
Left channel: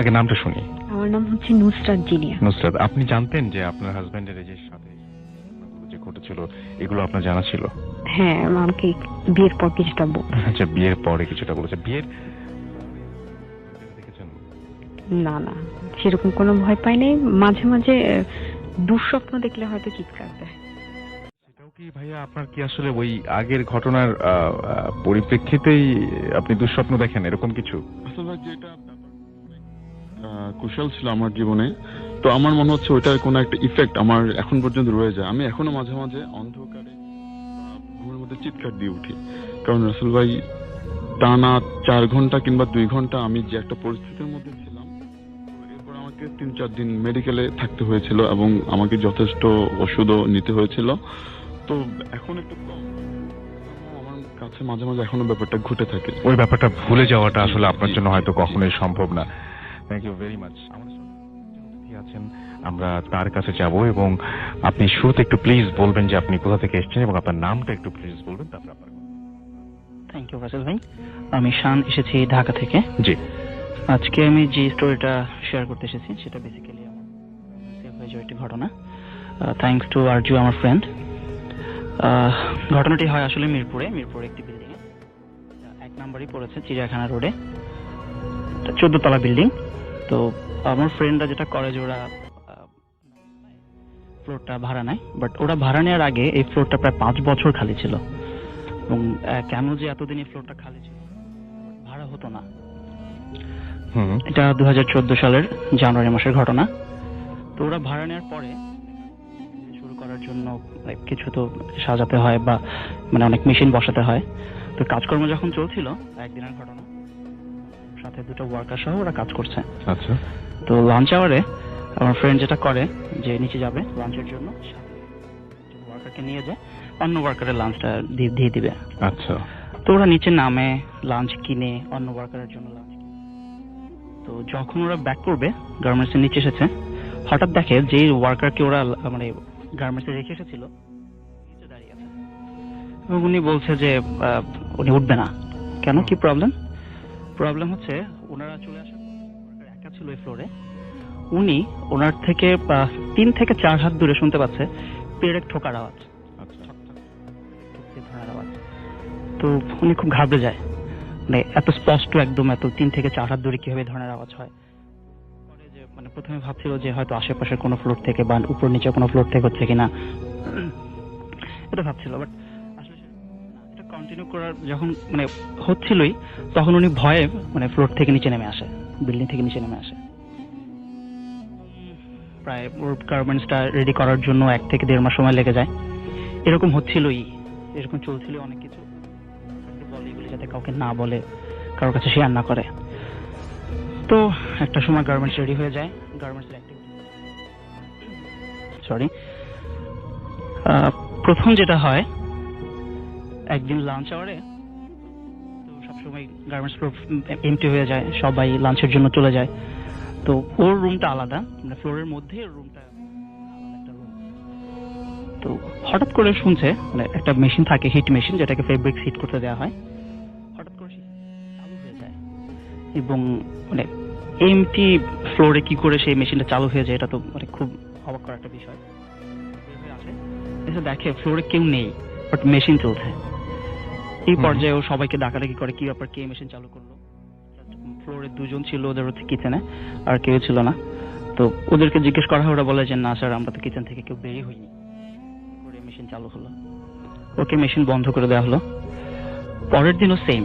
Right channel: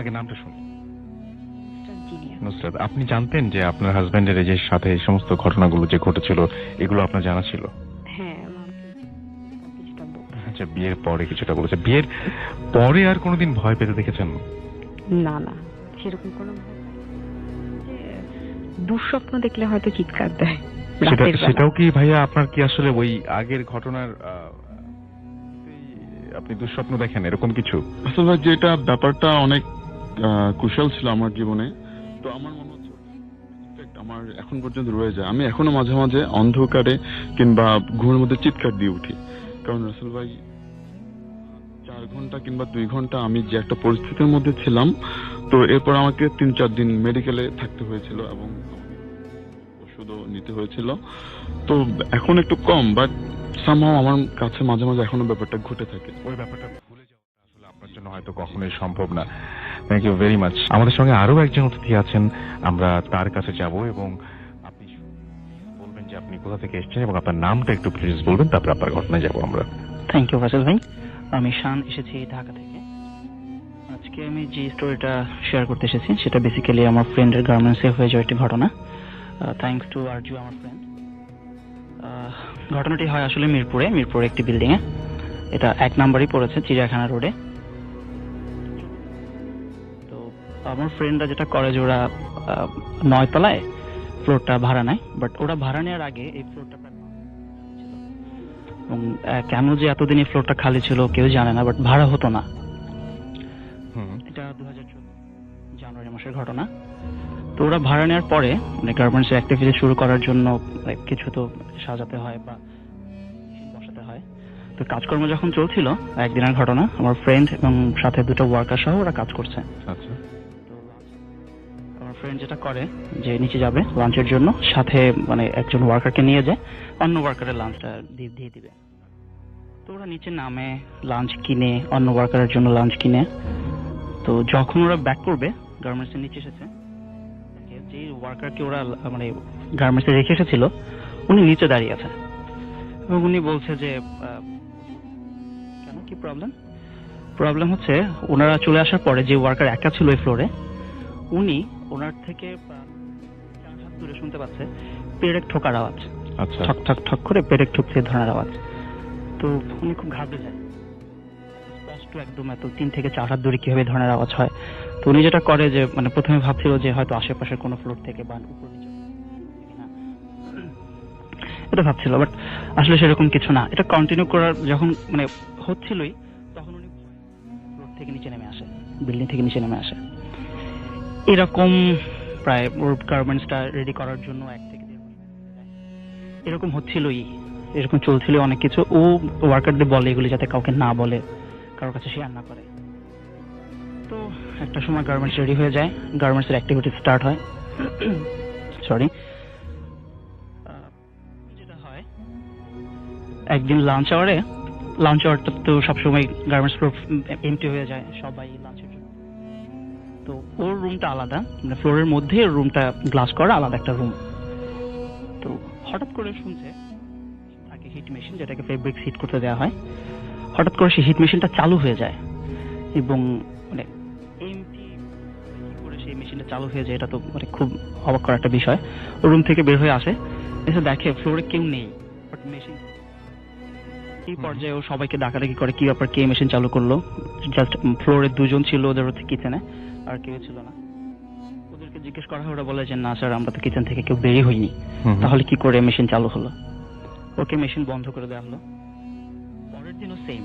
আগে নামটা শুনি। আমার নাম হচ্ছে নুসরাত জিনিয়া। নুসরাত, আপনি জানতেন যে আপনার হাজবেন্ডের যে সাথে এই সমস্ত ঘটনাগুলো যে ঘটেছিল এগুলো আপনার জানা ছিল? হ্যাঁ, আমাকে বিয়ের পর কিছুটা বলছে। আচ্ছা, বিয়ের পরে কিছুটা বলেছে। বিয়ের পরে আর কোনোদিন ভয় পেতে দেখেছেন? না না, সেরকম কোনো ভয় পাই নাই। মাঝে মাঝে দুঃস্বপ্ন দেখলে হয়তো চিৎকার দেয়। সেটাও কি ভাইয়া আপনার কি আসলে ওই আগের ঘটনার পরিপ্রেক্ষিতেই আপনি দুঃস্বপ্ন দেখেন এরকম কিছু? আসলে যেটা ব্যাপারটা অনেক কুশল ছিল আমার জীবনে, তো আমার মনে হচ্ছে ওইটার কোনো একটা ইফেক্ট আমার এখন পর্যন্ত রয়ে যায়। আমি এখনো মাঝে মাঝে অন্ধকারে কিংবা ঘুমের মধ্যে চিৎকার দিয়ে উঠি, কারণ রাসেল ভাই টানা 4 ঘন্টা কিংবা 2 ঘন্টা আমি যে একটা পরিস্থিতির মধ্যে ছিলাম, তো এরপর আমাকে 3-4 দিন মেডিকেলে থাকতে হয়েছিল এবং আমাকে যথেষ্ট ওষুধও নিতে হয়েছিল। তো এখন একটু কম, বাট সামহাও আমার কাছে মাঝে মাঝে এখনো ব্যাপারটা ঘটে থাকে। ওই ব্যাপারটা ভুলে যাওয়াটা আসলে আপনার জন্য হয়তো কখনোই সম্ভব না। Thank you very much. আমাদের সঙ্গে আরো একজন অতিথি আছেন, আমরা তার কাছে যাব এবং আপনি শুরুতে একটু প্লিজ বলবেন যে আপনি কোথা থেকে এসেছেন এবং আপনার নামটা একটু প্লিজ বলবেন, তারপর আপনার ঘটনায় যাব আমরা। থ্যাংক ইউ ফাসিল ভাই। আমি শান, এসেছি ঢাকা থেকে। জি। আজকে আমি যে স্টোরিটা শেয়ার করতে এসেছি সেটা বেসিক্যালি আমার ফ্রেন্ডের গার্মেন্টসে হয়ে যাওয়া একটি ঘটনা। থ্যাংকস টু আরজু, আমার ফ্রেন্ড। ঘটনাটি হয় আসলে মিরপুরে একটি বিল্ডিং এ। এটা 1 নম্বরই পড়েছে, চিড়িয়াখানা রোডে, 14 তলা বিল্ডিং। তো আমার ফ্রেন্ডরা যেটা করে যে ওরা 9 তলায় ফ্লোরটা ভাড়া নেয়, বাট ওরা ভাড়া নেওয়ার আগে এই ফ্লোরটা প্রায় 5 বছর খালি ছিল এবং কেন যে এতদিন এই ফ্লোরটা খালি ছিল কেউ জানে না, বাট ভাড়া হতো না। এটা 2014 সালের জানুয়ারি মাসের ঘটনা। তো ওরা ভাড়া নেওয়ার পরে মানে গার্মেন্টস অ্যাক্টিভিটি শুরু করার জন্য কিছু তো সাজাতে হয় বা মানে অনেক মেশিন বসাতে হয়। তো কাজকর্ম যখন চলছিল, একদিনের ঘটনা, আমার ফ্রেন্ড এবং সাথে 2টা ওয়ার্কার সহ ওরা কাজ করছে। আচ্ছা। তো লাঞ্চ আওয়ারে আমার ফ্রেন্ড যেটা করে যে নিচে যাবে লাঞ্চের জন্য, সাথে মানে একজন ওয়ার্কারকে নিয়ে যায়, অন্য ওয়ার্কারের লাঞ্চটা দিয়ে দিবে। আচ্ছা। তো ওরা নিচে নামে, লাঞ্চ কিনে, অন্য ওয়ার্কারের জন্য লাঞ্চ কিনে। তো যখন ওরা ব্যাক করবে, গার্মেন্টস এর নিচে এসেছে, হঠাৎ দেখে যে ওয়ার্কারকে ওরা মানে গার্মেন্টসে রেখে এসেছিল উনি নিচে দাঁড়িয়ে আছে এবং উনি বলছে যে উনি উঠবে না। কেন, কি প্রবলেম হচ্ছে ওনারা চলে আসার পরে যে ওয়ার্কার একা ছিল এই ফ্লোরে, উনি ওনার থেকে 3 থেকে 4 হাত দূরে শুনতে পাচ্ছে পেরেক ঠোকার আওয়াজ। আচ্ছা। ঠক ঠক ঠক করে পেরেক ঠুকছে ধরনের আওয়াজ। তো উনি খুব ঘাবড়ে যায়, মানে এত স্পষ্ট একদম, এত 3 থেকে 4 হাত দূরে কিভাবে ধরনের আওয়াজ হয়। তো উনি যেটা করে যে মানে প্রথমে ভাবছিল যে হয়তো আশেপাশের কোনো ফ্লোর থেকে বা উপর নিচে কোনো ফ্লোর থেকে হচ্ছে কিনা, এটা ভাবছিল, বাট আসলে সেরকম কিছু না। এটা কন্টিনিউ করার যখন মানে হচ্ছিলই, তখন উনি ভয়ে মানে ফ্লোর থেকে নিচে নেমে আসে, বিল্ডিং থেকে নিচে নেমে আসে। এরকম প্রায় ওর গার্মেন্টসটা রেডি করার জন্য 1 থেকে 1.5 মাস সময় লেগে যায়। এরকম হচ্ছিলই, এরকম চলছিল অনেক কিছু। ও ওয়ার্কারদের বলে এগুলি যাতে কাউকে না বলে, কারোর কাছে শেয়ার না করে। তো একটা সময় গার্মেন্টস রেডি হয়ে যায়, গার্মেন্টসের অ্যাক্টিভিটি স্টার্ট হয়। সরি, প্রথম যেটা হয়, একদিন লাঞ্চ আওয়ারটা তো সবসময় গার্মেন্টস ফ্লোর এমটি হয়ে যায়, সবাই লাঞ্চের জন্য চলে যায়। তো ওর রুমটা আলাদা, মানে ফ্লোরের মধ্যে ওর রুমটা গ্লাস করা আলাদা একটা রুম। তো হঠাৎ করে শুনছে, মানে একটা মেশিন থাকে, হিট মেশিন, যেটাকে ফেব্রিক হিট করতে দেওয়া হয়। হঠাৎ করে সেই হিট মেশিনটা চালু হয়ে যায়, এবং মানে এমটি ফ্লোরে কি করে সেই মেশিনটা চালু হয়ে যায়, এটা তো মানে খুব অবাক করা একটা বিষয়। রুম থেকে বের হয়ে আসে, এসে দেখে ফ্লোরে কেউ নেই, বাট মেশিন চলছে। এই পর্যায়ে ও সবাইকে ডাকাডাকি করে, কি ব্যাপার, কে মেশিন চালু করলো। জাস্ট ফ্লোরে 2 জন ছিল, ওদের হচ্ছে কিচেনে, আর কেউ ছিল না। তো ওদেরকে জিজ্ঞেস করা হয়, ওরা বলে যে না স্যার, আমরা তো কিচেন থেকে কেউ বেরিয়ে হইনি, তাহলে কি করে মেশিন চালু হলো। ওকে মেশিন বন্ধ করে দেওয়া হলো। পরের দিনও সেম,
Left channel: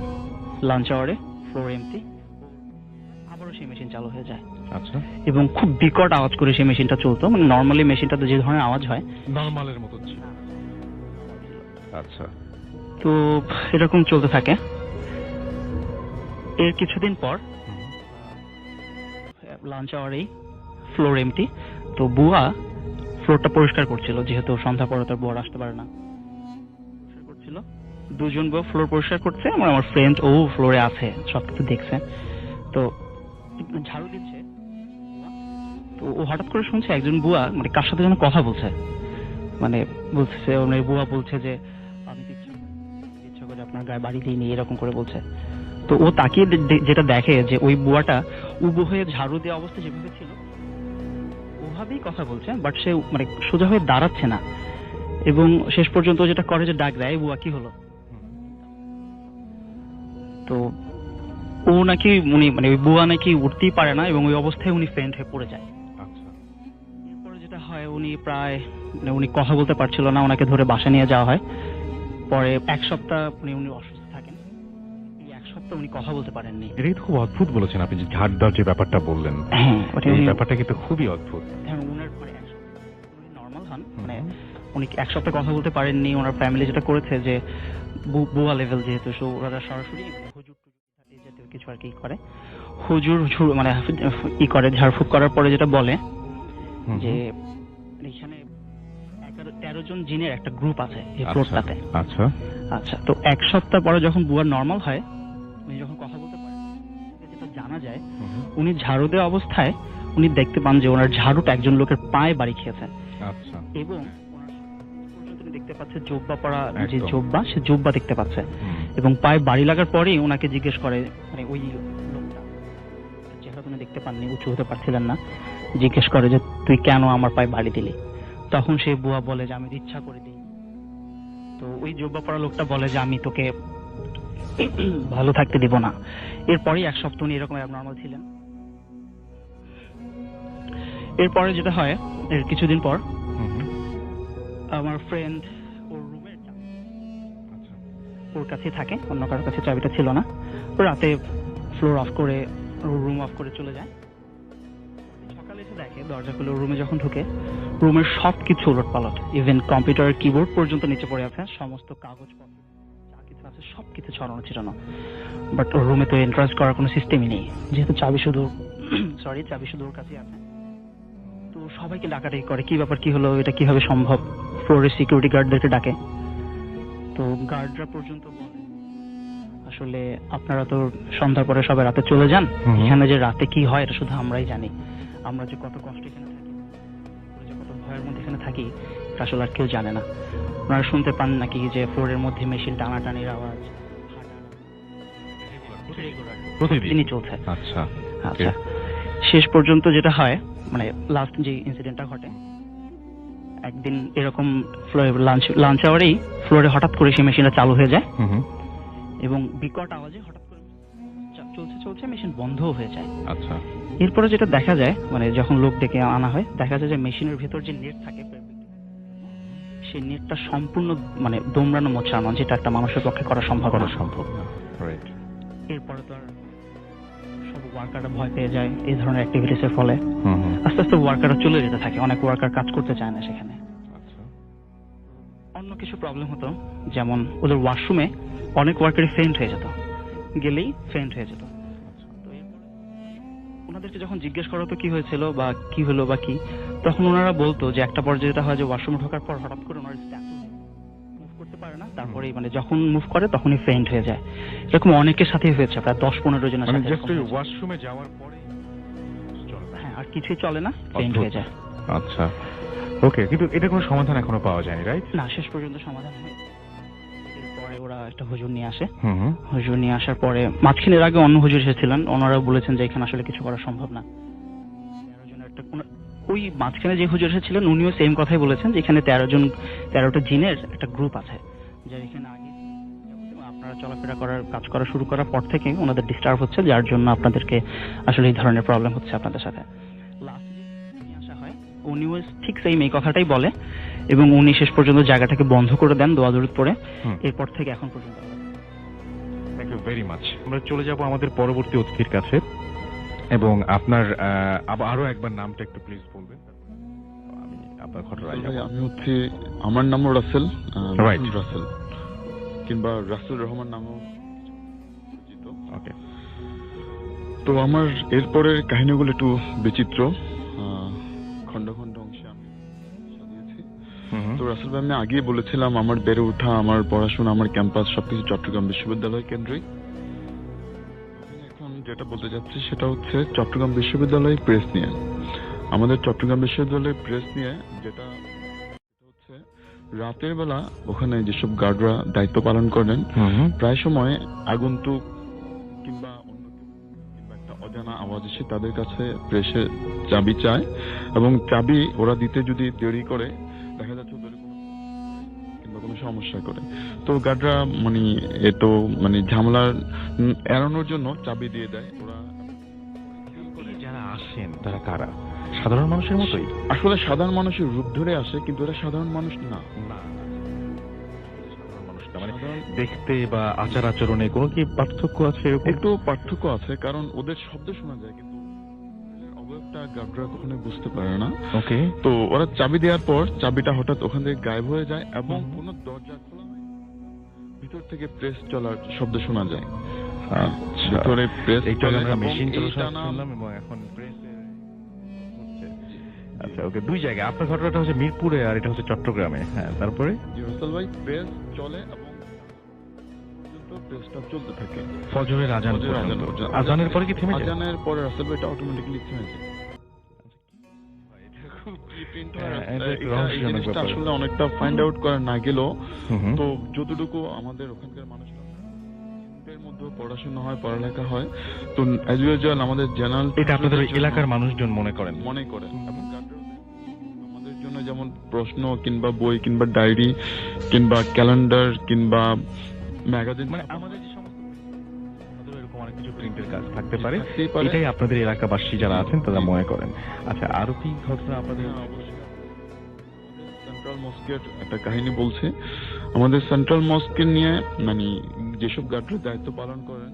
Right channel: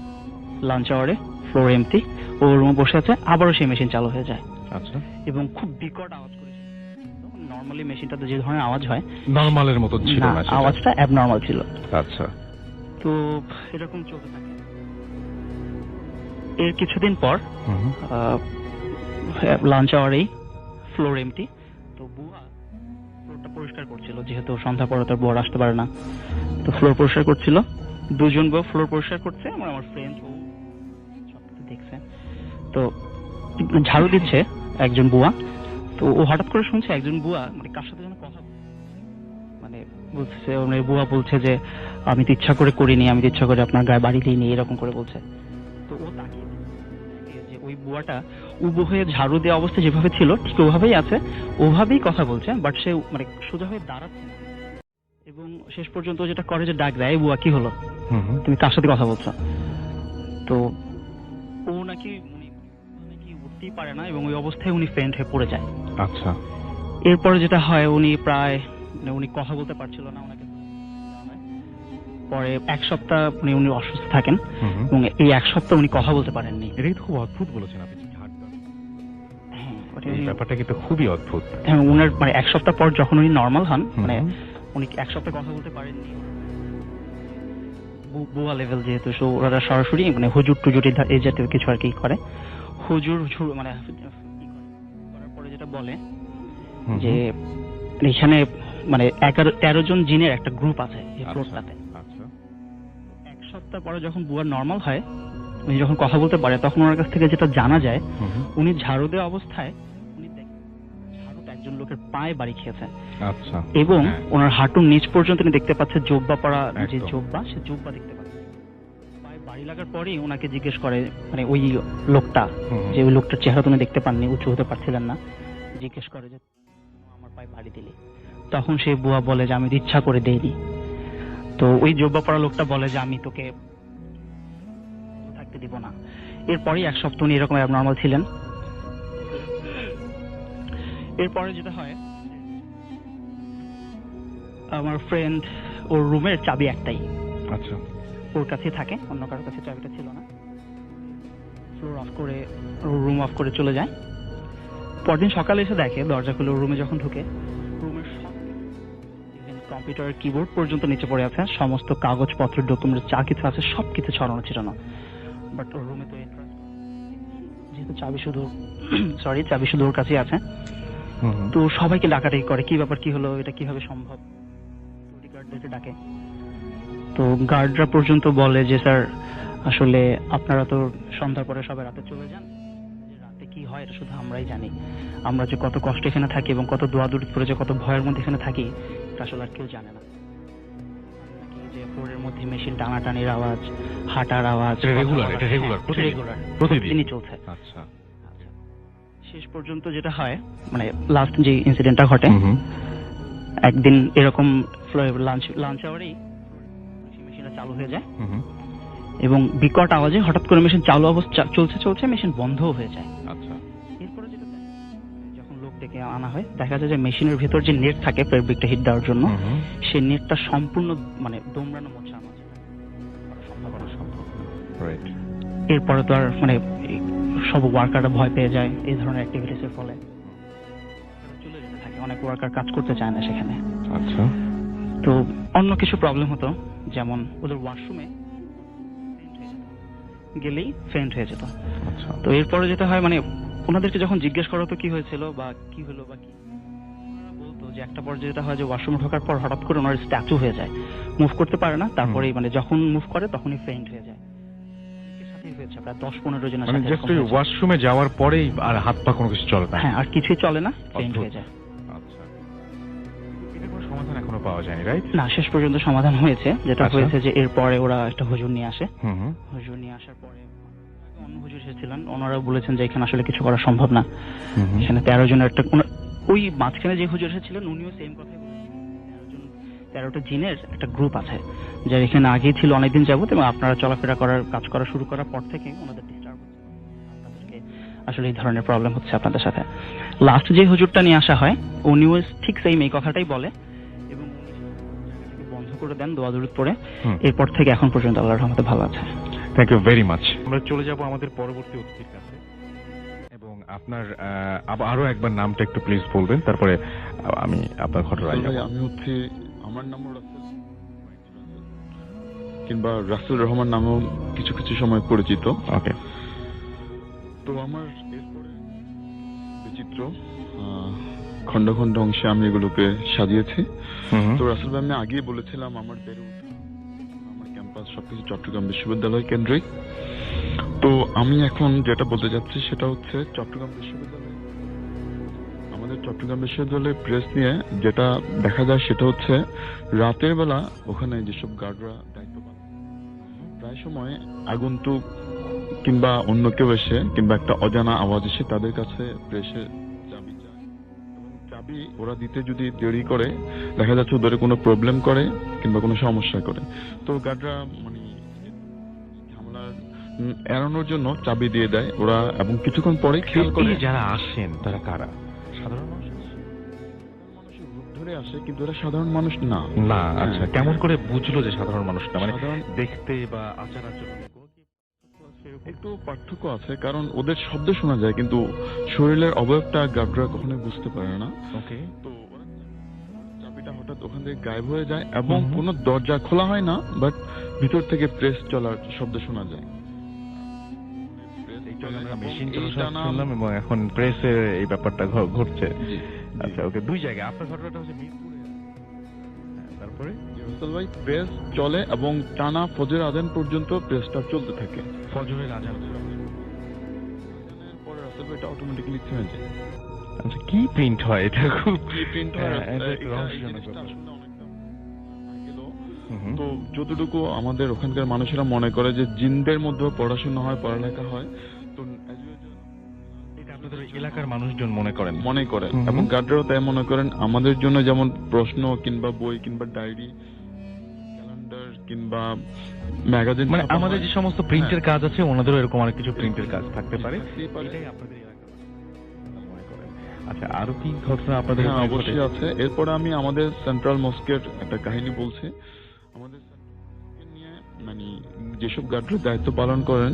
লাঞ্চ আওয়ারে ফ্লোর এমটি, ও রুমে বসে আছে, আবারও সেই মেশিন চালু হয়ে যায়। আচ্ছা, এবং খুব বিকট আওয়াজ করে সেই মেশিনটা চলতো, মানে নর্মালি মেশিনটাতে যে ধরনের আওয়াজ হয়, নরমালের মতো ছিল না, না সেটা? আওয়াজটা অ্যাবনর্মাল ছিল। আচ্ছা, তো এরকম চলতে থাকে। এর কিছুদিন পর লাঞ্চ আওয়ারেই ফ্লোর এমটি, তো বুয়া ফ্লোরটা পরিষ্কার করছিল, যেহেতু সন্ধ্যা পরে তার বুয়া আসতে পারে না। তো ফ্লোর পরিষ্কার করছিল, 2 জন বুয়া ফ্লোর পরিষ্কার করছে, আমার ফ্রেন্ড ও ফ্লোরে আছে, সবকিছু দেখছে। তো ঝাড়ু দিচ্ছে একজন বুয়া, তো ও হঠাৎ করে শুনছে একজন বুয়া মানে কার সাথে যেন কথা বলছে, মানে বলছে, বুয়া বলছে যে আমি তো ইচ্ছা করে করিনি, আমি তো ইচ্ছা করে আপনার গায়ে বাড়ি দিইনি, এরকম করে বলছে। তো ও তাকিয়ে যেটা দেখে যে ওই বুয়াটা উবু হয়ে ঝাড়ু দেওয়া অবস্থা যেভাবে ছিল ঠিক ওভাবেই আছে, ওভাবেই কথা বলছে, বাট সে মানে সোজা হয়ে দাঁড়াচ্ছে না। এবং শেষ পর্যন্ত যেটা করে যে ডাক দেয়, বুয়া কি হলো, তুমি কার সাথে কথা বলছো। তো ও নাকি উনি মানে ওই বুয়া নাকি উঠতেই পারে না, এবং ওই অবস্থায় উনি ফেন্ট হয়ে পড়ে যায়। আচ্ছা, এরপরে যেটা হয়, উনি প্রায় মানে উনি কথা বলতে পারছিল না, ওনাকে ধরে বাসা নিয়ে যাওয়া হয়। পরে 1 সপ্তাহ উনি অসুস্থ থাকেন, এবং এই 1 সপ্তাহ উনি কথা বলতে পারেননি। এটাই তো খুব অদ্ভুত বলেছেন আপনি, যে ঝাড় দেওয়ার যে ব্যাপারটা বললেন, হ্যাঁ, এই ব্যাপারটা কিন্তু খুবই অদ্ভুত। হ্যাঁ, ওনার মানে 1 সপ্তাহ পর যখন উনি নর্মাল হন, মানে উনি 1 সপ্তাহ কথা বলতে পারেননি। ওনার ফ্যামিলি যেটা করেছে যে বুয়া লেভেল যেহেতু, সো ওরা সরাসরি মানে হুজুর টুজুর এই জাতীয় কিছু আর কি করে, হুজুর মানে ই করে, ঝাড়ফুঁক করার পরে যেটা বলে যে এখানে মানে 13 জন জিনের একটা গ্রুপ আছে এই ফ্লোরটাতে। আচ্ছা আচ্ছা, তো 1 সপ্তাহ পরে যখন বুয়া নর্মাল হয়, উনি যখন কথা বলতে পারে, তখন ওনার কাছ থেকে যেটা জানা যায়, উনি ঝাড়ু দেওয়া অবস্থায় উনি দেখতে পান যে ওনার ঝাড়ুটা একজন লোকের পায়ে বাড়ি খেয়েছে। আচ্ছা, এবং ওনার হাঁটুর নিচ পর্যন্ত উনি দেখতে পাচ্ছে জোব্বা পরা, যে জোব্বা, সে জোব্বা দেখতে পাচ্ছে। এবং পায়ে বাড়ি লাগার পরেই ওনাকে জিজ্ঞেস করে, মানে ওই লোকটা, যে ওই লোকটার চেহারা তুমি দেখতে পাননি, উঁচু হতে পারছিলেন না, জিজ্ঞেস করে যে তুই কেন আমার পায়ে বাড়ি দিলি। তখন সে বুয়া বলে যে আমি ইচ্ছা করে দেইনি। তো ওই জোব্বা পরা লোকটা বলে যে আমি তোকে ভালো থাকতে দিব না। এরপরেই 1 সপ্তাহ উনি এরকম অ্যাবনর্মাল ছিলেন। এরপরে যেটা হয়, এর কিছুদিন পর আমার ফ্রেন্ড, ওর রুমের চাবি একটাই, আচ্ছা, ওর কাছে থাকে, অন্য কারোর কাছে চাবিটা ছিল না। ও রাতে ফ্লোর অফ করে, রুম অফ করে চলে যায়। পরদিন সকালে এসে দেখে, দরজা খুলে রুমে যখন ঢুকে, রুমের সবকিছু উলটপালট, ইভেন কম্পিউটারের কিবোর্ড পর্যন্ত নিচে পড়ে আছে, সমস্ত কাগজপত্র, ডকুমেন্ট যা কিছু আছে সবকিছু ছড়ানো ছিটানো। বাট ওর রুমে তো এন্ট্রান্স করার কোনো সিস্টেমই নেই, যেহেতু চাবি শুধু ওর কাছেই আছে। তো সবাইকে ডাকাডাকি করে, কি ব্যাপার, কি হলো, এটা কিভাবে সম্ভব। ফ্লোরের সিকিউরিটি গার্ডদেরকে ডাকে। তো গার্ডরা পর্যন্ত বলে যে স্যার, আসলে আপনারা তো সন্ধ্যার পরে সবাই রাতে চলে যান, এখানে যে রাতে কি হয় এটা শুধু আমরাই জানি। আমরা যে কত কষ্ট এখানে থাকি এবং কত দোয়াদুরি করে যে কত ভয়ের মধ্যে এখানে থাকি, এটা আসলে আর কেউ জানে না। আপনারা শুনতে পান নাকি যে ফ্লোরের মধ্যে মেশিন টানাটানির আওয়াজ, হাঁটার আওয়াজ, প্রতিদিনই চলছে। আচ্ছা আচ্ছা, শেষ পর্যন্ত যেটা হয়, মানে লাস্ট যে ইনসিডেন্টটা ঘটে, একদিন এরকম লাঞ্চ আওয়ারেই ফ্লোরে হঠাৎ করে সেই মেশিনটা চালু হয়ে যায়, এবং বিকট আওয়াজে হঠাৎ করে মেশিন চালু অবস্থা চলছে মেশিন বন্ধও হয়ে যায়। আচ্ছা, এরপরে যেটা দেখা যায়, মানে যখন লোক ডেকে আনা হয়, দেখা যায় যে মেশিনের ভেতর যে নেট থাকে ফেব্রিকটা হিট দেওয়ার জন্য, সেই নেটটা সম্পূর্ণ মানে দোমড়ানো মোছানো, যেটা একটা মানুষের পক্ষে করা সম্ভব না। রাইট। এরপরে তো আর মানে সব ওয়ার্কাররা ভয় পেয়ে যায় এই ধরনের অ্যাক্টিভিটিস এর ফলে। আস্তে আস্তে ওয়ার্কাররা চলে যেতে থাকে, অনেক ওয়ার্কার কাজ করতে চায় না সেখানে। আচ্ছা, তো অন্য কিছু প্রবলেম হতো, যেমন ওদের ওয়াশরুমে অনেক ওয়ার্কারই ফেইন্ট হয়ে যেত, গেলেই ফেইন্ট হয়ে যেত। তো এরপরে যেটা হয়, মানে ওনাদেরকে যখন জিজ্ঞেস করা হতো কি হয়েছিল বা কি হলো বা কি, তখন ওনারা বলতো যে একটা পর্যায়ে যেটা হয় যে ওয়াশরুমে ঢোকার পর হঠাৎ করে ওনার স্ট্যাচু হয়ে যায়, মুভ করতে পারে না, তারপরে মানে যখন মুভ করে তখনই ফেইন্ট হয়ে যায়। এরকম অনেকের সাথেই হয়েছে, প্রায় 10-15 জনের মানে সাথে জাস্ট ওয়াশরুমে যাওয়ার পরেই আর হাত পা কোনো কিছু চলে না? হ্যাঁ, আর কিছুই চলে না, ফেইন্ট হয়ে যায়। আচ্ছা, ওকে, কিন্তু এটা কোনো সমাধান এখনো পাওয়া যায়নি, রাইট? না, শেষ পর্যন্ত সমাধান হয়েছে। যেটা আচ্ছা। হয়েছে যে এরপরে ওরা একটা হুজুর নিয়ে আসে। হুম। হুজুর নিয়ে আসার পরে মাঝখানের আগে অন্য হুজুর এসেছিলেন, ওনারা বলেছেন যে এখানে আসলে কিছু করা সম্ভব না। এখানে 13 জনের একটা ওই মাঝখানে যে হুজুর এসেছিলেন উনিও সেম কথাই বলেছেন যে এখানে 13টা জিনের একটা গ্রুপ আছে, যারা এখানে আগেই ছিল অনেকদিন যাবত, এবং আপনারা চলাফেরা করার কাজ করা শুরু করার পর থেকে ওনাদের ডিস্টার্ব হচ্ছে, যার জন্য আপনাদেরকে আসলে এই ধরনের প্রবলেম হচ্ছে আপনাদের সাথে। লাস্ট যে হুজুরটা নিয়ে আসা হয় উনিও ঠিক সেম এই কথাটাই বলে, এবং উনি শেষ পর্যন্ত জায়গাটাকে বন্ধ করে দেন দোয়া দরুদ পড়ে। এরপর থেকে এখন পর্যন্ত আল্লাহর রহমতে ভালো আছে। Thank you very much. আমরা চলে যাব আমাদের পরবর্তী অতিথির কাছে, এবং আপনার আরো একবার নামটা একটু প্লিজ বলবেন, তারপরে আমি আপনার ঘটনায় যাব। আমি হচ্ছে, আমার নামও রাসেল, রাইট, রাসেল কিংবা রাসেল রহমান নামেও কিছু কিছু সময় পরিচিত। ওকে। তো আমার এরপরের কাহিনীগুলো একটু বিচিত্র, খন্ড খন্ড অংশে আমি এগুলোকে সাজিয়েছি। তো রাসেল ভাই, আমি আগেই বলেছিলাম আমার বেড়ে ওঠা, আমার পড়াশোনা, আমার ক্যাম্পাস সবকিছু চট্টগ্রাম বিশ্ববিদ্যালয় কেন্দ্রিক। তো আমি এখন যেটা বলতে চাচ্ছি সেটা হচ্ছে চট্টগ্রাম বিশ্ববিদ্যালয় প্রেস নিয়ে। আমাদের চট্টগ্রাম বিশ্ববিদ্যালয় প্রেস নিয়ে যেটা দেখা যায় সেটা হচ্ছে রাতের বেলা ওখানে যেসব গার্ডরা দায়িত্ব পালন করেন, প্রায় সময় আগন্তুক কিংবা অন্য কেউ এসে কিংবা একটা অজানা আওয়াজ এসে তাদের কাছে প্রেসে চাবি চায়, এবং চাবি ওরা দিতে যদি দেরি করে দেখা যাচ্ছে ওদের কোনো প্রবলেম করে কিংবা কোনো সমস্যা করে, তো গার্ডরা মানে ঝামেলা এড়ানোর জন্য চাবি দিয়ে দেয় ওরা, এবং কিছুক্ষণ পরে খেয়াল করে। যারা আসেন তারা কারা? সাধারণ মানুষের মতোই? আসলে সাধারণ মানুষের রূপ ধরে আসে, কিন্তু এরা সাধারণ মানুষ না। আচ্ছা, কেমন করে বুঝলো যে সাধারণ মানুষ না? মানে দেখতে বা আচার আচরণে কোনো কি পার্থক্য আছে? একটু পার্থক্য আছে, কারণ ওদের শব্দ শোনা যায় কিন্তু শরীরের অবয়বটা গার্ডরা কখনোই বুঝতে পারে না। ওকে। তো ওরা চাবি দেওয়ার পর চাবিটা হঠাৎ ওখান থেকে গায়েব হয়ে যায়, এবং কোনো দরজা খোলা হয় না, বাট ভিতর থেকে প্রেস চলার শব্দ শোনা যায়। ভিতরে প্রেস মেশিন শুনলাম, এবং এখন প্রেসের এই ব্যাপারটা ঘটছে। আচ্ছা, ওকে। দুই জায়গায় আপনার ঘটনাটা হচ্ছে মিরপুরে আর এটা হচ্ছে চট্টগ্রামে। হ্যাঁ, তারপরে রাসেল ভাই, প্রেস চলে এবং টানা ফজরের আজান পর্যন্ত প্রেসটা চলতে থাকে। ফজরের আজান পর্যন্ত? আজানের পরে কি থেমে যায়? আজানের পরে রাসেল ভাই এটা অটোমেটিক্যালি থেমে যায়। আচ্ছা, কি প্রিন্ট হয় এটা? খুব কি প্রিন্ট হয় আসলে অনেকটা ফাইন্ড আউট করা না গেলেও, তো যতটুকু আমাদের ওখানকার মানুষেরা মনে করে যে জিনদের মধ্যে পড়াশোনা হয়, পড়ালেখা হয়, তো অ্যাজ ইউজুয়াল আমাদের জেনারেল এটা আপনাদের এলাকার মানুষজন মনে করেন, এবং গার্ডরাও তাই মনে করেন। আমাদের জন্য যেমন প্রশ্ন কিংবা বই কিংবা ডায়েরি কিংবা ক্যালেন্ডার কিংবা ম্যাগাজিন, মানে আমাদের যে সমস্ত প্রিন্টের কাজ আছে ওনাদেরও এরকম অনেক কিছু প্রিন্টের কাজ থাকতে পারে, এটাই আপনাদের এলাকাবাসী যারা আছেন তারা মনে করেন। আচ্ছা, আরো কি ঘটনা আপনাদের? অবশ্যই আছে। এরপরে আমি আমাদের সেন্ট্রাল মস্কের একটা কাহিনী বলছি। আমাদের সেন্ট্রাল মস্কের নিয়ে মানে যেসব গার্ডরা দায়িত্ব পালন করেন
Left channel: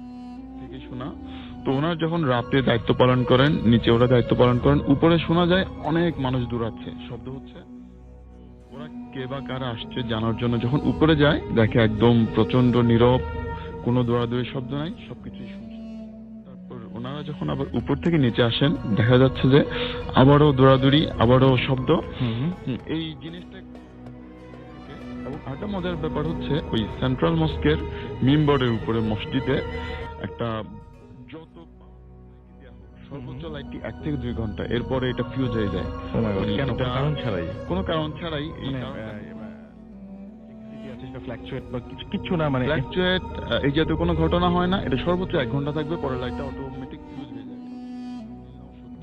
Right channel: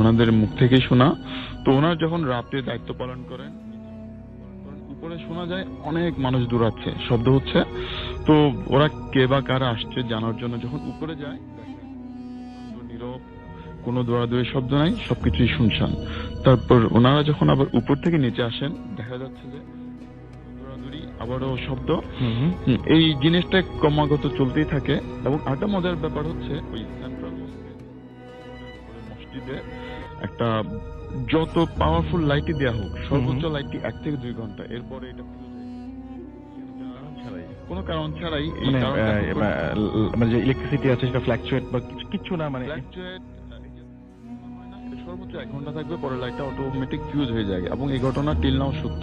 ওনাদের মুখ থেকেই শোনা। তো ওনারা যখন রাতে দায়িত্ব পালন করেন, নিচে ওরা দায়িত্ব পালন করেন, উপরে শোনা যায় অনেক মানুষ দৌড়াচ্ছে, শব্দ হচ্ছে। তো ওরা কে বা কারা আসছে জানার জন্য যখন উপরে যায় দেখে একদম প্রচন্ড নীরব, কোনো দৌড়াদৌড়ির শব্দ নাই, সবকিছুই শুনশান। তারপর ওনারা যখন আবার উপর থেকে নিচে আসেন দেখা যাচ্ছে যে আবারও দৌড়াদৌড়ি, আবারও শব্দ। এই জিনিসটা ক্রমাগত চলতেই থাকে। এবং আরেকটা মজার ব্যাপার হচ্ছে ওই সেন্ট্রাল মস্কের মিম্বরের উপরে মসজিদে একটা যত পাওয়ারফুল লাইটই দেওয়া হোক, সর্বোচ্চ লাইটটি 1 থেকে 2 ঘন্টা, এরপরে এটা ফিউজ হয়ে যায় কোনো কারণ ছাড়াই। মানে যে ইলেকট্রিসিটি আছে সেটা ফ্ল্যাকচুয়েট বা কিছু না, মানে ফ্ল্যাকচুয়েট এই জাতীয় কোনো ঘটনা হয় না। এটা সর্বোচ্চ 1 ঘন্টা থাকবে, পরে লাইটটা অটোমেটিক ফিউজ হয়ে যায়। এবং এই ঘটনা টিল নাও সত্য।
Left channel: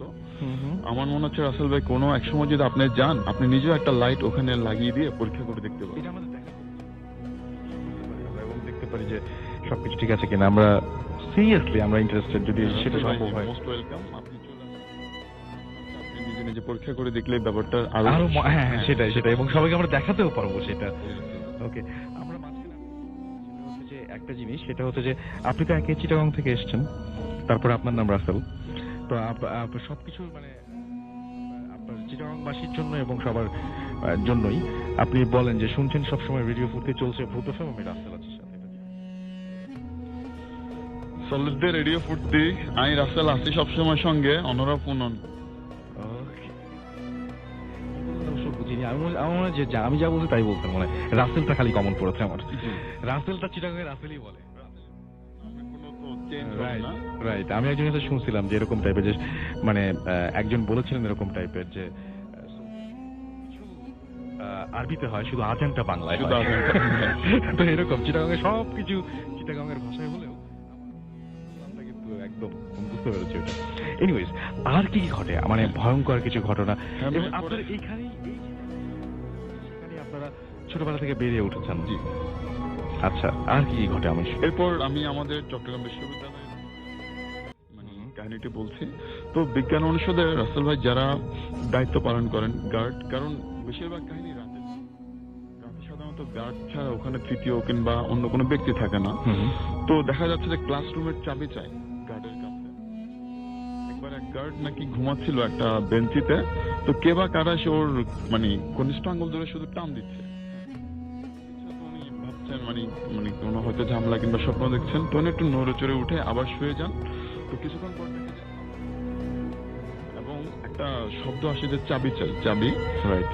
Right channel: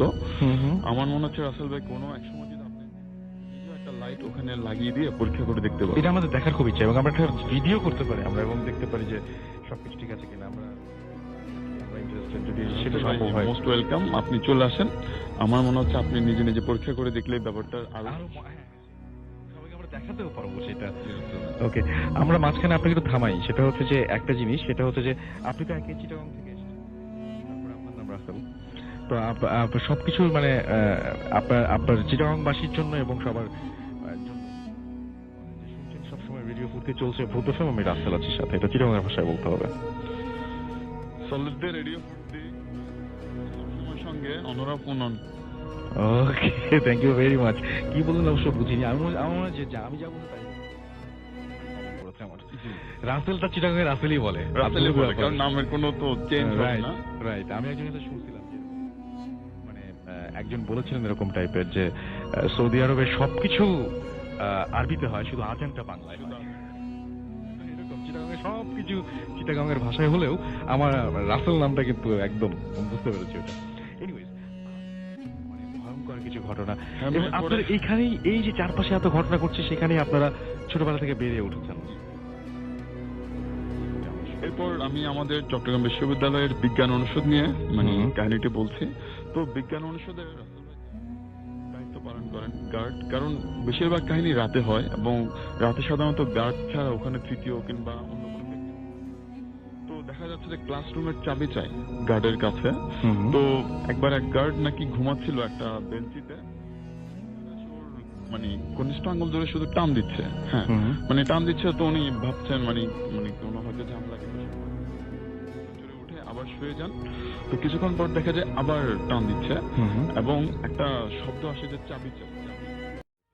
আমার মনে হচ্ছে রাসেল ভাই কোনো এক সময় যদি আপনি যান, আপনি নিজেও একটা লাইট ওখানে লাগিয়ে দিয়ে পরীক্ষা করে দেখতে পারেন। এটা আমাদের দেখার খুব ইচ্ছা, এবং আমরা একটা ভিডিও করতে পারি আমরা, এবং দেখতে পারি যে সবকিছু ঠিক আছে কিনা। আমরা সিরিয়াসলি আমরা ইন্টারেস্টেড, যদি সেটা সম্ভব হয়। মোস্ট ওয়েলকাম, আপনি চলে আসেন। আমার মনে হচ্ছে আপনি নিজে নিজে পরীক্ষা করে দেখলে ব্যাপারটা আরো হ্যাঁ সেটাই, এবং সবাইকে আমরা দেখাতেও পারবো সেটা। ওকে, আমরা মাঝখানে আপনাকে একটু থামাই। সেটা হচ্ছে যে একটা জিনিস, সেটা হচ্ছে যে আপনি তো একে চিটাগং থেকে এসেছেন, তারপরে আপনার নাম রাসেল। তো সবকিছু মানে আপনার চিটাগংবাসীর জন্য এবং সবার জন্যই আপনি বলেন যে শুনছেন সবসময় রেডিও ফুটে চলছে ভূত এফএম, আমি রাসেল আছি সাথে, এটা চিটাগংয়ের ভাষায় বলতে হবে। সলিডদের রেডিও ফুটতি, আমি রাসেল আছি সবসময় সঙ্গে, অনরা পুনন। ওকে, থ্যাংক ইউ ভেরি মাচ। কি বললেন অবশ্য বুঝিনি। আমার মনে হয় যে আমি যা বলছি তাই বলতাম, মানে রাসেলটা খালি কমন পড়েছে আমার। রাসেলটা চিটাগাংয়ে রাসেলই বলে, কারণ নামের কোনো তো চেঞ্জ হয় না। রাইট। আমি একজনের কাছে শুনছিলাম যে এরকম টাইপের, যে মানে একজন বলেছিলেন এরকম টাইপের যে সৌদি আরবে সবকিছু আরবিতে হয়, শুধু আজানটা বাংলায় হয়। তো এরকম চিটাগাংয়ে সবকিছু চিটাগাংয়ের ভাষায় হলেও আমার রাসেল নামটা কিন্তু একদম বুঝতে পেরেছি ওটা। এনিওয়েজ, আর কি ঘটে মানে ভয়ঙ্কর কিছু ঘটনা? এবং আপনার এইখানেই এই যে চারপাশে এত ঘটনা ঘটছে, সেখানেই আপনারা ছোটবেলা থেকে বেরিয়ে উঠেছেন। জি। আচ্ছা, আর কি ঘটে? আমি এরপর আমি আমাদের চট্টগ্রাম বিশ্ববিদ্যালয়ের বিজ্ঞান অনুষদ নিয়ে মানে কাহিনীটি বলছি। তো বিজ্ঞান অনুষদে রাসেল ভাই যারা দায়িত্ব পালন করেন গার্ড, কারণ বেশিরভাগ কাহিনী রাতে হয় এবং রাতে সাধারণত গার্ড ছাড়া ওখানে তৃতীয় কিংবা অন্য কোনো ব্যক্তি থাকে না। তো দেখা যাচ্ছে যে ক্লাসরুমের চাবি চাই গার্ডের কাছে। তো একবার এক গার্ড নাকি ঘুমাচ্ছিল একটা বেঞ্চিতে, তো কে বা কারা সে ওর মানে কনিষ্ঠ আঙ্গুল ধরে শুধু টান দিচ্ছে। হ্যাঁ, মানে টান দিচ্ছে। তো উনি ভাবছেন মানে মানে কোনো হয়তো ঝামেলা কিংবা স্বপ্ন দেখছেন। তো উনি একটু নড়ে চড়ে উঠে আবার শুয়ে যান। তো কিছুক্ষণ পর দেখা যায় আবার টান দিচ্ছে এবং একটা শব্দ আসে যে চাবি চাই, চাবি।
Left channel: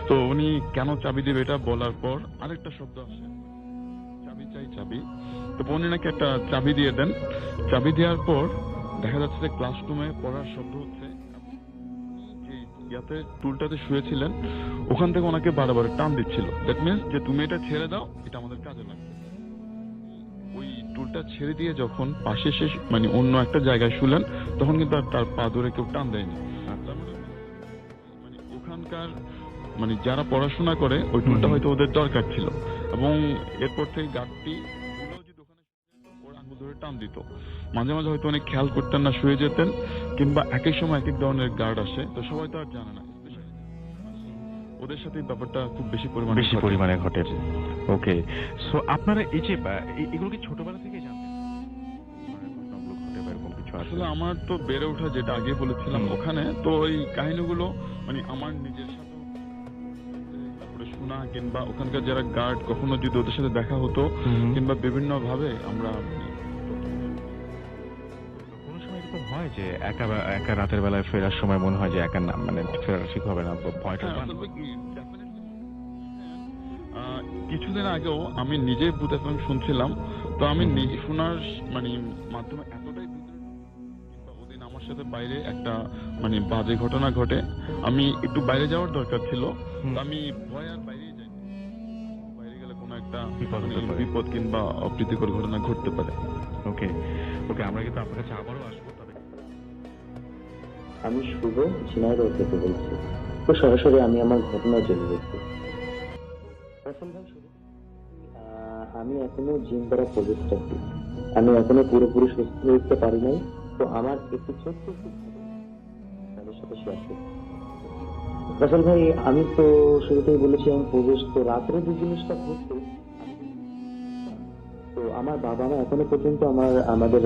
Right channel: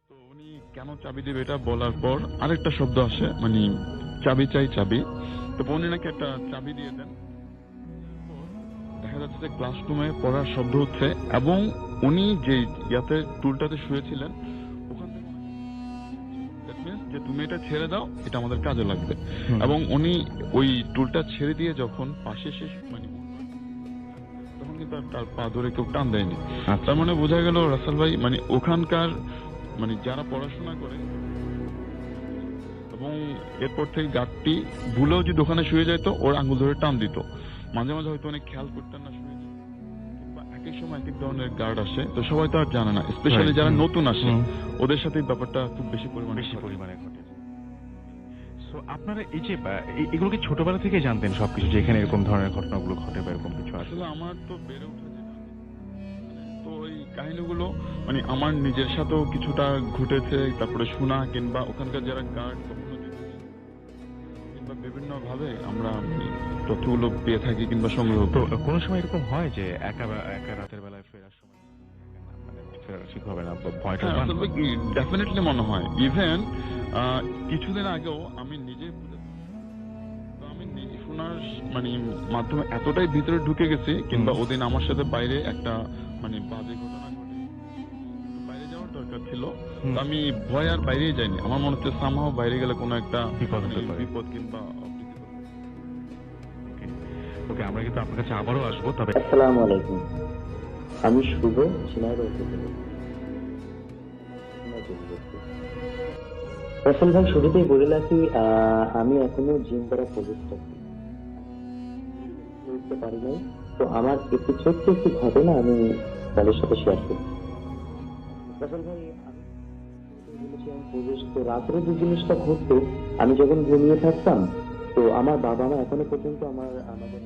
তো উনি কেন চাবি দেবে এটা বলার পর আরেকটা শব্দ আসে মানে চাবি চাই, চাবি। তো উনি নাকি একটা চাবি দিয়ে দেন। চাবি দেওয়ার পর দেখা যাচ্ছে যে ক্লাসরুমে পড়ার শব্দ হচ্ছে এবং উনি যে ইয়াতে টুলটাতে শুয়েছিলেন ওখান থেকে ওনাকে বারবার টান দিচ্ছিল। দ্যাট মিনস যে তুমি এটা ছেড়ে দাও, এটা আমাদের কাজে লাগবে। এবং উনি ওই টুলটা ছেড়ে দিয়ে যখন পাশে শেষ মানে অন্য একটা জায়গায় শুলেন, তখন কিন্তু আর তার পা ধরে কেউ টান দেয়নি। তার মানে বোঝা গেল রাসেল ভাই মানে ওখানকার মানে যারা পড়াশোনা করে ওই টুলটা হয়তো ওদের দরকার ছিল। এবং এরপর থেকে গার্ডটি ভুলেও যদি ওখানে শুয়ে যেত, ওর আঙ্গুল ধরে টান দিত। মাঝে মাঝে হয়তো অনেক খেয়াল করতেন না, শুয়ে যেতেন। কিংবা একই সময় এক এক ধরনের গার্ড আসে, তো সবাই তো আর জানে না, স্পেশালি যারা নতুন আসে ওদের সাথে ব্যাপারটা খুব বেশি পরিমাণে ঘটে। ওকে, সো আপনারা এই যে এগুলো কি ছোটবেলা থেকে জানতেন সবকিছু, যে এখানে এরকম ধরনের ঘটনাগুলো ঘটে বা এরকম কিছু? আসলে আমার তো বেড়ে ওঠা, যেটা আগে বলেছিলাম ওখানে, তো ওই কাহিনীগুলো মানে আমার নিজের সাথেও কিছুটা ঘটেছে। তারপরে শোনা কিংবা ওখানকার যারা গার্ড, কখনো যদি ওদের সাথে দেখা হতো কিংবা বিভিন্ন ভাবে আমরা তথ্যগুলো পেয়ে থাকি কিংবা সংগ্রহ। তো কোনো সময় এরকম হয় যে একা রাতের বেলায় ফেরার সময় মনে হয় যে একা না, মানে ফেরা ঠিক হবে না, ভয়টা? ডেফিনেটলি মনে হয়। ইভেন কিছুদিন আগেও আমি নিজে ভূত এফএম শুনছিলাম। তো আমি শোনার মানে মাধ্যমে এতটাই ভিতরে ঢুকে গেছি, কিংবা ওদিন আমার সাথে বাইরে একটা মানে বাজে ঘটনা ঘটে। আমি একটু বাইরে যাওয়ার দরকার ছিল, তো আমি ভয় আর বাইরেই যাইনি। আমার মনে হচ্ছে সামহাও বাইরে গেলে কোনো একটা বিপদ কিংবা অপ্রীতিকর ঘটনা ঘটতে পারে। ওকে ওকে, আমরা কিন্তু আপনার কাছে আবারও আসবো। তবে আসসালামু আলাইকুম, আমি শুভ ঝিনাইদহ থেকে বলছি। তো সরাসরি আমি আমার ঘটনা চলে যাচ্ছি। রাসেল ভাই, শুরুতেই বলে রাখি আমি এখনো জিম দ্বারা প্রচেষ্টা আছি। আমি এখনো পুরোপুরি সুস্থ হয়ে উঠতে পারি নাই। তো আমার একটি ছোট্ট একটি ঘটনা আমি তাদের সাথে শেয়ার করছি। রাসেল ভাই, আমি তো শুরুতেই বলেছি আমি প্রবেশ, তো রাত্রে যে জিনিসটা ঘটতো, আমি যখন ঘুমিয়ে থাকতাম, তো আমার বাবা মা এখনো পর্যন্ত আমাদের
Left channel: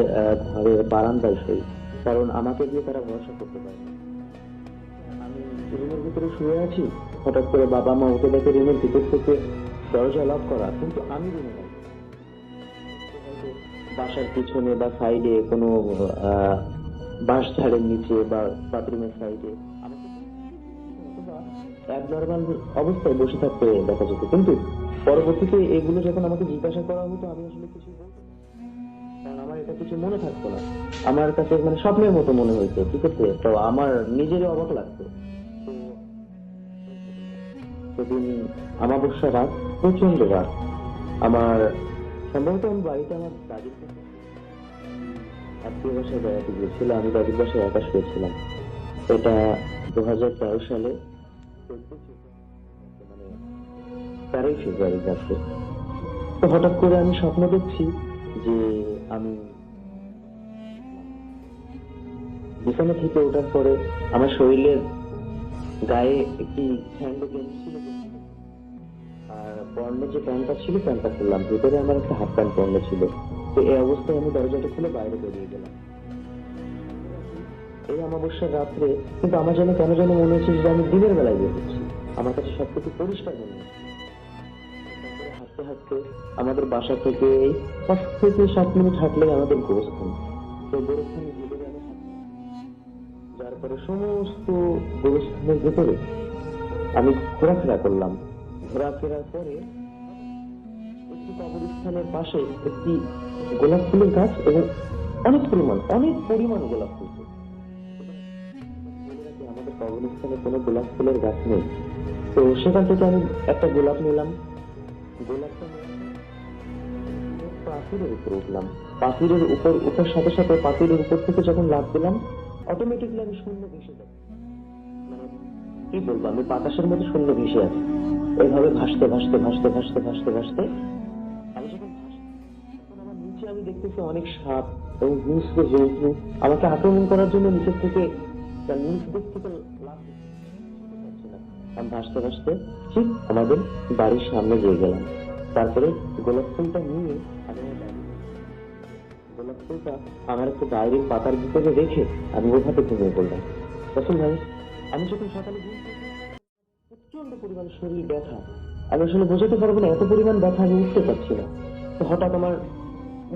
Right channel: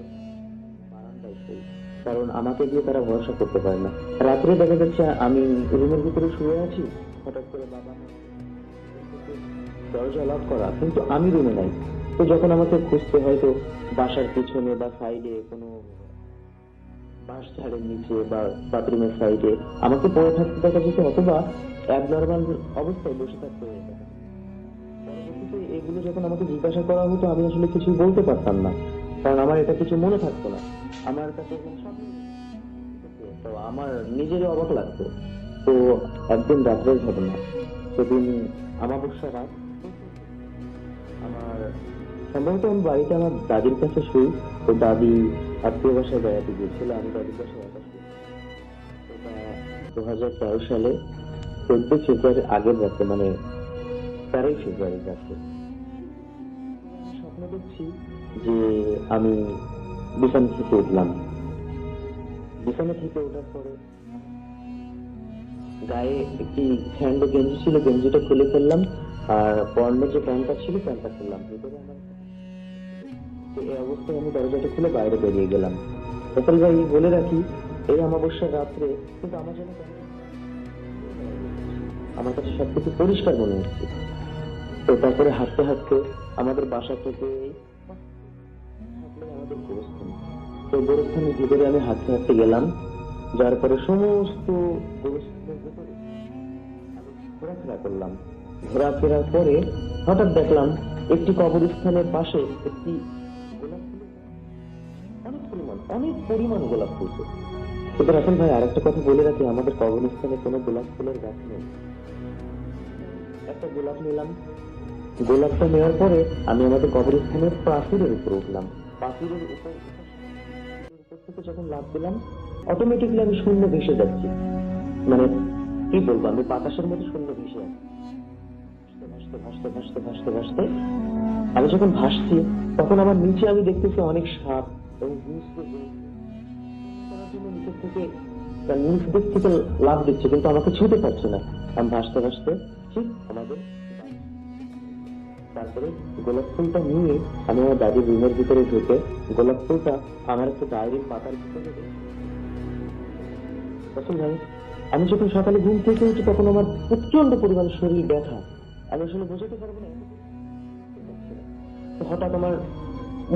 ঘরে বারান্দায় শোয়, কারণ আমাকে দিয়ে তারা ভরসা করতে পারে না। রাত্রে দেখা যাচ্ছে আমি রুমের ভিতরে শুয়ে আছি, হঠাৎ করে বাবা মা উঠে দেখে রুমের ভিতর থেকে দরজা লক করা, কিন্তু আমি রুমে নাই। তো যখন আমাকে খুঁজতে হয়তো বাসার পিছনে বা সাইডে কোনো বাঁশ ঝাড়ের নিচে বা বাথরুমের সাইডে আমাকে পড়ে থাকতে দেখা যেত, অথবা অ্যাবনর্মাল অবস্থায় বসে থাকতে দেখা যেত। কিন্তু পরবর্তীতে এগুলো যখন আমাকে জিজ্ঞাসা করা হতো, আমি আসলে কিছু বলতে পারতাম না, কারণ আমার এটা কিছু মনে থাকতো না। আমার কাছে মানে স্বপ্নের মতো মনে হইতো, ঠিক আছে? তো আমার নিজেরই অবাক লাগতো। তো একদিন রাত্রের ঘটনা, সেদিন অমাবস্যা রাত, প্রচন্ড রাত। আমার সম্ভবত আমি বাড়িতে আমার দাদির কাছে শুই। তো দাদি আত্মীয় বাসায় বেড়াতে গিয়েছিল, আমি দাদির বাসায় একা শুয়েছিলাম। এটা 2013 সালে 14 ফেব্রুয়ারির আগের রাতে, মানে 13 ফেব্রুয়ারির রাতে। তো হঠাৎ করে আমি স্বপ্ন দেখছি যে আমি বিছানা থেকে উঠলাম। বিছানা থেকে ওঠার পরে আমার শরীরের গায়ে একটি স্যান্ডো গেঞ্জি ছিল, গেঞ্জিটা খুলে ফেললাম। আর পরনে যে প্যান্টটা ছিল, প্যান্টটা খুললাম। ভিতরে আমার একটা হাফ প্যান্ট পরনে ছিল। তো এই অবস্থায় আমি দরজাটা খুলে বাইরে বেরিয়ে গেলাম। রাসেল ভাই, বলে রাখি, এই অমাবস্যার রাত্রে কিন্তু আমার যেন কেন যেন মনে হচ্ছে যে আমি দিনের বেলায় বের হচ্ছি। আমার কাছে সবকিছু পরিষ্কার মনে হচ্ছে। তো তারপরে হাঁটতে হাঁটতে আমাদের বাসা থেকে 5 থেকে 7 মিনিট হাঁটলে আমাদের গোরস্থান। তো গোরস্থানের ভিতরে আমি হাঁটতে হাঁটতে গেলাম। যার পরে সমস্ত গোরস্থানের ভেতরে আমি ঘোরাফেরা করলাম। ঘোরাফেরার পরে হঠাৎ দেখলাম একটি কবরস্থানের পাশে একটি গোলাপ ফুলের গাছ এবং অনেক পরিমাণ গোলাপ ফুলছে। কিন্তু রাসেল ভাই আরেকটা কথা বলে রাখি, আমাদের কবরস্থানে কোনো গোলাপ ফুলের গাছ নেই। তো সেখান থেকে আমি একটা গোলাপ নিলাম। গোলাপটা নেওয়ার পরে আমি আমাদের কবরস্থানের প্রাচীরের উপর উঠলাম। প্রাচীরের উপর উঠার সাথে সাথে প্রাচীরের উপর থেকে যখন লাফ দিলাম, অটোমেটিকলি আমি শূন্য ভেসে যাচ্ছি। মানে কি বলবো, আমি বাতাসের মধ্যে শূন্য ভেসে আছি। এইভাবে ভাসতে ভাসতে ভাসতে ভাসতে ভাসতে ভাসতে আমি যখন ভাসছি, তখন আমার নিচে আমি দেখতেছি অনেক সাপ এবং হিংস্র জন্তু আমাকে আক্রমণ করার জন্য নিচের থেকে নিচ দিক থেকে লাফ দিচ্ছে, কিন্তু আমাকে ছুঁতে পারছে না। আমি ভাসতে ভাসতে ঠিক আমাদের বাড়ির সামনে গিয়ে গেলাম। তারপরে গোলাপ ফুলটা নিয়ে আমি আমার দাদির রুমের ভিতরে ঢুকে গোলাপ ফুলটা আমার একটা ডায়েরির পাতার ভিতরে রেখে আমি ওভাবে ঘুমিয়ে পড়লাম। তখন ভাই আমি যখন সকালে ঘুম থেকে উঠি, তখন আমার প্রচন্ড পরিমাণ শরীর ব্যথা। আমি আসলে বোঝাতে পারবো না, এত পরিমাণ ব্যথা আমি উঠতে পারছি না। তো হঠাৎ আমার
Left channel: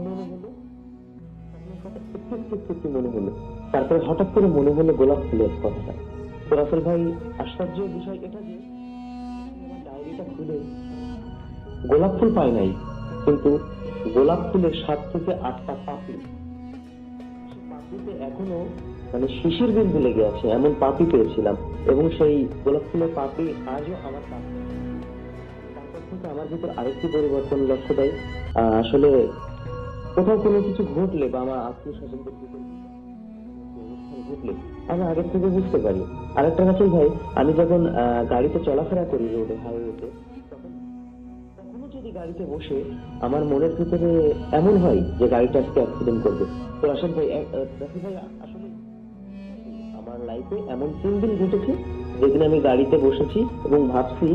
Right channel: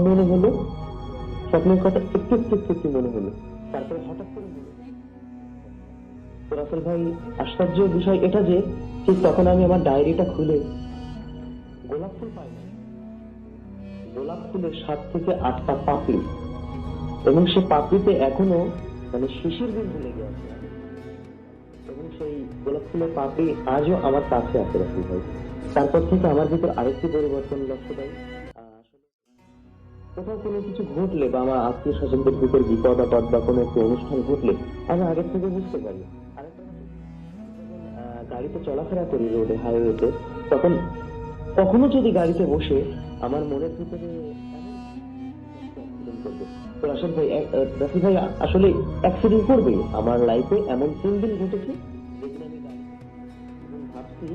মনে হলো স্বপ্নের কথা, একটু মনে হলো। তারপরে হঠাৎ করে মনে হলো গোলাপ ফুলের কথা। তো রাসেল ভাই আশ্চর্য বিষয় এটা যে ঠিক তখন আমি আমার ডায়েরিটা খুলে গোলাপ ফুল পাই নাই, কিন্তু গোলাপ ফুলের 7 থেকে 8টা পাপড়ি, এবং সে পাপড়িতে এখনো মানে শিশির বিন্দু লেগে আছে এমন পাপড়ি পেয়েছিলাম, এবং সেই গোলাপ ফুলের পাপড়ি আজও আমার কাছে আছে রাসেল ভাই। তারপর থেকে আমার ভিতর আরেকটি পরিবর্তন লক্ষ্য দেয়। আসলে কোথাও কোনো কিছু ঘটলে বা আমার আত্মীয় স্বজনদের ভিতর বিপদ আপদ বা কোনো একটি অনুষ্ঠান ঘটলে আমি আগের থেকে বুঝতে পারি। আরেকটা রাসেল ভাই, আমি যখন গাড়িতে চলাফেরা করি রোডে, হাইওয়েতে, তখন কখনো যদি গাড়িতে বসে আমার মনের ভিতরে এমন হয় যে গাড়িটা আজকে অ্যাক্সিডেন্ট করবে, তো রাসেল ভাই আসলে অ্যাক্সিডেন্ট করবেই। আমার লাইফে এমন 3 দিন ঘটেছে যেদিন আমি গাড়িতে বসেছি এবং ভাবছি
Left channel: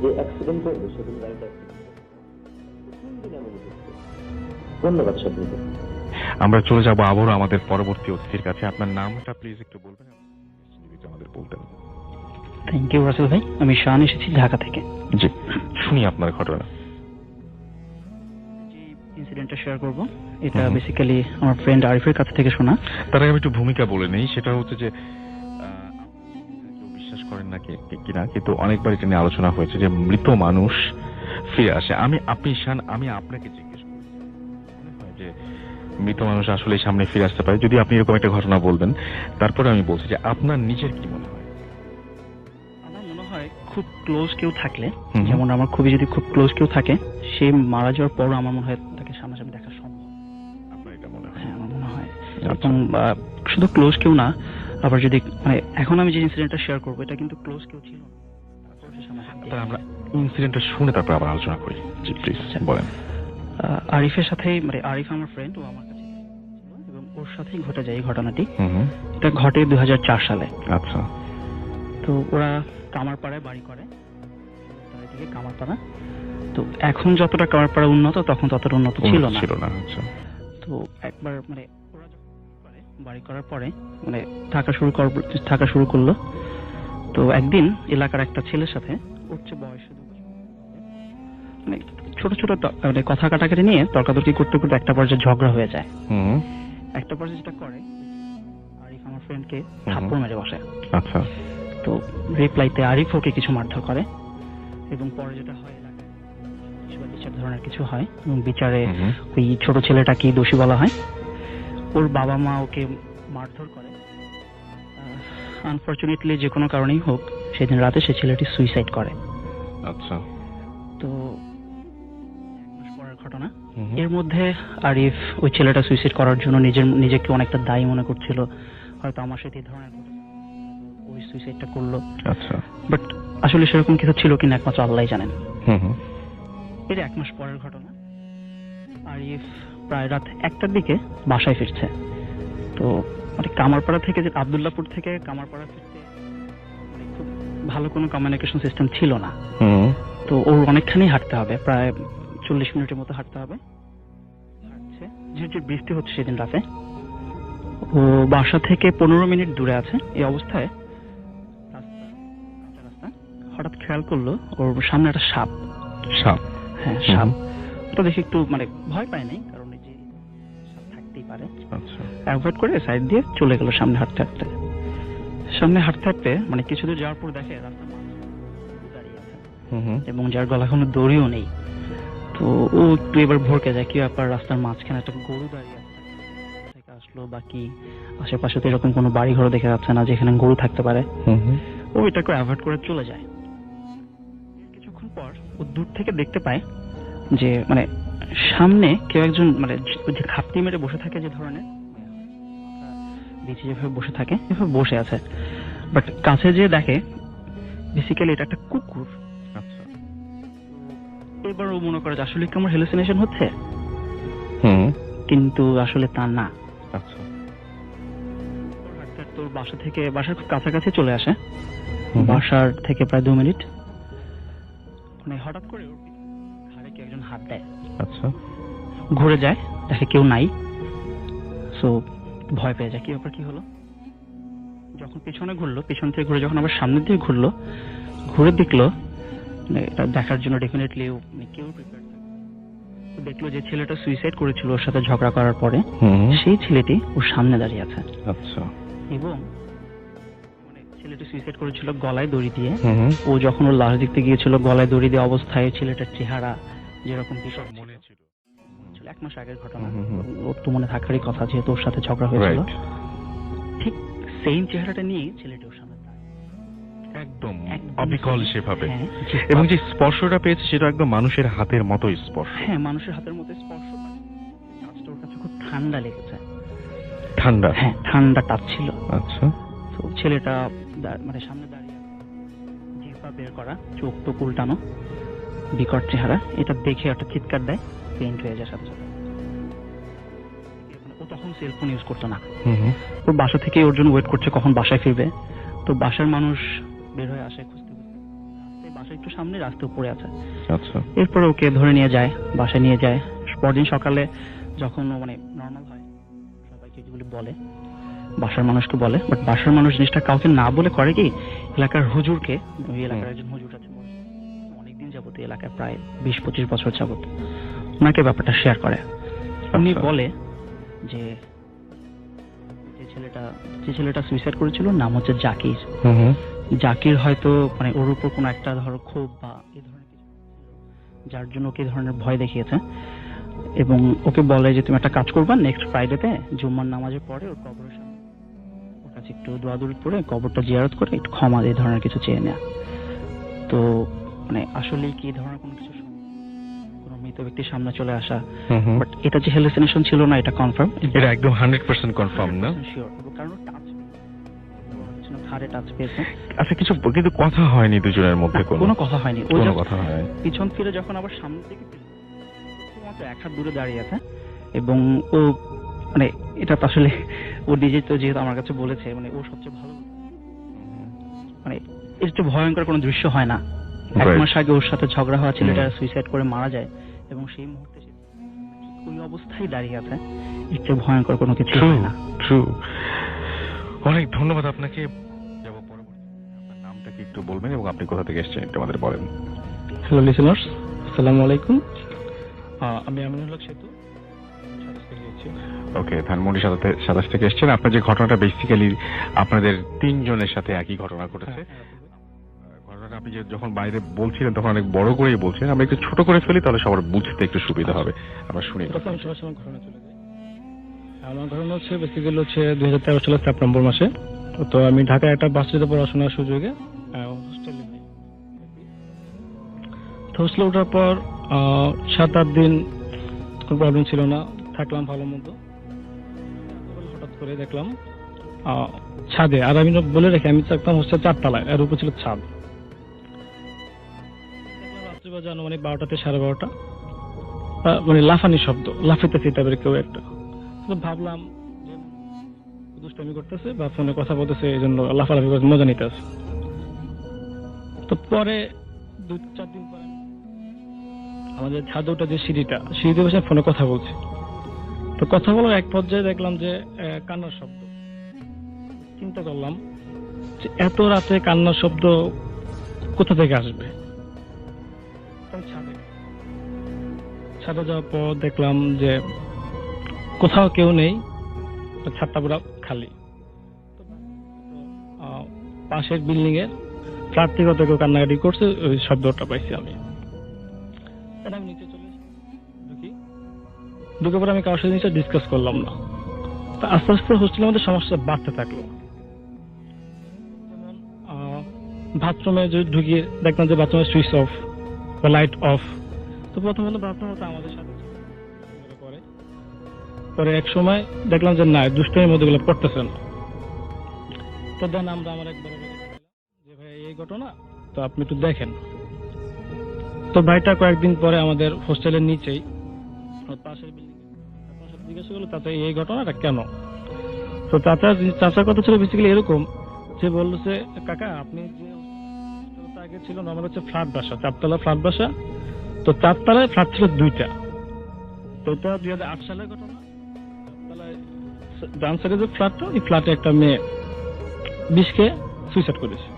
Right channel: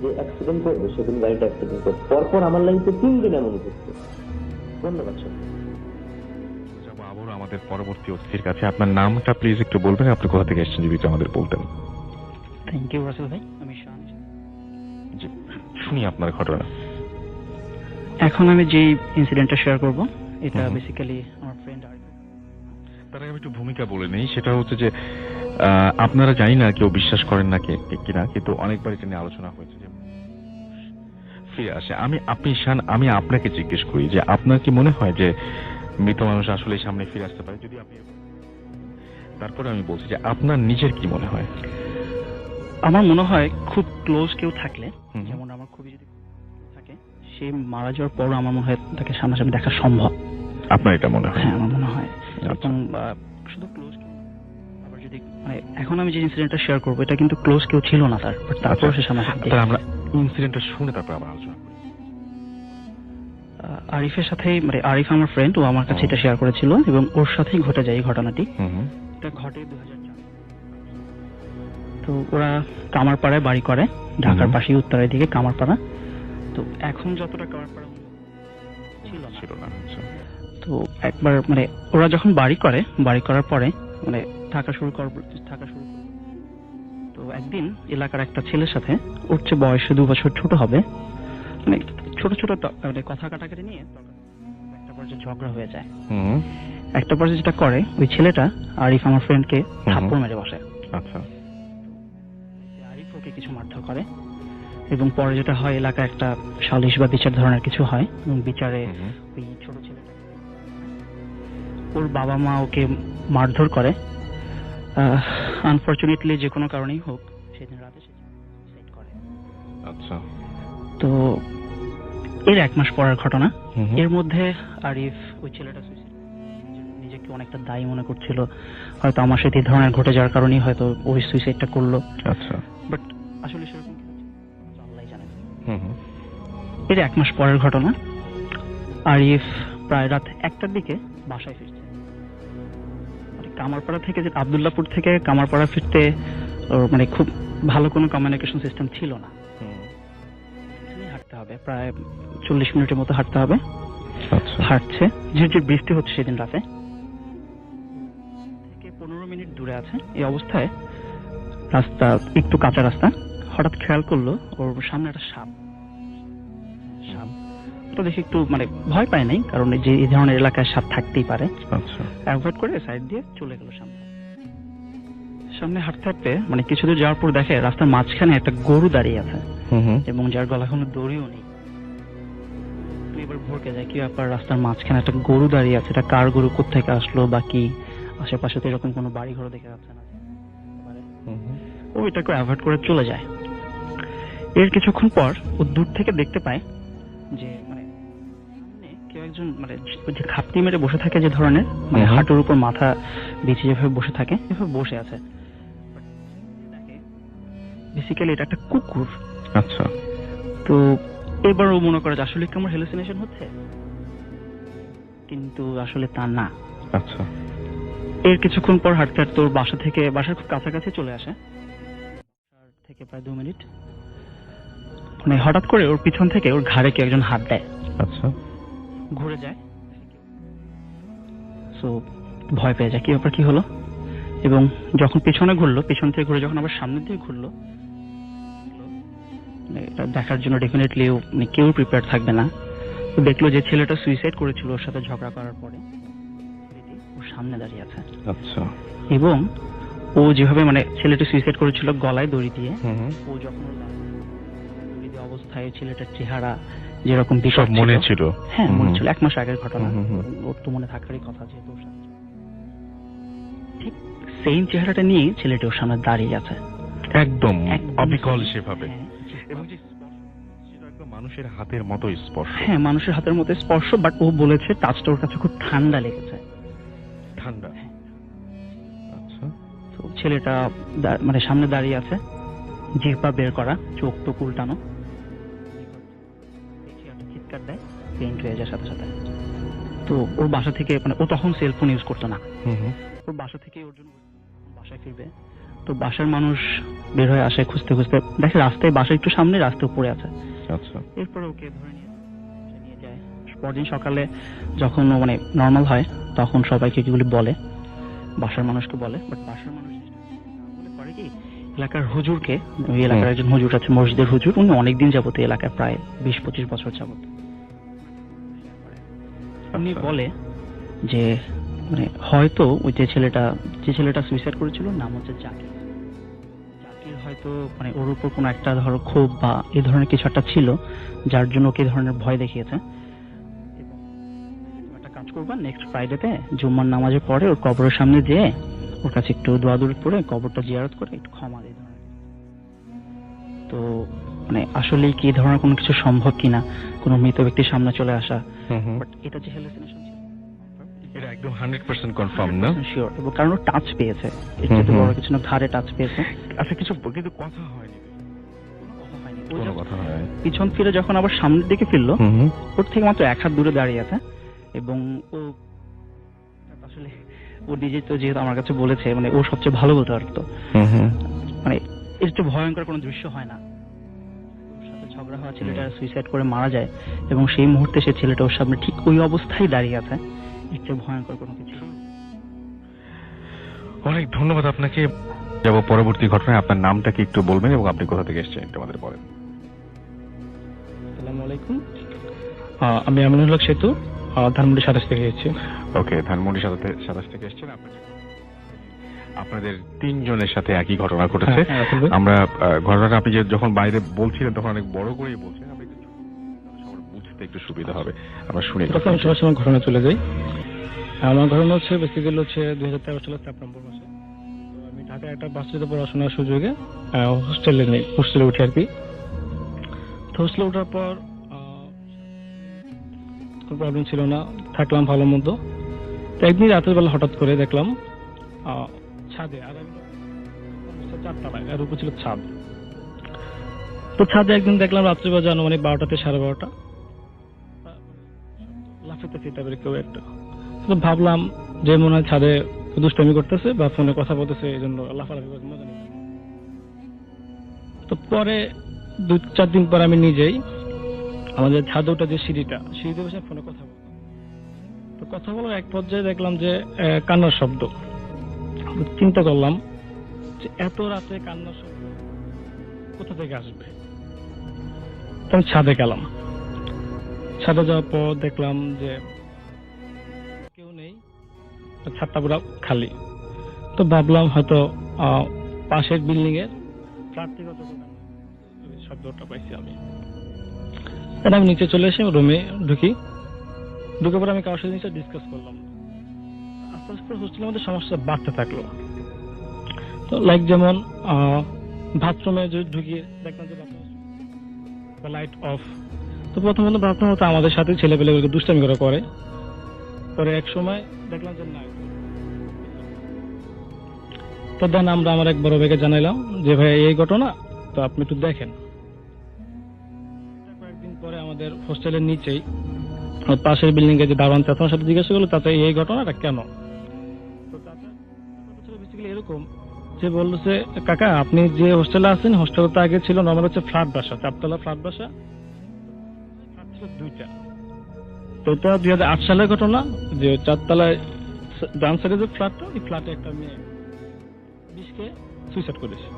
যে অ্যাক্সিডেন্ট করবে, সেদিন গাড়িটা অ্যাক্সিডেন্ট করবে। পরপর আমার লাইফে 3 দিন এমন ঘটছে। ধন্যবাদ স্বপ্নকে। আমরা চলে যাব আবারও আমাদের পরবর্তী অতিথির কাছে। আপনার নামটা প্লিজ একটু বলবেন, আপনি কোথা থেকে এসেছেন যদি আমাদের বলতেন। থ্যাংক ইউ রাসেল ভাই, আমি শান এসেছি ঢাকা থেকে। জি, শুনি আপনার ঘটনা। এখন আমি যে ইনসিডেন্টটা শেয়ার করব, এটা বেসিক্যালি আমার ফ্রেন্ড আরিফের কাছ থেকে শোনা। তার আগে আমি একটু ভূমিকা বলে নেই। সেটা হচ্ছে যে আপনারা জানি না কেউ বিশ্বাস করেন না কিনা, কিন্তু অনেকবার এটা নিয়ে আলোচনা হয়েছে যে মৃত মানুষ ফিরে আসে। আমি আপনাকে জিজ্ঞেস করি যে আপনার কি মনে হয় যে মৃত মানুষ আসলে সামনে ফিরে আসতে পারে? যদি আপনি এরকম একটা ঘটনা বলবেন, তারপরে আমি বলছি যে আপনার নিজের কি মনে হয়। আমার মনে হয় খুব ক্লোজ কেউ থাকলে, যেমন আমার যদি খুব ক্লোজ কেউ থাকে, সে মারা যাওয়ার পরও আমার মনে হয় তাকে সামনাসামনি দেখা সম্ভব। আপনার এটা মনে হয়? হ্যাঁ, আমার মনে হয়। এবং শুধু ক্লোজ কেউ না, আবার যদি মানে এখন আমি যে ইনসিডেন্টটা শেয়ার করবো, এটা কিন্তু ক্লোজ কেউ ছিল না তার, তারপর সে সামনাসামনি। আমরা ইনসিডেন্টটা শুনে তারপর আবার আলোচনা করি। জি প্লিজ বলেন। আরিফের সাথেই, মানে আরিফ আমার ফ্রেন্ড, ও আমার কাছে এটা শেয়ার করেছিল এবং ওর সাথেই ঘটে যায় এই ঘটনাটি। এটা ঘটে 2004 সালে। আচ্ছা। তো ওরা কামারপাড়ায় বাড়ি করে, ঢাকার পাশেই উত্তরের দিকে কামারপাড়া। তো এখন যতটা কামারপাড়া উন্নত, তখন ততটা উন্নত ছিল না। আচ্ছা। তো একবার মানে ওরা যখন বাড়ি করার পরে মানে থাকা শুরু করলো। তো একদিন এলাকার একটা ছেলের সাথে, ওর চেয়ে বয়সে 2 বছর ছোট হবে, মানে ছোট মানে কথা কাটাকাটি নিয়ে তর্কাতর্কি করতে করতে একটা পর্যায়ে ঝগড়া হয়ে যায়। একটা পর্যায়ে যেটা করে, ওই ছেলেটা আরিফ আমার ফ্রেন্ডকে থাপ্পড় মেরে বসে। আচ্ছা। তো রিপ্লাইতে আরিফ ওকে কিছু মারধর করে, এবং পরে যেটা হয়, এলাকায় একটা সালিশ বা বিচার ধরনের কিছু হয়, এবং বিচারে ওই ছোট ছেলেটাকে দোষী বলা হয়। ওর বাবা মা ওকে মারধর করে। আনফরচুনেটলি যে কোনো কারণেই হোক, সেদিন রাতে সে ছেলেটি সুইসাইড করে। আচ্ছা। তো এর 1 মাস পরের ঘটনা। এর মধ্যে আরিফ ওই ছেলেটা সুইসাইড করার জন্য নিজেকে অনেকটা দায়ী মনে করছিল, হয়তো আমার সাথে এই ধরনের ঘটে যাওয়ার কারণেই হয়তো ওই সুইসাইডটা করলো। আচ্ছা। বাট আসলে সেরকম কিছু ছিল কিনা একমাত্র আল্লাহই জানেন। এর 1 মাস পরের ঘটনা। আরিফ প্রায় রাত 1টার দিকে বাসায় ফিরছে। তো মানে কামারপাড়া থেকে, যে আব্দুল্লাহপুর থেকে কামারপাড়া ফিরতে মানে খুব ভালো কোনো কমিউনিকেশন সিস্টেম ছিল না। তো ওর অনেকখানি হাঁটতে হবে, প্রায় 40 মিনিটের মতো হাঁটতে হবে। হাঁটছে, ঝিরঝির বৃষ্টি হচ্ছে সেদিন রাতে। ও বাসা থেকে 15 মিনিট দূরে আছে। এই অবস্থায় রাস্তা একটু কাঁচা রাস্তা, হঠাৎ খেয়াল করলো ওর সামনে একটা সাপ। হ্যাঁ, সাপ। ওটা দেখে একটু মানে ভয় পায় নাই, কারণ যে এই ধরনের এলাকায় সাপ থাকতেই পারে। আচ্ছা। অ্যাভয়েড করে সাইড দিয়ে চলে গেল সামনে হাঁটতে হাঁটতে। সামনে হাঁটতে হাঁটতে মানে কিছু দূর যাওয়ার পর দেখে রাস্তার মাঝখানে একটা গরু দাঁড়িয়ে আছে এবং যার গলায় কোনো দড়িও নেই। তো ও একটু এবার ভরকে যায়, কি ব্যাপার, রাস্তার মাঝখানে একটা গরু দাঁড়িয়ে আছে, এটা কার গরু, কোত্থেকে আসলো বা কি, আশেপাশে তো এরকম কোনো বাড়ি ঘর দেখা যাচ্ছে না যেখানে গরু থাকতে পারে। ও এটাকে অ্যাভয়েড করে চলে যায়। এর কিছুক্ষণ পর ও দূর থেকে দেখতে পায় যে মানে সামনে কেউ একজন মানে যে খাপটি মেরে বসে থাকে যে ধরনের, মানে হাঁটুর উপর মাথা বিছিয়ে যেভাবে বসে থাকে এভাবে বসে আছে। বাট কাছে যে দেখে বেসিক্যালি এটা একটা কুকুর। আচ্ছা। তো এবার ও মনে করে যে আসলে কি আমার হ্যালুসিনেশন হচ্ছে, কিন্তু আসলে তা না। আচ্ছা। এর কিছুক্ষণ পর হাঁটতে হাঁটতে ওর বাসার খুব কাছাকাছি চলে আসে, বাসার থেকে প্রায় 2 মিনিট। মানে হঠাৎ করে ওর পিছন থেকে ওর ঘাড়ে কেউ একজন হাত দেয়। আচ্ছা। ঘুরে যায়, দেখে কেউ নাই। সো ভয় পেয়ে যায়, কি ব্যাপার, কি হলো। এবং যখন পিছনে ঘুরলো, পিছন থেকে ঘুরে যখন আবার সামনের দিকে ঘুরলো, ঘুরে দেখলো এটা দেখার জন্য ডেফিনেটলি কেউ প্রিপেয়ার থাকবে না। তো দেখলো যে ছেলেটা সুইসাইড করেছিল ওর সাথে ঝগড়া করার পরে, সেই ছেলেটি ওর সামনে দাঁড়িয়ে আছে। আচ্ছা। এবং ও যেভাবে মানে ছেলেটি সুইসাইড করেছিল গলায় দড়ি দিয়ে, ও যখন ওর লাশ দেখতে গিয়েছিল গলায় দড়ি দিয়ে অবস্থায় ছেলেটার চেহারা যেরকম সব মনে ছিল। হ্যাঁ মনে ছিল, 1 মাস আগের ঘটনা, ওর তো মনে থাকারই কথা যেহেতু ওর সাথে ঝগড়া হয়েছিল। ঠিক সেম চেহারাটা নিয়ে ছেলেটি ওর সামনে দাঁড়িয়ে আছে, একদম অবিকল সেভাবে। এবং যে স্পর্শটা পেয়েছে সেটা একদম মানুষের হাতের মতোই স্পর্শ। হ্যাঁ মানুষের হাতের মতো স্পর্শ, বাট ও বলেছে টাচটা ওর কাছে খুব ঠান্ডা লেগেছে। ঠান্ডা? হ্যাঁ ঠান্ডা টাচ ছিল। আচ্ছা। তো ছেলেটা মানে সামনে দাঁড়িয়ে আছে, জিহ্বা বের করা, চোখ তো উল্টানো, বিকট চেহারা। এটা দেখে একটা চিৎকার দেয়, পেইন্ট হয়ে যায় সাথে সাথে। তো ওর বাসা থেকে মানে ও তখন সেলফোন ইউজ করতো না, ওর বাসা থেকে ওর জন্য ওয়েট করছে কখন বাসায় ফিরবে। তো বাসার মানুষ বের হয়ে আসে খুঁজতে খুঁজতে, দেখে রাস্তায়, বাসা একটু সামনে, রাস্তায় পড়ে আছে। আচ্ছা। এরপরে ওকে ধরে নিয়ে যায়, বাসায় নিয়ে যায়। পরদিন সকালে যখন ও মানে নর্মাল হয় তখন সবাইকে এগুলি বলে, বাসার মানুষকে বলে। বাট বাসার মানুষ জিনিসটা কাউকে না বলে করে কি, এলাকার হুজুরকে, ওই এলাকার একজন হুজুর আছে, মসজিদের হুজুর, উনি অনেকদিন যাবত এই এলাকায় প্রায় 20-25 বছর যাবত, ওনাকে ব্যাপারটা শেয়ার করে। উনি বলে যে মানে হয়তো ওই যে ছেলেটা সুইসাইড করেছিল নাম হচ্ছে জাকির। জাকির হয়তো মানে ওর উপর কোনো একটা ধরো ক্ষোভ বা এই ধরনের কিছু একটা ছিল, যার জন্য ওকে এই ধরনের ভয় দেখিয়েছে। এবং ওকে বলে যে তুমি একটা কাজ করবা, নেক্সট ফ্রাইডেতে জুম্মার নামাজের পরে ওর কবরের সামনে যেয়ে ওর কাছে একটু দোয়া দূর করে কবরটা জিয়ারত করে একটু ক্ষমা এই ধরনের কিছু চেয়ে নেয়া। তো মানে আসলে কি এই ধরনের কোনো কিছু সম্ভব কিনা, কোনো মৃত ব্যক্তির সামনে চলে আসা, বাট এটা যে হ্যালুসিনেশন ছিল না এটা কনফার্ম, এটা একদম 100% কনফার্ম না? শিওর। এবং কারণ ও টাচ পেয়েছে, একটু বড় কিছু না, ঘাড়ে টাচ পেয়েছে। আচ্ছা, কিছু কিন্তু কথা হয়নি দুজনের মধ্যে? কোনো কথা হয়নি। কোনো কথা হয়নি। পিছন ফিরে যখন আবার সামনের দিকে ফিরলো, ওর থেকে মাত্র 1 হাত দূরে দাঁড়িয়ে আছে। এবং ও মানে এটা তো আসলে ও নিজে তো যেহেতু আমার কাছে বলেছে, মানে ও সবচেয়ে ভালো বলতে পারতো। মানে এর চেয়ে ভয়ঙ্কর কোনো দৃশ্য হয় না। 1 মাস আগে ওর সাথে ঝগড়া হওয়া ছেলেটা সুইসাইড করে মারা যায়, এবং সেই মুহূর্তে সে ছেলেটা ওর সামনে ঠিক ওই অবস্থায় দাঁড়িয়ে আছে। এর চেয়ে ভয়ঙ্কর কোনো কিছু হয় না। ট্রু। অনেক ধন্যবাদ আপনাকে। যাব পরবর্তী ঘটনায়। আপনার নামটা কি একটু বলবেন এবং আপনি কোথা থেকে এসেছেন একটু আমাদের বলেন। হ্যালো লিসেনার্স, আসসালামু আলাইকুম। আমি আমিনুল হক সেতু, ধানমন্ডি 27 থেকে এসেছি। ওকে, ধানমন্ডি 27 থেকে এসেছেন। আপনার যে ঘটনাটা বেসিক্যালি আপনাদের 3 জনের সাথে একই ঘটনা ঘটেছে। আমরা ঘটনাটা আপনি যখন বাইরে বলছিলেন তখন অনেক বড় করেই বলছিলেন, আমরা একটু ছোট করে ফেলি তাহলে সবার বুঝতে একটু সুবিধা হবে। আমরা শুনি। আমি সবার ঘটনা চলে যাই। আমার ঘটনা হচ্ছে বেসিক্যালি হচ্ছে 2013 সালের সেপ্টেম্বর মাসে। তো আমি ঢাকায় একটা ভার্সিটিতে পড়াশোনার সুযোগে হোস্টেলে উঠি আর কি। তো হোস্টেলে ওঠার পর 7-8 দিন কোনো প্রবলেম ছিল না, থাকলাম ভালো মতো। তো একদিন রাতের বেলা হঠাৎ করে দেখলাম ছাদে, আর আমি বলে রেখে আমি থাকতাম হোস্টেল 4 তলায়, আর উপর ছিল ছাদ। তো ছাদে একদিন দেখলাম রাত্রি বাজে আনুমানিক 12টা থেকে 12:30, মানে লাফানি শব্দ, লাফাইতেছে টাইপের কেউ একটা। তো ভাবলাম যে মনে হয় ছাদে দুষ্টামি করতেছে বা ফোনে কথা বলতেছে, এই জন্য লাফালাফি করে মজা নিতেছে। তো পরে 2-4 দিন পর আমি নিজেই আমাদের ছাদে ওঠা যে সিঁড়িতে বসে ফোনে কথা বলছি। তো কথা বলার এক পর্যায়ে দেখলাম যে কান্নার শব্দ। চিন্তা করলাম যে এত রাতে কান্নার শব্দ কোথা থেকে আসবে। তো আমি ছাদে গেলাম। ছাদে যাওয়ার পর দেখলাম যে কোথাও কেউ নেই, ছাদটা পুরো খালি। তো ভাবলাম হয়তো পাশের বিল্ডিং এর ফ্ল্যাট থেকে হয়তো কেউ কান্নাকাটি করছে, ওই শব্দটা পাইছি আমি। আমি নিচে চলে এসে রুমে ঢুকে পরে আমি কারোর সাথে জিনিসটা ডিসকাস করলাম না। তো আস্তে আস্তে হোস্টেলের মধ্যে সমস্যা বাড়তে থাকলো। তো লাইক যেমন বাথরুমে যদি ঢুকিয়ে দেখলাম যে বাথরুমের সুইচ অফ বা লাইট অফ। তো প্রথমত ভাবতাম হতো আমাদের সাথে ছেলেপেলেগুলোকে দুষ্টামি করে। পরে এক সময় দেখলাম যে না, দুষ্টামির মধ্যে গুলো পড়তেছে না। তো দেন আমরা আমার এক বড় ভাইকে জানাইলাম যে ভাই এই ঘটনা, তো আপনি একটু দেখেন। তো ভাইটা কয়েকদিন পরে আমাদের হোস্টেলের নিচেই পাশের বিল্ডিং এ যে দারোয়ান চাচার সাথে জিজ্ঞাসা করলো চাচা এই ঘটনাটা কেন। তো চাচার কথা ছিল বেসিক্যালি এরকম যে বললো যে কাকা আপনি যে হোস্টেলে আছেন, হোস্টেল তো আগে ছিল নর্মাল হচ্ছে ফ্ল্যাট বাসা, 4 তলা ফ্ল্যাট বাসা। তো 4 তলায় ফ্ল্যাট ছিল 2টা। তো এটা 2008 সালের ঘটনা যে 4 তলায় ডান সাইডে যে ফ্ল্যাটটা, এই ফ্ল্যাটে একটা মেয়ে বিষকে সুইসাইড করেছে।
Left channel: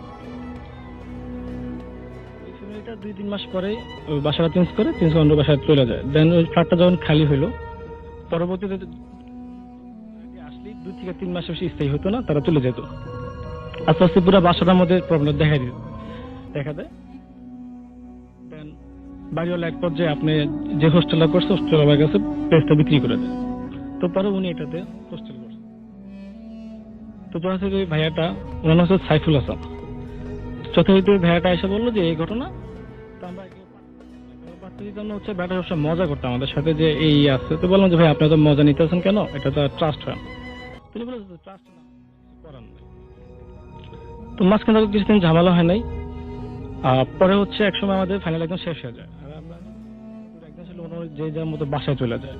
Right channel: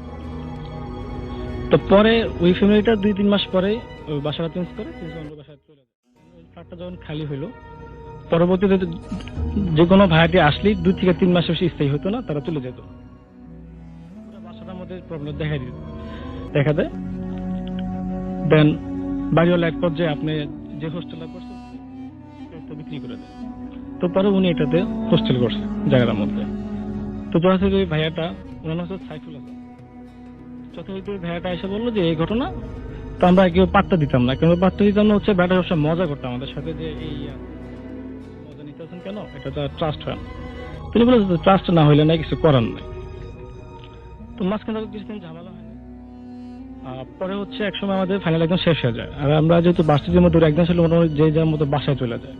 তো পরে ওই ফ্যামিলিটা 2-3 মাস পরে ওই বাসাটা চেঞ্জ করে অন্য বাসায় চলে যায়। দেন ওই ফ্ল্যাটটা যখন খালি হইলো, পরবর্তীতে যে কোনো ভাড়াটি আসলেই 2 থেকে 3 মাস বেশি স্থায়ী হতো না, তারা চলে যেত। আস্তে আস্তে পুরো বাসাটার মধ্যে প্রবলেম দেখা দেয়। দেন বাড়িওয়ালা এক পর্যায়ে আপনি যে হোস্টেলটা করছে হোস্টেলের কাছে প্লেসটা বিক্রি করে দেয়। তো পরে উনি এটাতে হোস্টেল করছে জায়গাটার মধ্যে। তো যথাযথ ওই ভাইয়াটা, ওনার নাম হচ্ছে সাইফুল হাসান, যথাযথ ওই ভাইয়াটা এসে বললো যে এই ঘটনা। তো আমরা কেউ পাত্তা দিতাম না, কেন পাত্তা দিতাম না হচ্ছে ভাইয়াটা সবসময় মজা করতাম আমাদের সাথে যে এই আছে। তো বললাম যে ভাই আপনি তো মজা নিতেছেন কেন, এটা তো ট্রাস্ট হয় না। তিনি বললেন ট্রাস্ট না হইলে নাই, কিছু করার নাই। তো মাঝখানে কিছুদিন ঝামেলা হয় নাই। পরে হচ্ছে একসময় আমাদের ফাইনাল একদম শেষ হয়ে যায়, আর আমরা যেহেতু বাসটির মধ্যে একদম ছিল মোটামুটি যে যার মতো বাসায় চলে যায়।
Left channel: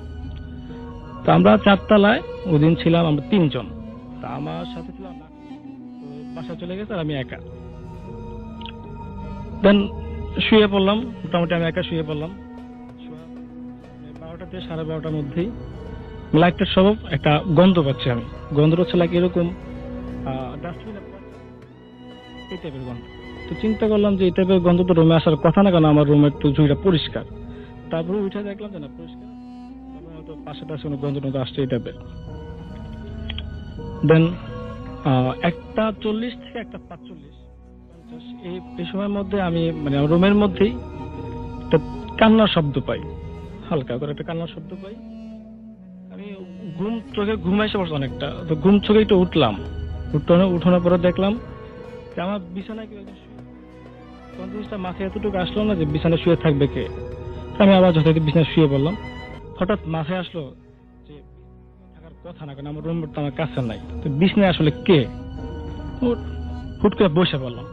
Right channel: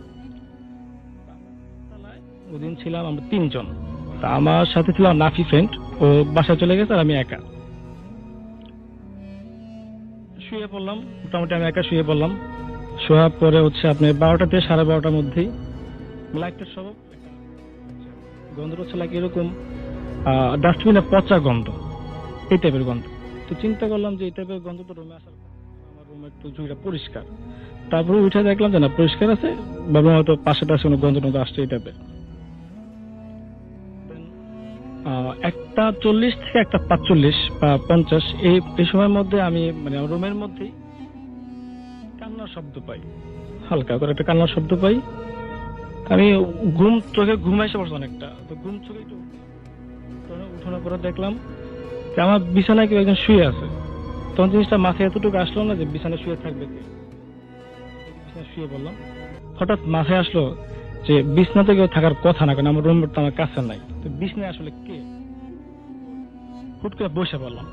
তো আমরা 4 তলায় ওই দিন ছিলাম আমরা 3 জন। তা আমার সাথে ছিল নাফি ফ্রেন্ড, ও বাসায় চলে গেছে আর আমি একা। দেন শুয়ে পড়লাম, মোটামুটি আমি একা শুয়ে পড়লাম। শোয়ার পরে হচ্ছে আপনি 12টা থেকে 12:30টার মধ্যেই লাইটের সব একটা গন্ধ পাচ্ছি আমি। গন্ধটা হচ্ছে লাইক এরকম ডাস্টবিনে পচা গন্ধ, এই টাইপের গন্ধ। তো চিন্তা করলাম যে এই টাইপের গন্ধ তো রুমে আসার কথা না, কারণ আমার রুমের তো ঝুঁকিটা পরিষ্কার। তারপরে উঠে দেখলাম যে না পরিষ্কার আছে, ভাবলাম হয়তো পাশে কোনো গন্ধ টন্ধ আসছে এই টাইপের। দেন 1:40 থেকে 1:45 বা 50 এই সময়ের মধ্যে আমি মানে রুমের মধ্যেই একটা কান্নার শব্দ পাই, হালকা করে একটা কান্নার শব্দ পাই। আমি চোখে ঘুম এসে পড়ছে অনেকটা। তো ঘুম চোখে একটু উঠানোর পরে দেখলাম যে আমার বিছানায় কেউ একজন শুয়ে আছে। তখন জিনিসটা মাথায় এতটুকু আসলো না যে বিছানায় শুয়ে থাকবে কে। আমি আবার যথাযথ বিছানায় শুয়ে পড়লাম। হঠাৎ মাথায় আসলো যে বিছনাতে কেউ থাকার কথা না, কারণ আমার রুম তো আমার কাছে নাই। তো বিছনায় আসলে কে, হুট করে বসে পড়লাম।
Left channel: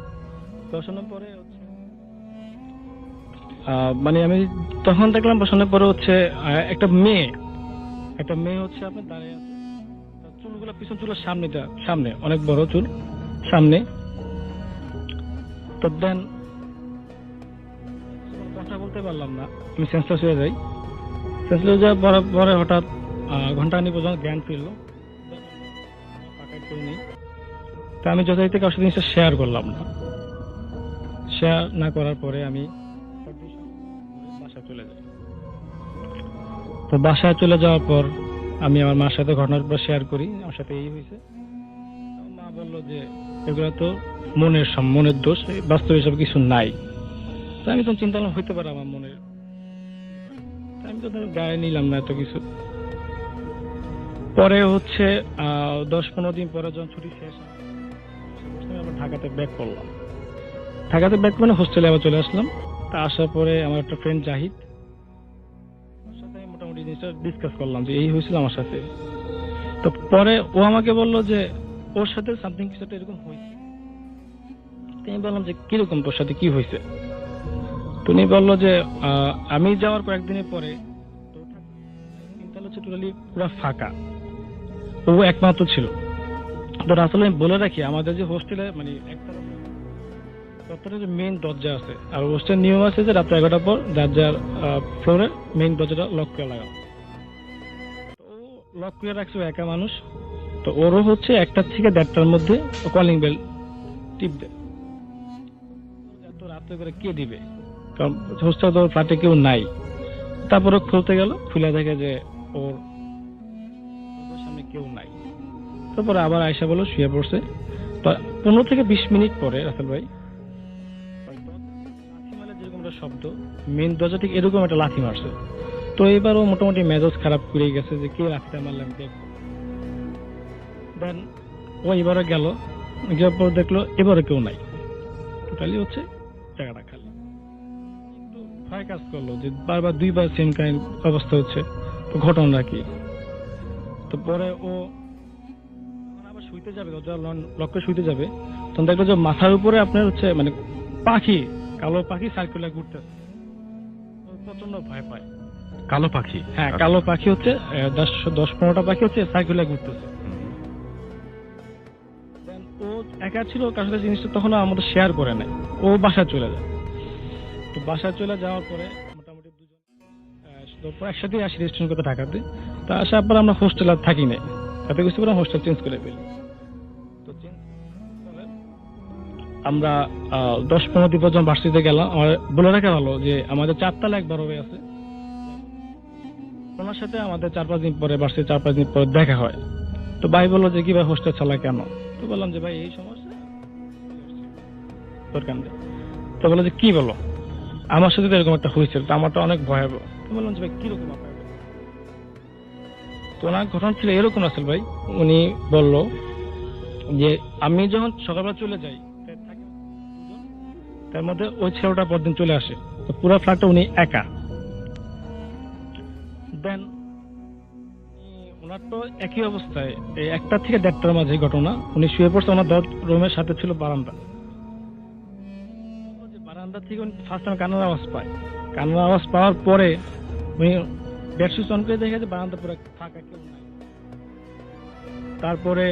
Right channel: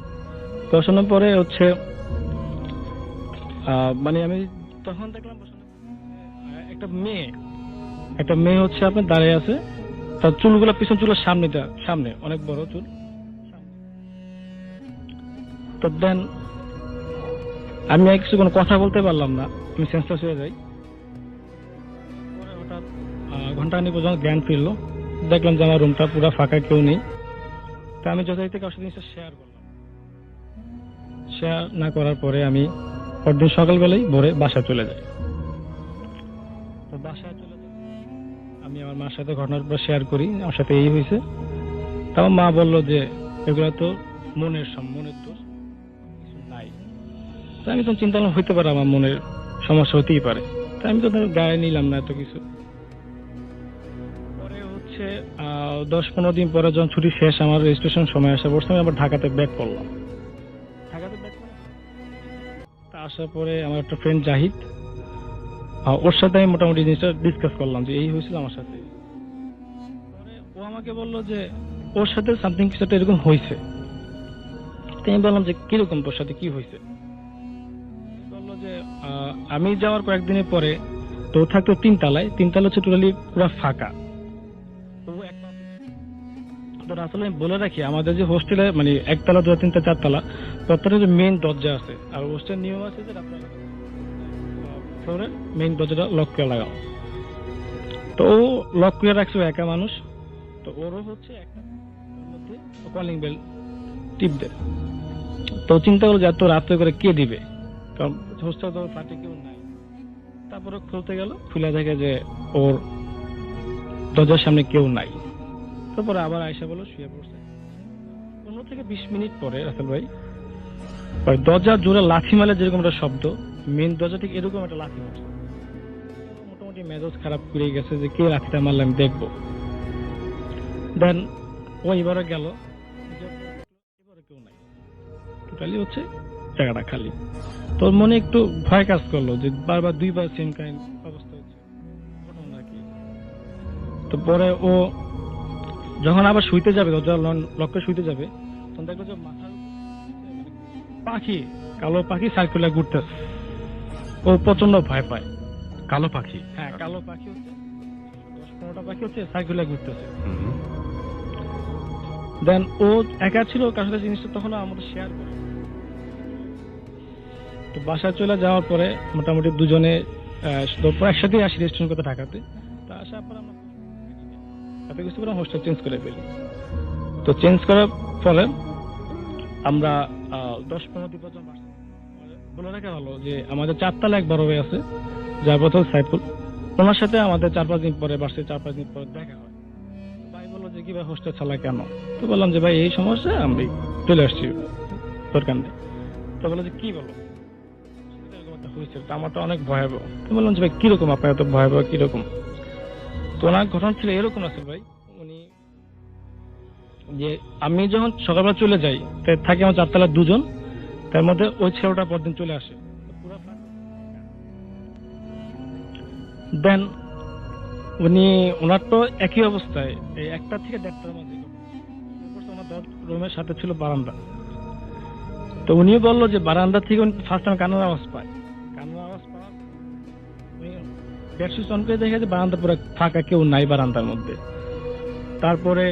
বসানোর পরে হচ্ছে মানে আমি তখন দেখলাম বসানোর পরে হচ্ছে একটা মেয়ে হচ্ছে আপনার দাঁড়িয়ে আছে। তার চুলগুলো পিছন চুলের সামনে অনেক বড় চুল সামনে। তো দেন আমি কিছু কোনো কথা বলতে পারলাম না, আমি সেন্সলেস হয়ে যাই। সেন্সলেস হয়ে যাওয়ার পরে হঠাৎ ঘন্টাখানিক পর্যন্ত জ্ঞান ফিরলো। দেখলাম যে আমার রুমটা পুরো ফাঁকা, কেউ নেই। তা আমি যথারীতি কারোর সাথে জিনিসটা শেয়ার করলাম না। শেয়ার না করার পরে আমি পরদিন সকালবেলায় ভোরে বাসায় চলে যাই। তো বাসায় চলে যাওয়ার পর আমি আমার মার সাথে ঘটনাটা শেয়ার করি, আমার সাথে এই হয়েছে। তাও মা বললো যে এগুলো তো মনের দোষ, বাস্তবে এসব কিছু নাই। তাই আমি তখন চিন্তা করলাম হইতে পারে আমার মনের সমস্যা হতেই পারে। তাই আমি তো গায়ে নিলাম না এত কিছু। পরে হচ্ছে 10-15 দিন পরে যখন ছুটি শেষ, আমার রেজিস্ট্রেশন সময় আসা পড়ছে, আমি আবার ঢাকাতে ব্যাক করলাম। ঢাকাতে ব্যাক মানে হোস্টেলে আবার চলে আসলাম। তা আসার পরে আমার একটা ফ্রেন্ড জাহিদ, ওর সাথে আমি মোটামুটি জিনিসটা ডিসকাস করলাম যে এই হয়েছিল আমার সাথে। তো পরে ও আমাকে বললো যে ওর সাথে সামথিং কিছু একটা এরকম হয়েছে। আমি বললাম যে কিরকম, তোর সাথে কি হয়েছে? উনি বললো যে আমি যাওয়ার কয়েকদিনের পরে তো থাকতো 3 তলায়, 3 তলা হচ্ছে টোটালি পুরো ফাঁকা, ও একমাত্র ছিল। তো আসলে আমি বলে রাখি আমাদের যে হোস্টেলে মানে 1 তলা 2 3 4 তলা প্রত্যেকটা যে মেইন দরজা আছে, আর হোস্টেল নিয়ম আছে যে রাত 11টার পর যার যার ফ্লোরের মেইন দরজাটা লক করে লাগাও। তো ও লক করে রাখছে, একা মানুষ। তো ওরও হচ্ছে 1টা থেকে 1:30টার মধ্যে কলিং বেল টিপ দেয়। তো চিন্তা করলো যে এত রাত্রে করে কে দিবে, কারণ হোস্টেল তো ফ্ল্যাটে কেউ নাই। তারপরে খুলতে গেল, খুলে দেখে যে ওর দরজার সামনে কেউ নাই। তারপরে আবার আয়সা বলো শুয়ে পড়ছে। তো 15 থেকে 20 মিনিট পরে রাসেল ভাই দরজা জোরে লাথি মারলে যেরকম একটা শব্দ, মেন দরজা ঠিক এরকম একটা লাথি মারছে। তো এবারও মোটামুটি মেজাজ খারাপ করে গেছে যে কে লাথিটা মারলে আমি দেখবো। দেন ও এবারে গেল, যাওয়ার পর দেখলো এবারে কেউ নাই, টোটালি হচ্ছে জায়গাটা খালি। তোর মনে একটু ভয় কাজ করলো যে বারবার 2বার সেম কাইন্ড অবস্থা হচ্ছে, তো ঘটনাটা কি। তো পরে ও যখন আবার শুইতে যাবে, দরজা লক করে শুইতে যাবে, তখন দেখলো যে মাথার উপরে আপনার হচ্ছে মানে পাখি, কালো পাখি সার্কুলার ঘুরতেছে। ও প্রচন্ড ভয় পায়। কালো পাখি? হ্যাঁ, কালো পাখি হচ্ছে 10-15টা পাখি হচ্ছে সার্কুলার ঘুরতেছে। দেন ও একা ছিল, কার সাথে জিনিসটা তখন আমাদের শেয়ার করে নেয়। ও বাসায় চলে যায়। তো বাসায় চলে যাওয়ার পরে মোটামুটি দুজনে একসাথে আসি রেজিস্ট্রেশন করতে ঢাকাতে। তো আসার পর আমরা হোস্টেল আর থাকি নাই, তাতে কিছু করে হোস্টেল চেঞ্জ করে ফেলি। তো চেঞ্জ করার ফলে আমরা 10-15 দিন পর্যন্ত ভার্সিটিতে গেলাম। আমার বলে রাখা ভালো যে আমাদের 4 তলা এক বড় ভাই আছে, যার কথা সাইফুল, ওনার সাথে আমাদের 4-5 দিন পরে ভার্সিটি 4-5 দিন পরে দেখা হয়। তো ভাই বললো যে কি ভাই হোস্টেল চালা কেন? তো বললাম যে ভাই এই সমস্যা, আমি চলে আসছি দরকার নেই। তো বললো যে কি বলো, আমার সাথে তো এরকম একটা হয়েছিল, তো আমারটা অনেক ভয়াবহ। তো বললাম যে ভাই কিরকম আপনার এত ভয়াবহ কিরকম? তো ওনার ঘটনা ছিল এরকম আসল ভাই, উনি বললো যে আমি যখন সকালবেলা চলে যাই, থাকি আমার 4 তলায় 2 জন, তার মধ্যে ওই ছেলেটা পরদিন চলে আসে। তো পুরো ফ্ল্যাটটা উনি একা। দেন উনি ওনার তো একই অবস্থায় 1টা থেকে 1:30টার মাঝে ঘটনা, উনি শুয়ে পড়ছে, ওনার রুমের সাথে ছিল বারান্দা। তো উনিও বললো যে বারান্দা থেকে ফার্স্ট টাইম কান্নার আওয়াজ পায়। কান্নার আওয়াজ পাওয়ার পরে উনি বেড সুইচ অন করে দেখে যে বারান্দা পুরো ফাঁকা, কেউ নাই বারান্দার মধ্যে। তারপরে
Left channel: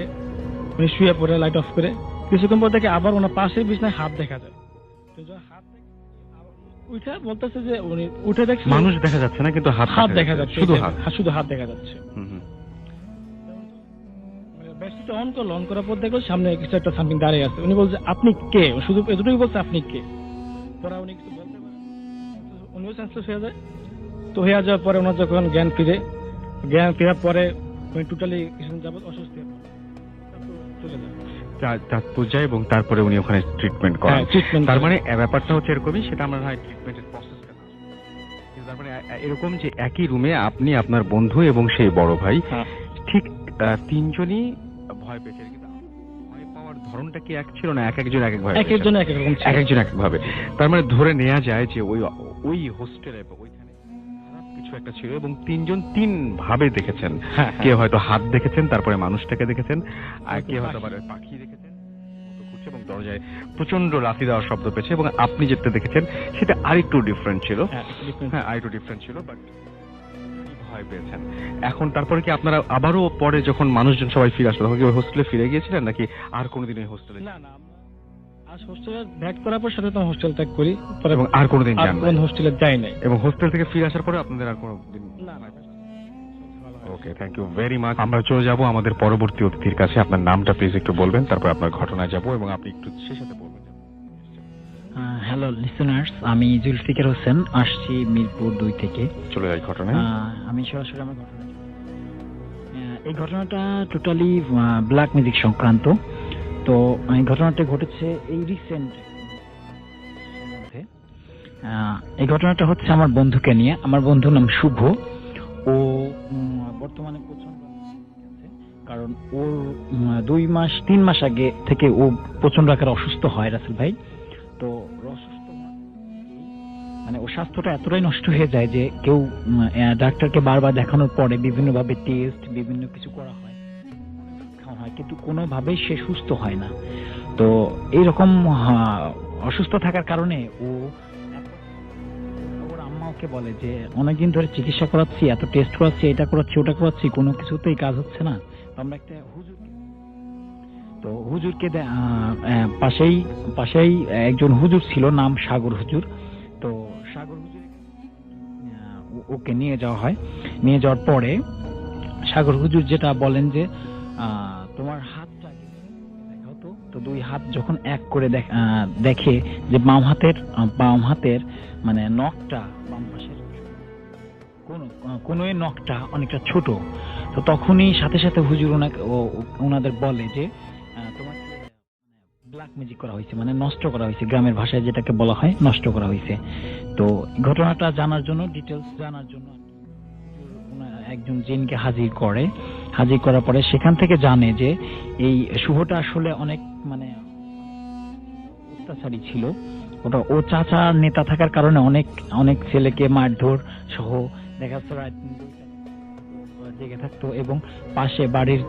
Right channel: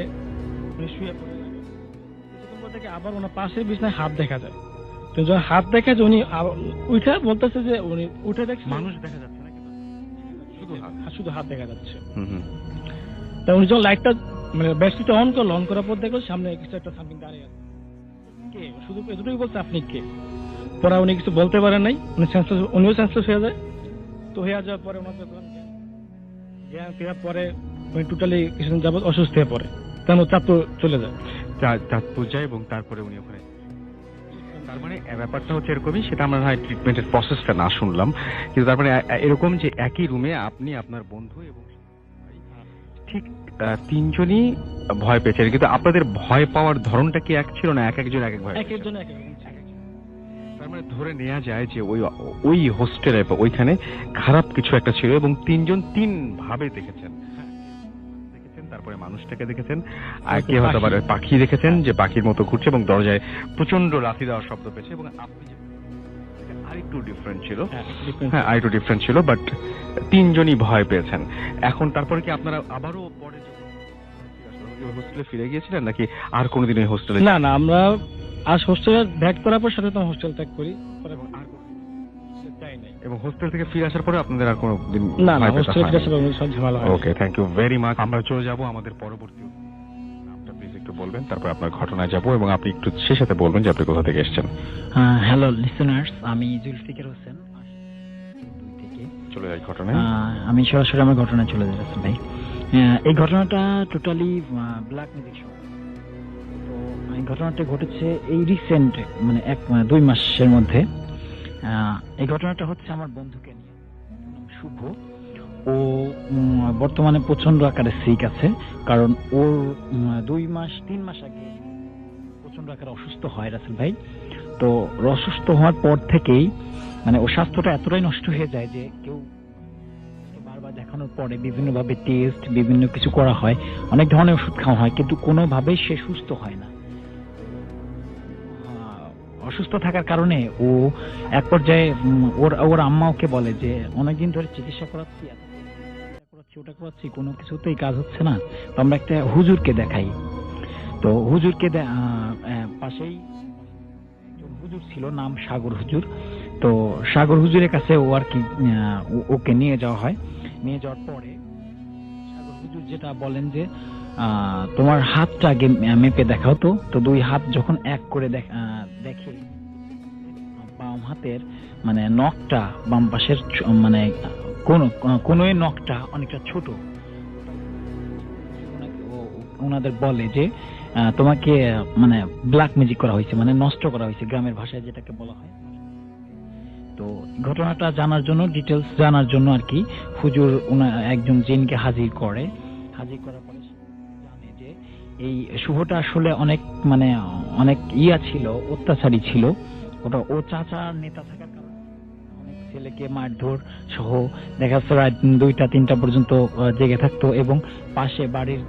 উনি শুয়ে পড়ে লাইট অফ করে, কিছুক্ষণ পর থেকে আবার ওনার পাশে বিছানায় হাত দেখা যায়। তো যখন হাত দেখা যায় উনি উঠে বলতেছে যে উনি উঠে দেখছে মানুষ দেখা যাচ্ছে না, কিন্তু হাত দেখা যাচ্ছে, শুধু হাত দেখা যাচ্ছে। তা উনি যখন লাইটটা মানে ব্যাটারিটা অন করলো, অন করার পর দেখলো সামনে কিছু একটা সামথিং দাঁড়িয়ে আছে। উনি বলছে আপনি কে? শুধু এতটুকুই বলছে আপনি কে। পরে উনি কিছু বলতে পারেন নাই, উনিও সেন্সলেস হয়ে যায়। তো হয়ে যাওয়ার পরে ওনার যখন জ্ঞান ফেরার পরে উনি টোটালি কিছুদিন যাবত অসুস্থ হয়ে পড়ে, তেমন চাঁদপুর চলে যায়। চাঁদপুর যায় এবং তারপরে উনি ওখানে ট্রিটমেন্ট করেন। তার মানে ব্যাপারটা হচ্ছে এরকমই, সেটা আমরা হয় ট্রিটমেন্টের প্রসেসটা না শুনলাম, কিন্তু তারপরে এরকম যে একই রুমে আপনি, আপনার বন্ধু এবং সেই বড় ভাই, ঠিক 3 জনই ভয় পেয়েছেন, কিন্তু আপনাদের ভয় পাওয়ার ধরনটা কি এক ছিল না? এক একজন এক এক ভয়, এক একজন এক এক ভাবে। তার মানে ধরে নেওয়া যায় যে ওই হোস্টেলে ওইখানে খারাপ কিছু একটা ছিল এবং 3 জন 3 ভাবে দেখেছেন। কেউ হয়তো হাত দেখেছেন, তারপরে মানুষটাকে দেখেছেন, আর কেউ হয়তো আবার পাখি দেখেছেন যে পাখির মতো ঘুরছে এবং দরজায় প্রচন্ড লাথি দেওয়ার শব্দ পেয়েছে। এবং আপনি যেটা দেখেছেন সেটা আরেকটু ডিফারেন্ট ছিল, আরেকটু ডিফারেন্ট ছিল, বাট 3 জনই ভয় পেয়েছেন। এখন তারপরে কি আপনারা আবারও পরে যখন মানুষজন সবাই ফিরে আসলো, তখন কি ওই হোস্টেলে ফিরে গিয়েছিলেন নাকি আর কোনোদিন ওই হোস্টেলে? না, আমরা আজ হোস্টেলে ব্যাক করার পর সাথে তো হোস্টেল ত্যাগ করি, এবং আর কোনোদিন যান না? হোস্টেলে যাই নাই। এবং হোস্টেল থেকে ফিরে আসার পরে আপনাদের আর কোনোদিন? না, হোস্টেলে ফিরে আসার পর সব ঝামেলা হয়। ওকে, থ্যাংক ইউ ভেরি মাচ। আমরা চলে যাব আমাদের পরবর্তী অতিথির কাছে। আপনার নামটা প্লিজ একটু বলবেন, তারপর আপনার ঘটনায় যাব এবং আপনি একটু সে সাথে বলবেন যে আপনি কোথা থেকে এসেছেন। হ্যালো লিসেনার্স, আমি জুলফিকার হোসেন, আসছি মিরপুর 2 থেকে। চলে যাই ঘটনায়। আমি সরাসরি আমার ঘটনায় চলে যাচ্ছি ভাই। এই ঘটনাটা টোটালি ব্ল্যাক ম্যাজিক সংক্রান্ত। তো এই ঘটনাটা ঘটেছে এই রিসেন্ট মানে 2 মাসের মধ্যে। এই ঘটনাটা হচ্ছে আমার বন্ধুকে নিয়ে। আমার বন্ধুর নাম শুভ। ও বর্তমানে প্রচন্ড আকারে সিক আছে, কারণ ওর 3 মাস আগে থেকে ও প্রচন্ড আকারে অসুস্থ হয় রাসেল ভাই। তো অসুস্থ হওয়ার পর থেকেই মানে ওর স্বাস্থ্যটা এতটাই নষ্ট হয়ে যায় যে কেউ ডাক্তারকে বারবার দেখানোর পরে বিভিন্নভাবে টেস্ট বিভিন্ন কিছু করা হয়, অনেক ধরনের ওষুধ খাওয়া হয়, কিন্তু কোনোভাবেই সে সুস্থ হয় না। তো এইরকম অসুস্থ থাকার কারণে ও এক পর্যায়ে ওর আম্মা ওকে বলে যে অনেকদিন ধরে চিকিৎসা করাচ্ছি, এত টেস্ট করাচ্ছি, এটা করাচ্ছি ওটা করাচ্ছি, কোনো কিছুতেই কাজ হচ্ছে না, তো আমরা একটা হুজুরকে দেখাই। তো হুজুরকে পাশেই একজন হুজুর ছিল, নাম সাগর হুজুর। তো সাগর হুজুরের কাছে ও আর কি ওকে নিয়ে যাওয়া হয়। নিয়ে যাওয়ার পরে সাগর হুজুর যেটা বলেন যে তোমার হাতটা আগে মেপে দেখাও। তো 2 হাত যখন এক করে দেখে যে বাম হাতের মানে নখটা, বাম পাশের মানে কোন নখটা অনেকটা ছোট। তো তখনই সাথে সাথে হুজুর ওনাদের বলে যে তোমাকে মানে ব্ল্যাক ম্যাজিক করা হয়েছে, মানে নষ্ট করা হয়েছে, গ্রামের ভাষায় যেটাকে বলা হয় নষ্ট করা হয়েছে। তো ঘটনাটা জানার জন্য, ডিটেলস জানার জন্য আর কি হুজুর একজন জিনকে হাজির করার পরে সেখান থেকে জানে যে এই শুভটা আসলে অনেক ছিল, অত্যাচারী ছিল। ওটা ও চাচার নেতা থাকার কারণে অনেক ছেলেকে মারধর সহ দেখা যাচ্ছে রাত 2টা-3টা পর্যন্ত জেগে থাকতো, এবং পাশে বাড়ির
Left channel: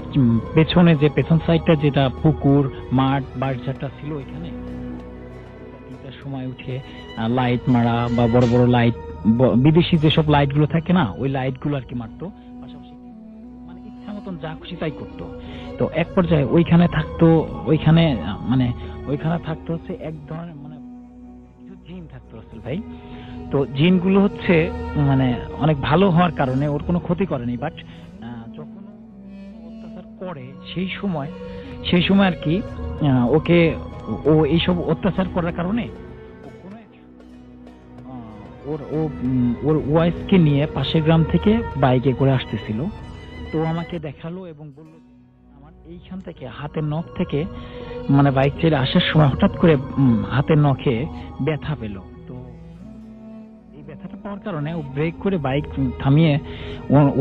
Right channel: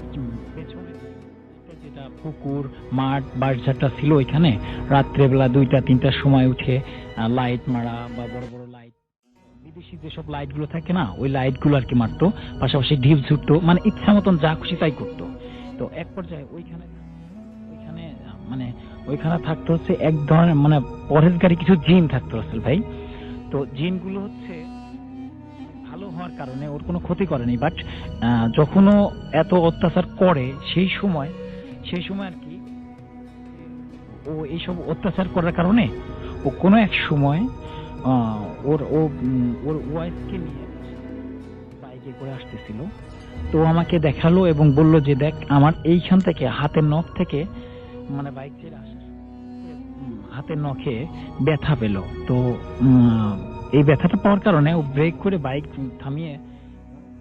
পেছনে যে পেছন সাইডটা যেটা পুকুর মাঠ বাড়িঝাড়টা ছিল ওইখানে রাত্রেবেলা 2টা-3টার সময় উঠে লাইট মারা বা বড় বড় লাইট, বিদেশি যেসব লাইট গুলো থাকে না ওই লাইট গুলো আর কি মারতো, পাশাপাশি ঢিপ ছুটতো, মানে ইচ্ছা মতন যা খুশি তাই করতো। তো এক পর্যায়ে ওইখানে থাকতো হচ্ছে এক ধরনের মানে পরহেজগারী কিছু জিন থাকতো রাসেল ভাই। তো জিনগুলো হচ্ছে মানে অনেক ভালো হওয়ার কারণে ওর কোনো ক্ষতি করেনি, বাট যখন ও এত অত্যাচার করে সেই সময় আর কি ও এইসব অত্যাচার করার কারণে ও কোনো এক সময় ওর ওয়াইফকে নিয়ে পাশের গ্রাম থেকে বাইকে করে আসতেছিল। তো আমাকে দেখালো এবং বলল যে দেখ আমার এইখান থেকে হাতের নখ থেকে মানে বাইক চেয়ে আসার সময় হঠাৎ করে হাতের নখে ব্যথা পেল। তো এই ব্যথাটা পাওয়ার কারণে ও ব্রেক করে বাইক থামিয়ে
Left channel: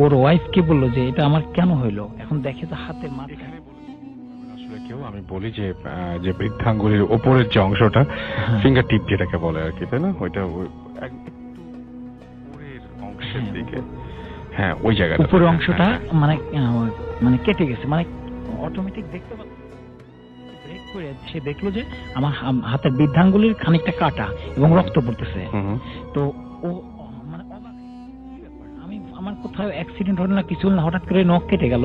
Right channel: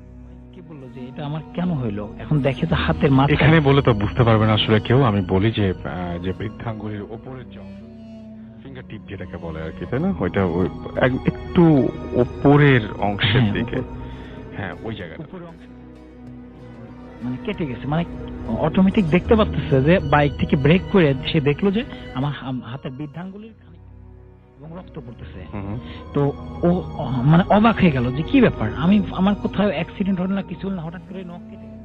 ওর ওয়াইফকে বললো যে এটা আমার কেন হইলো। এখন দেখে যে হাতের মাথা, এখানে বলে তো বুঝতে পারবে না আসলে কেউ। আমি বলি যে বৃদ্ধাঙ্গুলির ওপরের যে অংশটা, ফিঙ্গার টিপ যেটাকে বলে আর কি, তাই না, ওইটা একটু ওপরের অংশের দিকে, হ্যাঁ ওই জায়গাটা উপরের অংশটা মানে কেটে গেছে, মানে অটোমেটিক দেখতে পাচ্ছেছে যে বাইক থেকে ব্রেক করে সে দেখলো যে আমার হাতের বৃদ্ধাঙ্গুলির খানিকটা কাটা এবং রক্ত পড়তেছে। তো ও মানে অবাক হয়ে গেল যে কি ব্যাপার, আমার কোথাও অ্যাক্সিডেন্ট হলো না, কিছু না, হঠাৎ করে নখ কেটে গেল।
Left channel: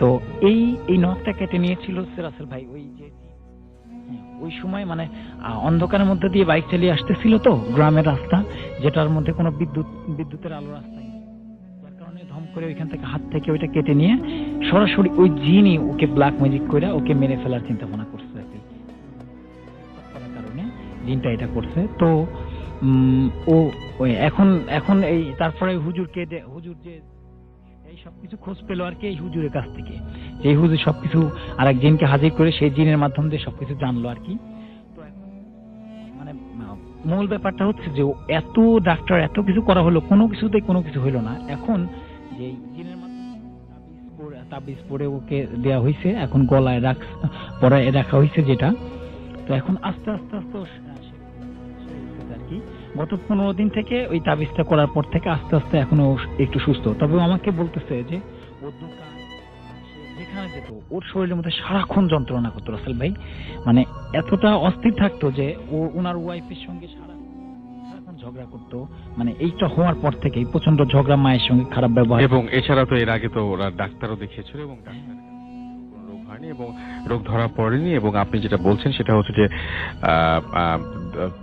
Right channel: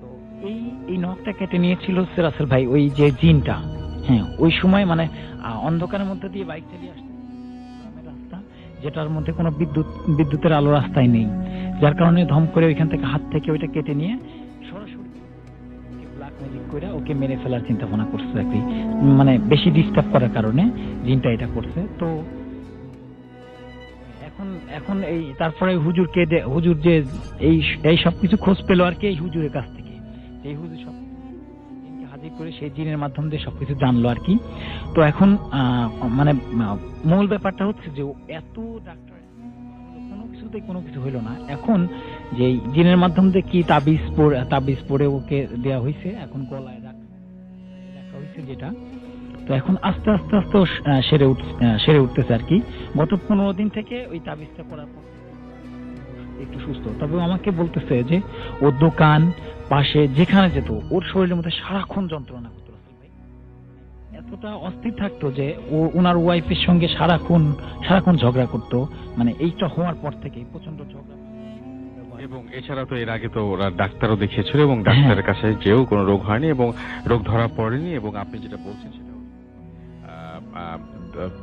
তো এই নখটা কেটে নিয়েছিল রাসেল ভাই ওই যে জিনটা। হ্যাঁ, ওই সময় মানে অন্ধকারের মধ্যে দিয়ে বাইক চালিয়ে আসতেছিল তো, গ্রামের রাস্তা যেটার মধ্যে কোনো বিদ্যুতের আলো রাস্তায় নেই, যার কারণে ধম করে ওইখান থেকে হাত থেকে ওইটা কেটে নিয়ে সরাসরি ওই জিনই ওকে ব্ল্যাক ম্যাজিক করে ওকে মেরে ফেলার চিন্তা ভাবনা করছে আর কি, মানে বেশি ডিস্টার্ব করার কারণে জিনটা এটা করছে। তো ও এখন এই তারপরে হুজুর যে এই সবকিছু খোঁজ পেলো আর কি এই হুজুরের কাছ থেকে, এই হুজুর সবকিছু আরেক জিনকে হাজির করে সেই জিনের মাধ্যম দিয়ে সবকিছু জানলো আর কি। তো এখন মানে মূল ব্যাপারটা হচ্ছে যে এত ডাক্তার এত কিছু করা হলো, কোনো কিছু হইলো না। এখন যে জিনের মাধ্যম দিয়ে কি তাবিজ পরে ওকে দেওয়া হয়েছে, এখন গলায় রাখা হয়েছে যেটা। তো এখন আস্তে আস্তে সেরে উঠতেছে আর কি। গত 15 দিন থেকে ওই তাবিজটা করার পর থেকে আস্তে আস্তে এখন ও একটু সুস্থ। তবে আমাকে বলতেছে যে ওর দোকান পাশে যেখানে যেত ওর শরীরের মধ্যে সারাক্ষণ যন্ত্রণা করতো রাসেল ভাই, মানে এতটা অস্থির থাকতো যে ও ওনার ওয়াইফের সঙ্গে সারাক্ষণ ঝগড়া করতো। মানে এইটা হওয়ার পর থেকেই প্রচন্ড ঝগড়া, মায়ের সঙ্গে খারাপ ব্যবহার। এবং এছাড়া তো এর আগে তো ওরা ডাক্তারও দেখিয়েছিল এবং ডাক্তারের কাছে যেও কোনো রোগ হয়নি এবং রোগ ধরা পড়েনি। এবং আপনি যেটা বলছেন সেটা হচ্ছে যে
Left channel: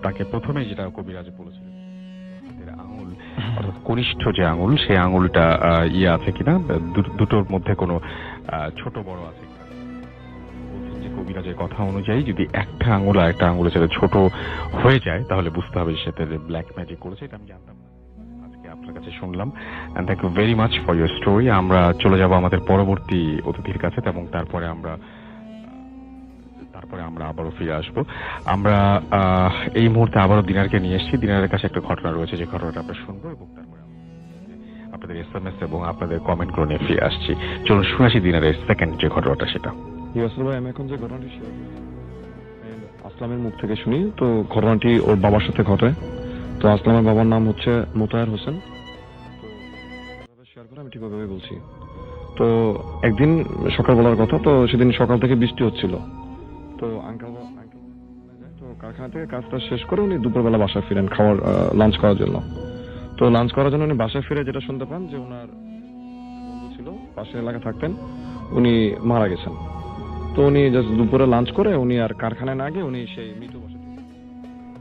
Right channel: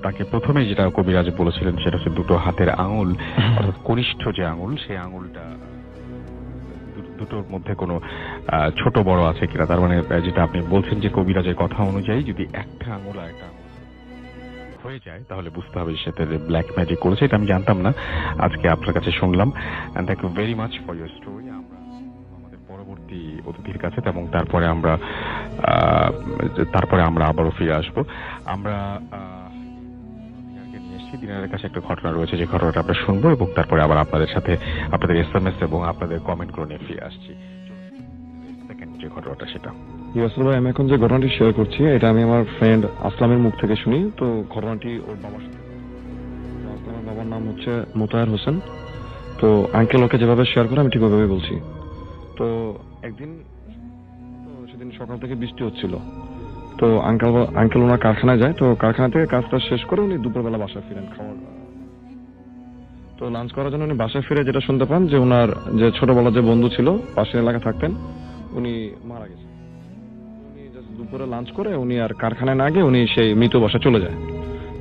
তাকে প্রথমে যেটা কবিরাজ বলেছিলেন সেটা হচ্ছে দুটো হাতের আঙুল, অর্থাৎ কনিষ্ঠ যে আঙুল সেই আঙুলটা আছে কিনা, দুটোর মধ্যে কোনো ছোট বড় আছে কিনা। তার মানে যেটা আপনি বলছেন যে কবিরাজের কথা অনুযায়ী যদি একটা আঙুল আর একটা আঙুলের সাথে ছোট হয়ে যায় তাহলে বুঝতে হবে সেটা ব্ল্যাক ম্যাজিক করেছে। এটা আমি জানতাম না, আজকে আপনার কাছে শুনলাম। And thank you very much for your story. আমরা চলে যাব আমাদের পরবর্তী অতিথির কাছে এবং তারপরে আমরা আবারও ফিরে আসবো। আমরা এই মুহূর্তে আবারও দিনারকে নিয়ে এসেছি। দিনারের কাছে একটা ঘটনা রয়েছে যে ঘটনাটা আমরা শুনবো এবং তারপরে আবার আপনাদের সাথে আপনাদের SMS এবং আপনাদের কমেন্ট করে নিয়ে ফিরে আসছি। চলুন শুনাছি দিনারের সেকেন্ড যে ঘটনাটা সেটা। আসলে ভাই আমি এখন যে ঘটনাটি শেয়ার করছি এটা আমি আমার ফ্রেন্ড আসলামের মুখ থেকে শুনি। তো ঘটনাটি ওর বাবার সাথে ঘটে। তো আসলামের বাবার নাম হচ্ছে মোতায়ের হোসেন। তো আঙ্কেল ওকে যেভাবে শেয়ার করে আমি ঠিক ওইভাবে বলছি। তো একদিন সকালবেলার কথা, তো সেদিন সকাল থেকে বৃষ্টি হচ্ছিল। তো আঙ্কেল ওনার কারখানায় যায়। তো কারখানা থেকে কাজটা শেষ করে উনি দুপুরবেলা বাসায় ফিরেন লাঞ্চ করার জন্য। তো লাঞ্চ করার জন্য উনি বাসায় ফিরে যেটা শুনতে পান যে ওনার যে ছোটবেলার যে বন্ধু ছিল পাশের এলাকায় থাকতেন উনি মারা গেছেন। তো উনি জাস্ট দুপুরে লাঞ্চ করে উনি আর কারখানায় না গিয়ে উনি সেই মৃত বাসায় চলে যায়।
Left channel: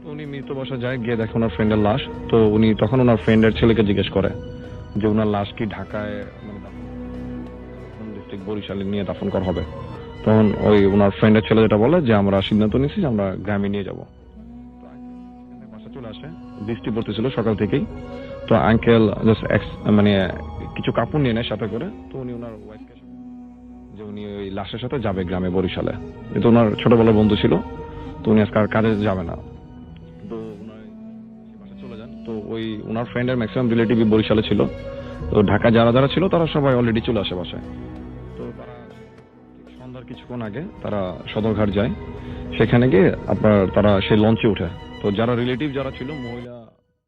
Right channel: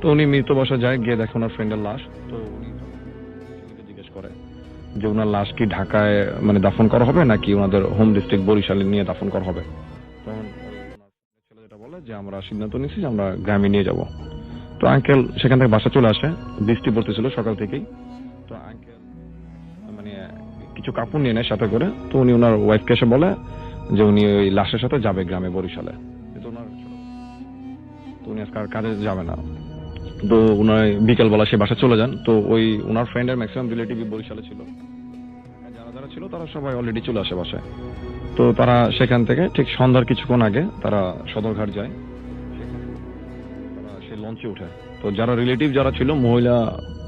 তো উনি মৃত বাসায় যায়, গিয়ে দেখে ওনার ফ্রেন্ডের লাশ। তো উনি তখন ওনার ফ্রেন্ডের ছেলেকে জিজ্ঞেস করে যে ওনার লাশ কি ঢাকায় মানে দাফন করা হবে নাকি ওনাদের হোম ডিস্ট্রিক্ট বরিশালে নিয়ে দাফন করা হবে। তখন ওই ওনার ফ্রেন্ডের ছেলে যেটা বলে যে আমরা সিদ্ধান্ত নিয়েছি যে আমরা গ্রামে নিয়ে যাব। তো আঙ্কেল সেখান থেকে বাসা চলে আসে। বৃষ্টি পড়তেছিল সকাল থেকেই। তো আঙ্কেল জাস্ট মানে কিছু কাপড় নিয়ে নেয় সাথে করে। তো উনি ওনার ওয়াইফকে এসে বলে যে উনি ওই লাশের সাথে যাবে গ্রামে বরিশালে, কিন্তু ওনার ছোটবেলার বন্ধু ছিল, তো উনি আজকে আর কাজে যাবে না। তো উনার বিকেলবেলা সে বাসা চলে যান। তো ওই ওনার ফ্রেন্ডের ম্যাক্সিমাম রিলেটিভ বরিশালে ছিল, তো ঢাকা যারা যারা ছিল তারা সবাই অলরেডি চলে আসে বাসায়। তো তারা সেখান থেকে ঠিক সন্ধ্যার কিছুক্ষণ আগে তারা সদরঘাট যায়। সেখানে গিয়ে তারা সেই লঞ্চে উঠে। তো যারা রিলেটিভ যারা ছিল, মহিলা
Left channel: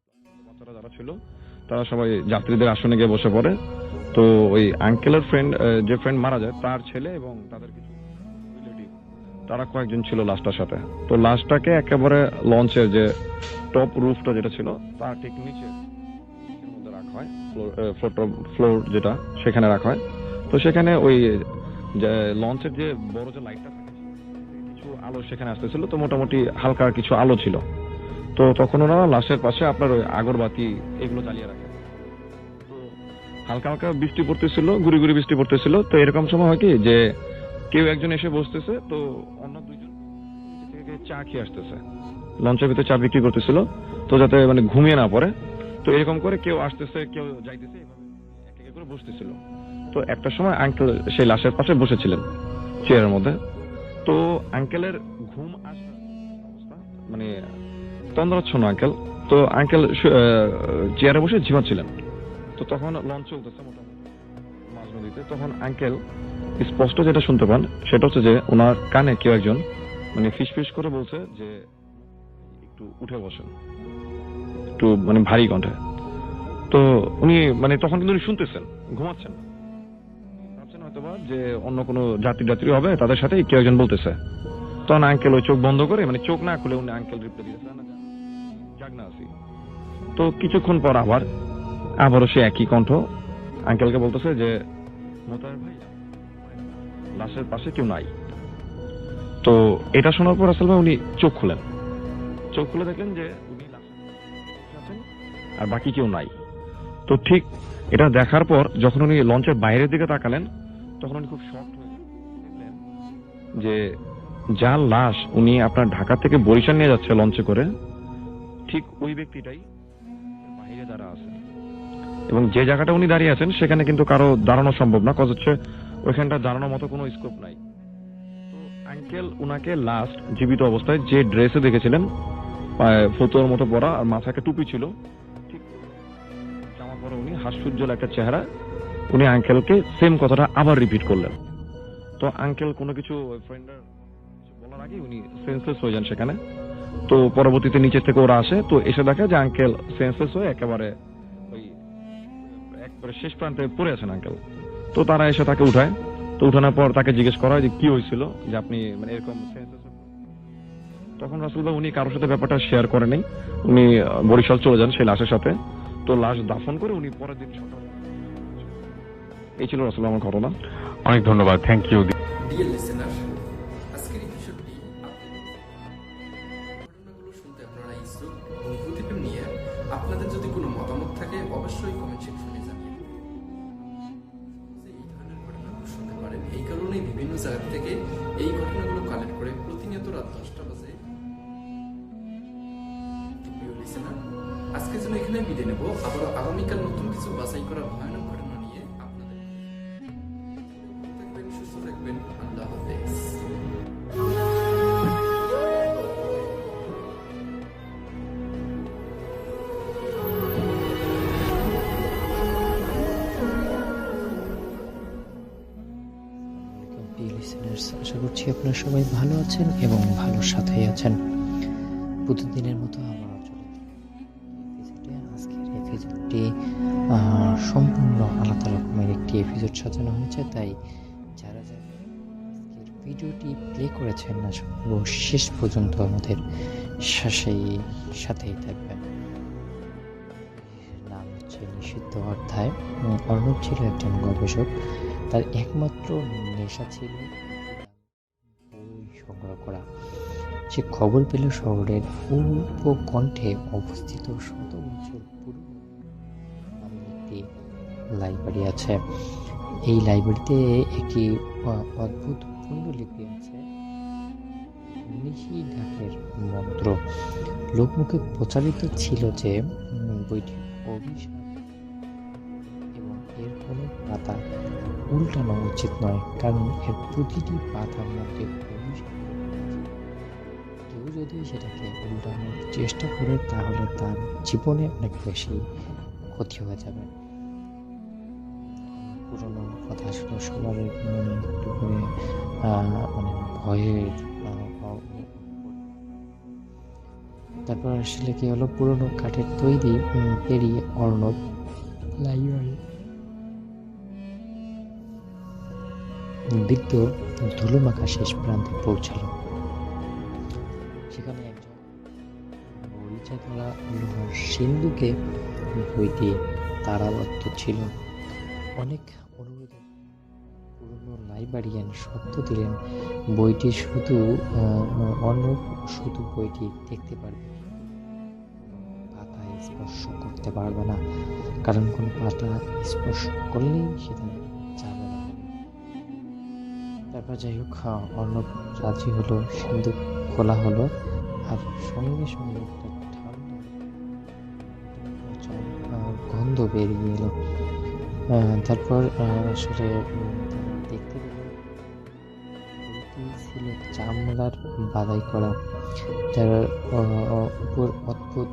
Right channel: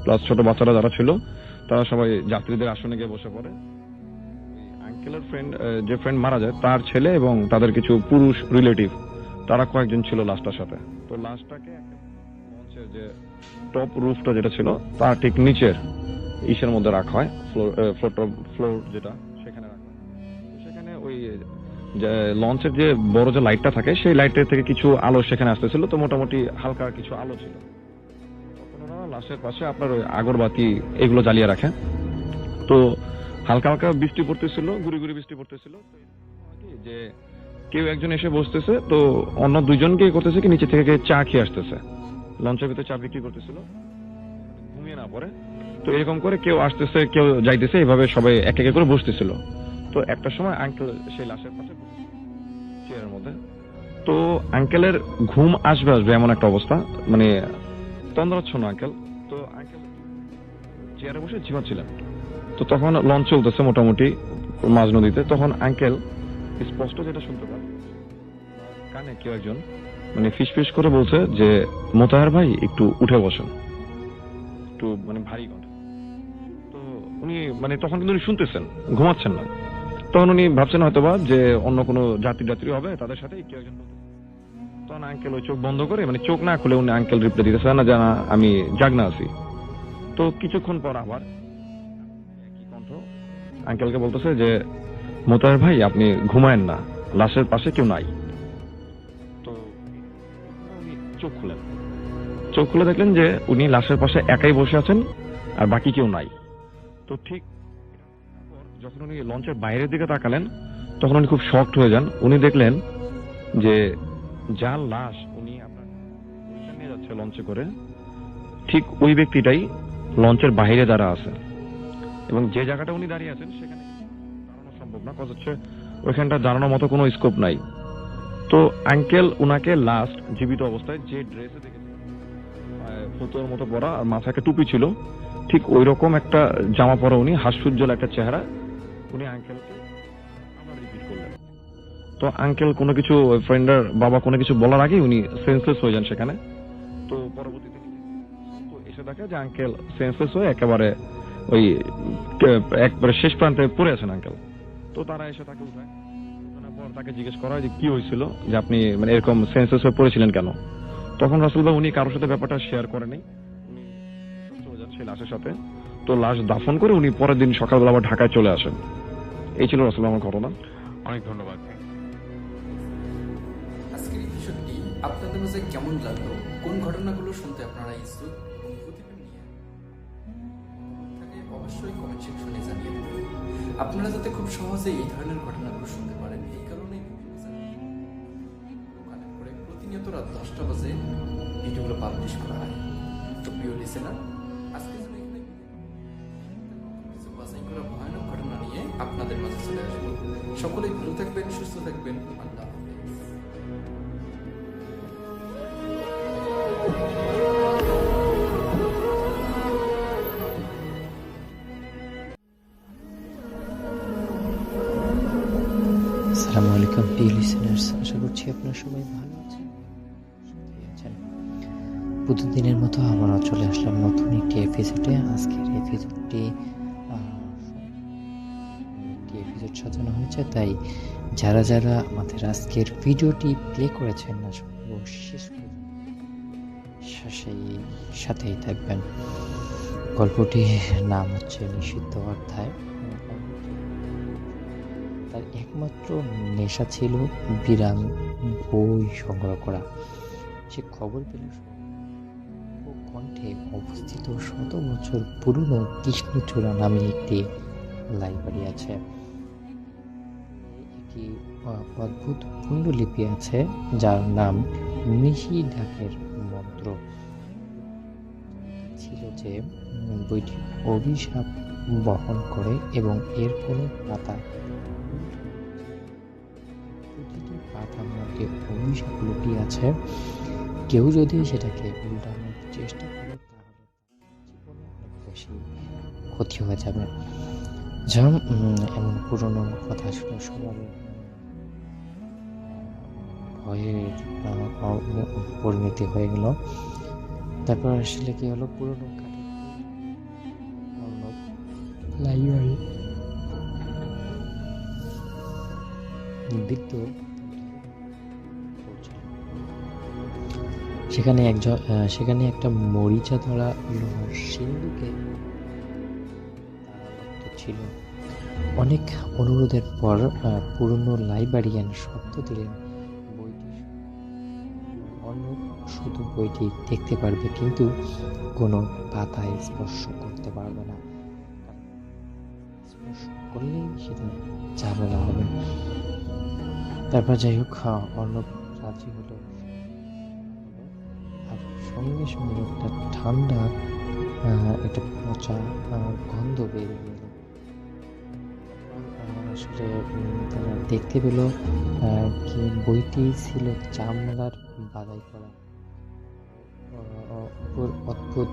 প্লাস ছোট বাচ্চারা যারা ছিল, তারা সবাই যাত্রীদের আসনে গিয়ে বসে পড়ে। তো ওই আঙ্কেলের ফ্রেন্ড, যে ফ্রেন্ড মারা যায় তার ছেলে এবং তাদের কিছু পুরুষ রিলেটিভ, তারা কয়েকজন ছিল লাশটার সাথে। তো লাশটাকে একেবারে লঞ্চের যে টপ রুফটা যেটা ছিল তার ঠিক নিচের ইসের মধ্যে রাখা হয়, ফ্লোর যেটা, সেখানে রাখা হয়। তো সেখানে ওই যে লঞ্চের যে বড় যে লাইটটা থাকে, সেই লাইটের থেকে কিছু আলো সেখানে আসতেছিল। তো মোটামুটি হালকা কিছু আলো ছিল। তো তখন ওরা লাশের পাশে আপনার ওই আগরবাতি এগুলো জ্বালিয়ে রাখে। তো হালকা হালকা বৃষ্টি পড়তেছিল, গুড়ি গুড়ি বৃষ্টি পড়তেছিল। তো এরকম সময় হয় কি যে কেউ একজন এসে বসতেছে, তো অন্য দুইজনকে করতেছে কি নিচে থেকে চা খেয়ে আসতেছে, লঞ্চের ভিতরে চা বিক্রি করতেছিল, তো যাতে মানে ঘুমিয়ে না পড়ে। তো এরকম করে কেউ আসতেছে কেউ যাইতেছে, এইভাবে সবাই এক এক করে বসতেছিল। তো একটা সময় আঙ্কেল সেই লাশের পাশে বসেছিলেন চেয়ারের মধ্যে। তো আঙ্কেলের ঘুম আসবে এমন একটা অবস্থা, মানে তন্দ্রাচ্ছন্ন আঙ্কেল। তো আঙ্কেল চেয়ারে বসে ঝিমাচ্ছিলেন। তো তখন লঞ্চ চলতেছে মোটামুটি মাঝ নদীতে। তখন আঙ্কেল স্পষ্ট যেটা শুনতে পান সেটা হচ্ছে যে ওনার কানে কেউ একজন মানে ফিসফিস করে বলছে যে মোতাহার ভাই একটু উঠে বসেন, একটু মানে ভারী কণ্ঠে। তো উনি মানে তখন কিন্তু উনি শুনতেছেন, ঘুমাচ্ছেন না। তখন উনি ভাবছেন হয়তোবা যে অন্য কোনো যাত্রী হবে, তাদের সাথে কেউ একজন বলতেছে। তখন আঙ্কেল ওই চোখ বন্ধ করে, মানে চোখ না খুলে উনি আঙ্কেল রিপ্লাই দিতেছে না জানা আমি জাগনা আছি। তো কিছুক্ষণ পর আবারও সে একই কণ্ঠ আঙ্কেলকে বলতেছে যে মোতাহার ভাই আপনি ঘুমায়েন না, লাশের পাশে কেউ নাই। তো এটা শোনার পর আসলে উনি চোখ খুলে দেখলেন যে উনি লাশের পাশে একাই বসে আছেন আর বাকি কেউ নাই। তো ঠিক এটা দেখার পর যখন উনি লঞ্চের বাইরের দিকে তাকালেন, তখন উনি খুব শকড হয়ে যান। উনি দেখলেন যে যার লাশ উনি আপনার ঢাকা থেকে বরিশাল নিয়ে যাচ্ছে লঞ্চে করে, ঠিক ওই ব্যক্তিটাই লঞ্চের বাইরে দাঁড়া আছে। এবং যে জায়গাটা উনি দাঁড়িয়ে আছেন সেখানে কিন্তু কারো দাঁড়ানো সম্ভব না, কজ হচ্ছে ওইখানটা দাঁড়ানোর মতো কোনো স্কোপ নাই। তো আঙ্কেল উনাকে লাস্ট জীবিত অবস্থায় যে ড্রেসে দেখেছিলেন, ফতুয়ার মতো পরা আর মাথাকে টুপি ছিল, ঠিক ওই রকম একটা জামা পরা উনি, হাস্যোজ্জ্বল একটা চেহারা, উনি আঙ্কেলকে সেম কথাটা আবার রিপিট করলেন। তো আঙ্কেল কোনো কিছু, ফ্রেন্ডের বাবা কোনো কিছু বলার আগে উনি সেন্সলেস হয়ে যান সেখানে। তো পরবর্তীতে নিচে থেকে ওরা আসে, তো এসে দেখে যে আঙ্কেল সেন্সলেস হয়ে একেবারে ওই একবারে শেষ প্রান্তে পড়ে আছেন আঙ্কেল। তো তারা এসে তাকে উঠায়। তো উঠানোর পর তাকে জিজ্ঞেস করা হয় যে কি হয়েছিল, যে আপনি মানে এরকম সেন্সলেস হয়ে পড়েছিলেন কেন। তখন রাসেল ভাই উনি কারোর সাথে ব্যাপারটা শেয়ার করেনি, উনি বরিশাল চলে যান সেই লাশের সাথে। তো লাশ দাফন করে উনি পরের দিন সকালবেলা আবার ঢাকায় চলে আসেন। এই ছিল রাসেল আমার ঘটনা। অনেক ধন্যবাদ, থ্যাংক ইউ। ডিয়ার লিসেনার, আজকের এপিসোডটি আপনাদের মাঝে কেমন লাগলো, কোন ঘটনাগুলো শুনতে আপনারা ইচ্ছুক এবং প্রতিবেদন নিয়ে আপনাদের যদি কোনো মতামত থাকে অবশ্যই কমেন্ট সেকশনে জানিয়ে দেবেন। আপনারা যাতে খুব সহজে এই ধরনের ঘটনাগুলো শুনতে পারেন, এই কারণেই বিভিন্ন জায়গা থেকে এই ঘটনাগুলো কালেক্ট করে প্রতিনিয়ত রাত 10টা বাজে ভিডিওগুলো পাবলিশ করা হয়। তো প্রিয় লিসেনার, আজকে যেন এখানে বিদায় নেব, আবারও আগামীকাল নতুন কিছু বাছাই করা ভয়ানক ঘটনা নিয়ে আপনাদের মাঝে চলে আসবো। সকলেই ভালো থাকবেন, সুস্থ থাকবেন, আল্লাহ হাফেজ। আসসালামু আলাইকুম প্রিয় লিসেনার্স, আশা করছি আপনারা সবাই ভালো আছেন এবং ভালো সাথেই আছেন। প্রতিদিনের মতো আবারও চলে আসলাম নতুন একটি এপিসোডে। আজকের এপিসোডটি সম্পূর্ণ আলাদা রকমের একটি এপিসোড সাজানো হয়েছে, তাই যারা যারা আমাদের আজকের ভিডিওটি প্লে করেছেন না শেষ পর্যন্ত আমাদের সাথেই থাকবেন। গল্পটির নাম হচ্ছে নিষিদ্ধ অধ্যায়। অর্ণব ছিল একজন গবেষক, তার একমাত্র নেশা ছিল বিরাম বই সংগ্রহ করা। সে খবর পেল শহরের উপকণ্ঠে অবস্থিত 100 বছর পুরনো কৃষ্ণচূড়া নামে একটি লাইব্রেরি আছে। এই লাইব্রেরিতে একটি অদ্ভুত পুণ্ডলিপি আছে যার নাম নিষিদ্ধাকের মন্ত্র। লোকমুখে প্রচারিত ছিল যে বইটি অভিশাপ বহন করে এবং এর কোনো পাতা উল্টানো উচিত নয়, কারণ এর প্রতিটি পাতার মধ্যে অভিশাপ লুকিয়ে আছে। কেউ যদি সেটাকে উল্টানোর চেষ্টা করে তাহলে তার জীবনে অনেক বেশি ক্ষতি হয়ে যাবে। যেমন এমন পুরনো কথা শুনে সবার মনে একটু করে মানে ভয়ের পরিণতি হয়ে গেল। তারপর আসলে কি হলো, পুরনো কাঠের তৈরি পেরিয়ে অর্ণব লাইব্রেরি বৃদ্ধ ধুলোমাখা শেষ প্রান্তে পৌঁছালো। সেখানে একটা মরিচা ধরা লোহার সিন্ধুকে বইটি তারাবদ্ধ ছিল। অনেক অনুরোধের পর পুরনো লাইব্রেরিয়ান শর্ত দিলেন অর্ণব শুধু বইটি দেখতে পারবে, কিন্তু কোনো পাতা স্পর্শ করতে পারবে না, কারণ কোনো পাতা স্পর্শ করলেই সেটা ঝামেলা হবে। তারপর যাই হোক, অর্ণব রাজি হলো, সিন্ধুক খোলা হলো, আর সঙ্গে সঙ্গে একটা ঠান্ডা একটা পচা গন্ধ বেরিয়ে এলো। তারপর আসলে তারা দেখতে পেল কি বইটি ছিল চামড়ার বাদাই করা, যার উপর অদ্ভুত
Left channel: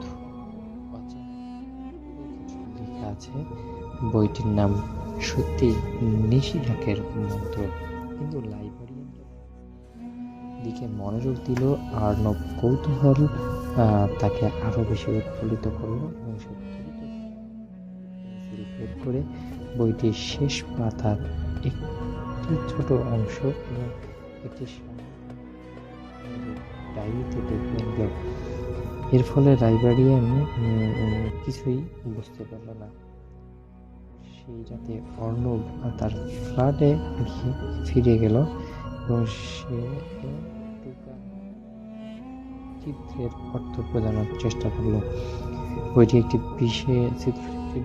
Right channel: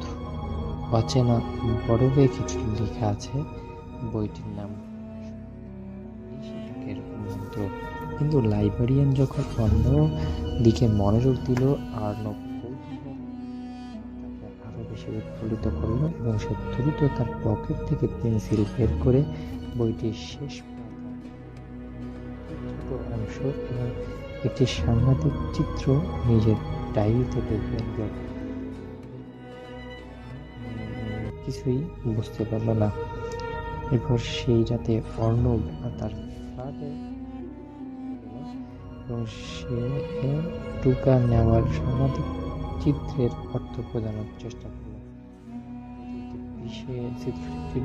অচেনা বরফে কিছু লেখা আছে। বইটির নাম সত্যি নিষিদ্ধের মন্ত্র। কিন্তু লাইব্রেরিয়ান যখন অন্য দিকে মনোযোগ দিল, অর্ণব কৌতূহল তাকে আরো বেশি উৎফুল্লিত করলো এবং সে দ্রুত তার পকেট থেকে পেন্সিল বের করে বইটির শেষ পাতার একটি ছোট অংশ এবং একটি সাংঘাতিক চিত্র নিজের ডায়েরিতে লিখে নিল। এর ফলে লাইব্রেরিয়ান কিছুই বুঝতে পারল না। এরপর সেই রাতে অর্ণব তার ফ্ল্যাটে ফিরে গেল এবং সে টুকা নেওয়ার সাংঘাতিক চিত্রের অর্থ প্রদানের চেষ্টা করলো। বইটি একটি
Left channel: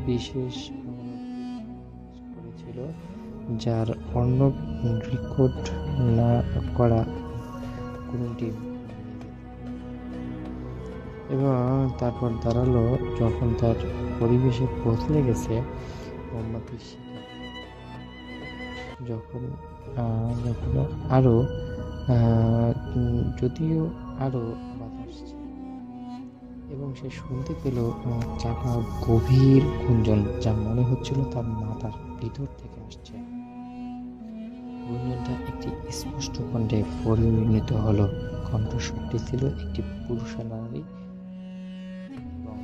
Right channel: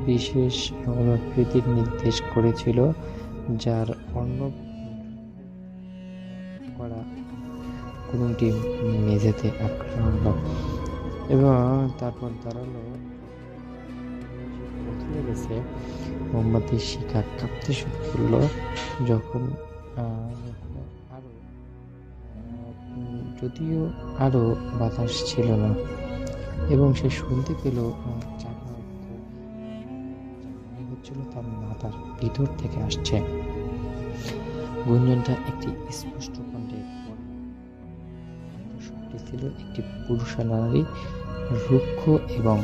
বিশেষ অনুভূতির নির্দেশ করেছিল, যার অর্ণব রেকর্ড না করা কোনটি মেঝেতে আঁকড়ালো এবং তারপর দাঁড়ালো। যখন তার পরিবেশে বদলে গেছে, মোমবাতির শিখা কাঁপতে শুরু করলো, যদিও আরো বাতাস ছিল না, এবং সে শুনতে পেল চাপা গভীর গুঞ্জন, যা মনে হচ্ছিল তার মাথার ভিতর থেকে আসছে। গুঞ্জনটা একটি স্পষ্ট কণ্ঠে পরিণত হলো। কণ্ঠস্বরটি ছিল একটি পুরুষ নারী, রুক্ষ এবং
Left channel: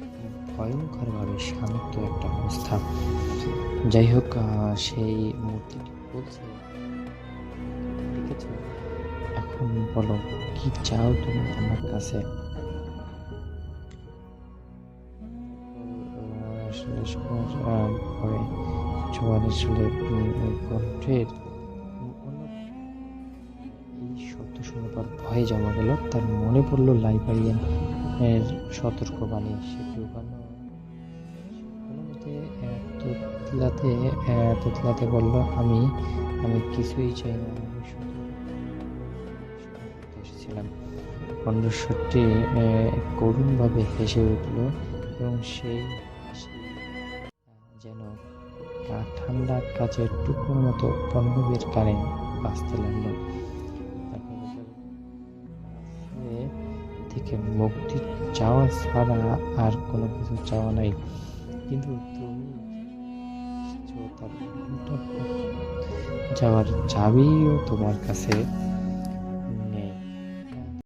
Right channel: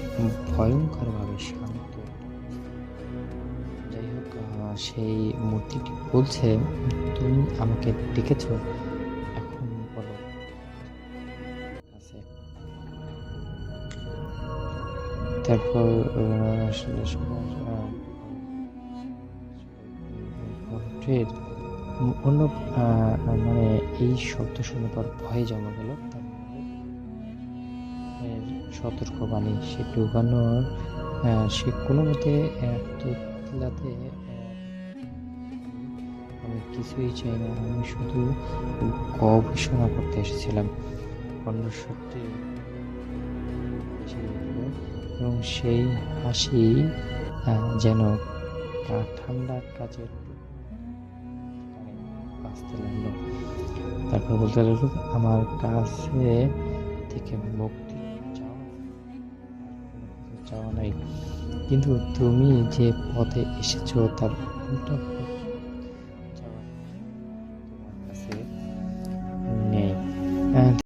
ভয়ঙ্করভাবে শান্ত একটা অবস্থা। যাই হোক, সেই মূর্তিটি বলছে, তুমি আমাকে ডেকেছ, এখন বলো কি চাও তুমি আমার কাছে। তারপর আসলে সবার আসলে কণ্ঠের মানে এই শব্দ শুনে পর ভয়ে জমা গেল। তার মনে পড়লো লাইব্রেরিয়ান এর সতর্কবাণী। সে কোনো মতে তোতলাতে বলল, আমি কিছুই চাই না, আমি শুধু গবেষণা করতে এসেছিলাম। কণ্ঠস্বরটি করুণভাবে হেসে উঠল এবং সেই হাসি যেন ঠান্ডা কাচের টুকরোর মতো অর্ণবের কানে বাজতে লাগলো। তারপর বলতে লাগলো, আমার কাছে থেকে মুক্তি চাওয়া ছাড়া আর কোনো কিছু চাওয়া নাই, কিন্তু তুমি যে পথে এসেছো তার উল্টা পথ যাওয়ার চাবিও তোমার কাছে নেই।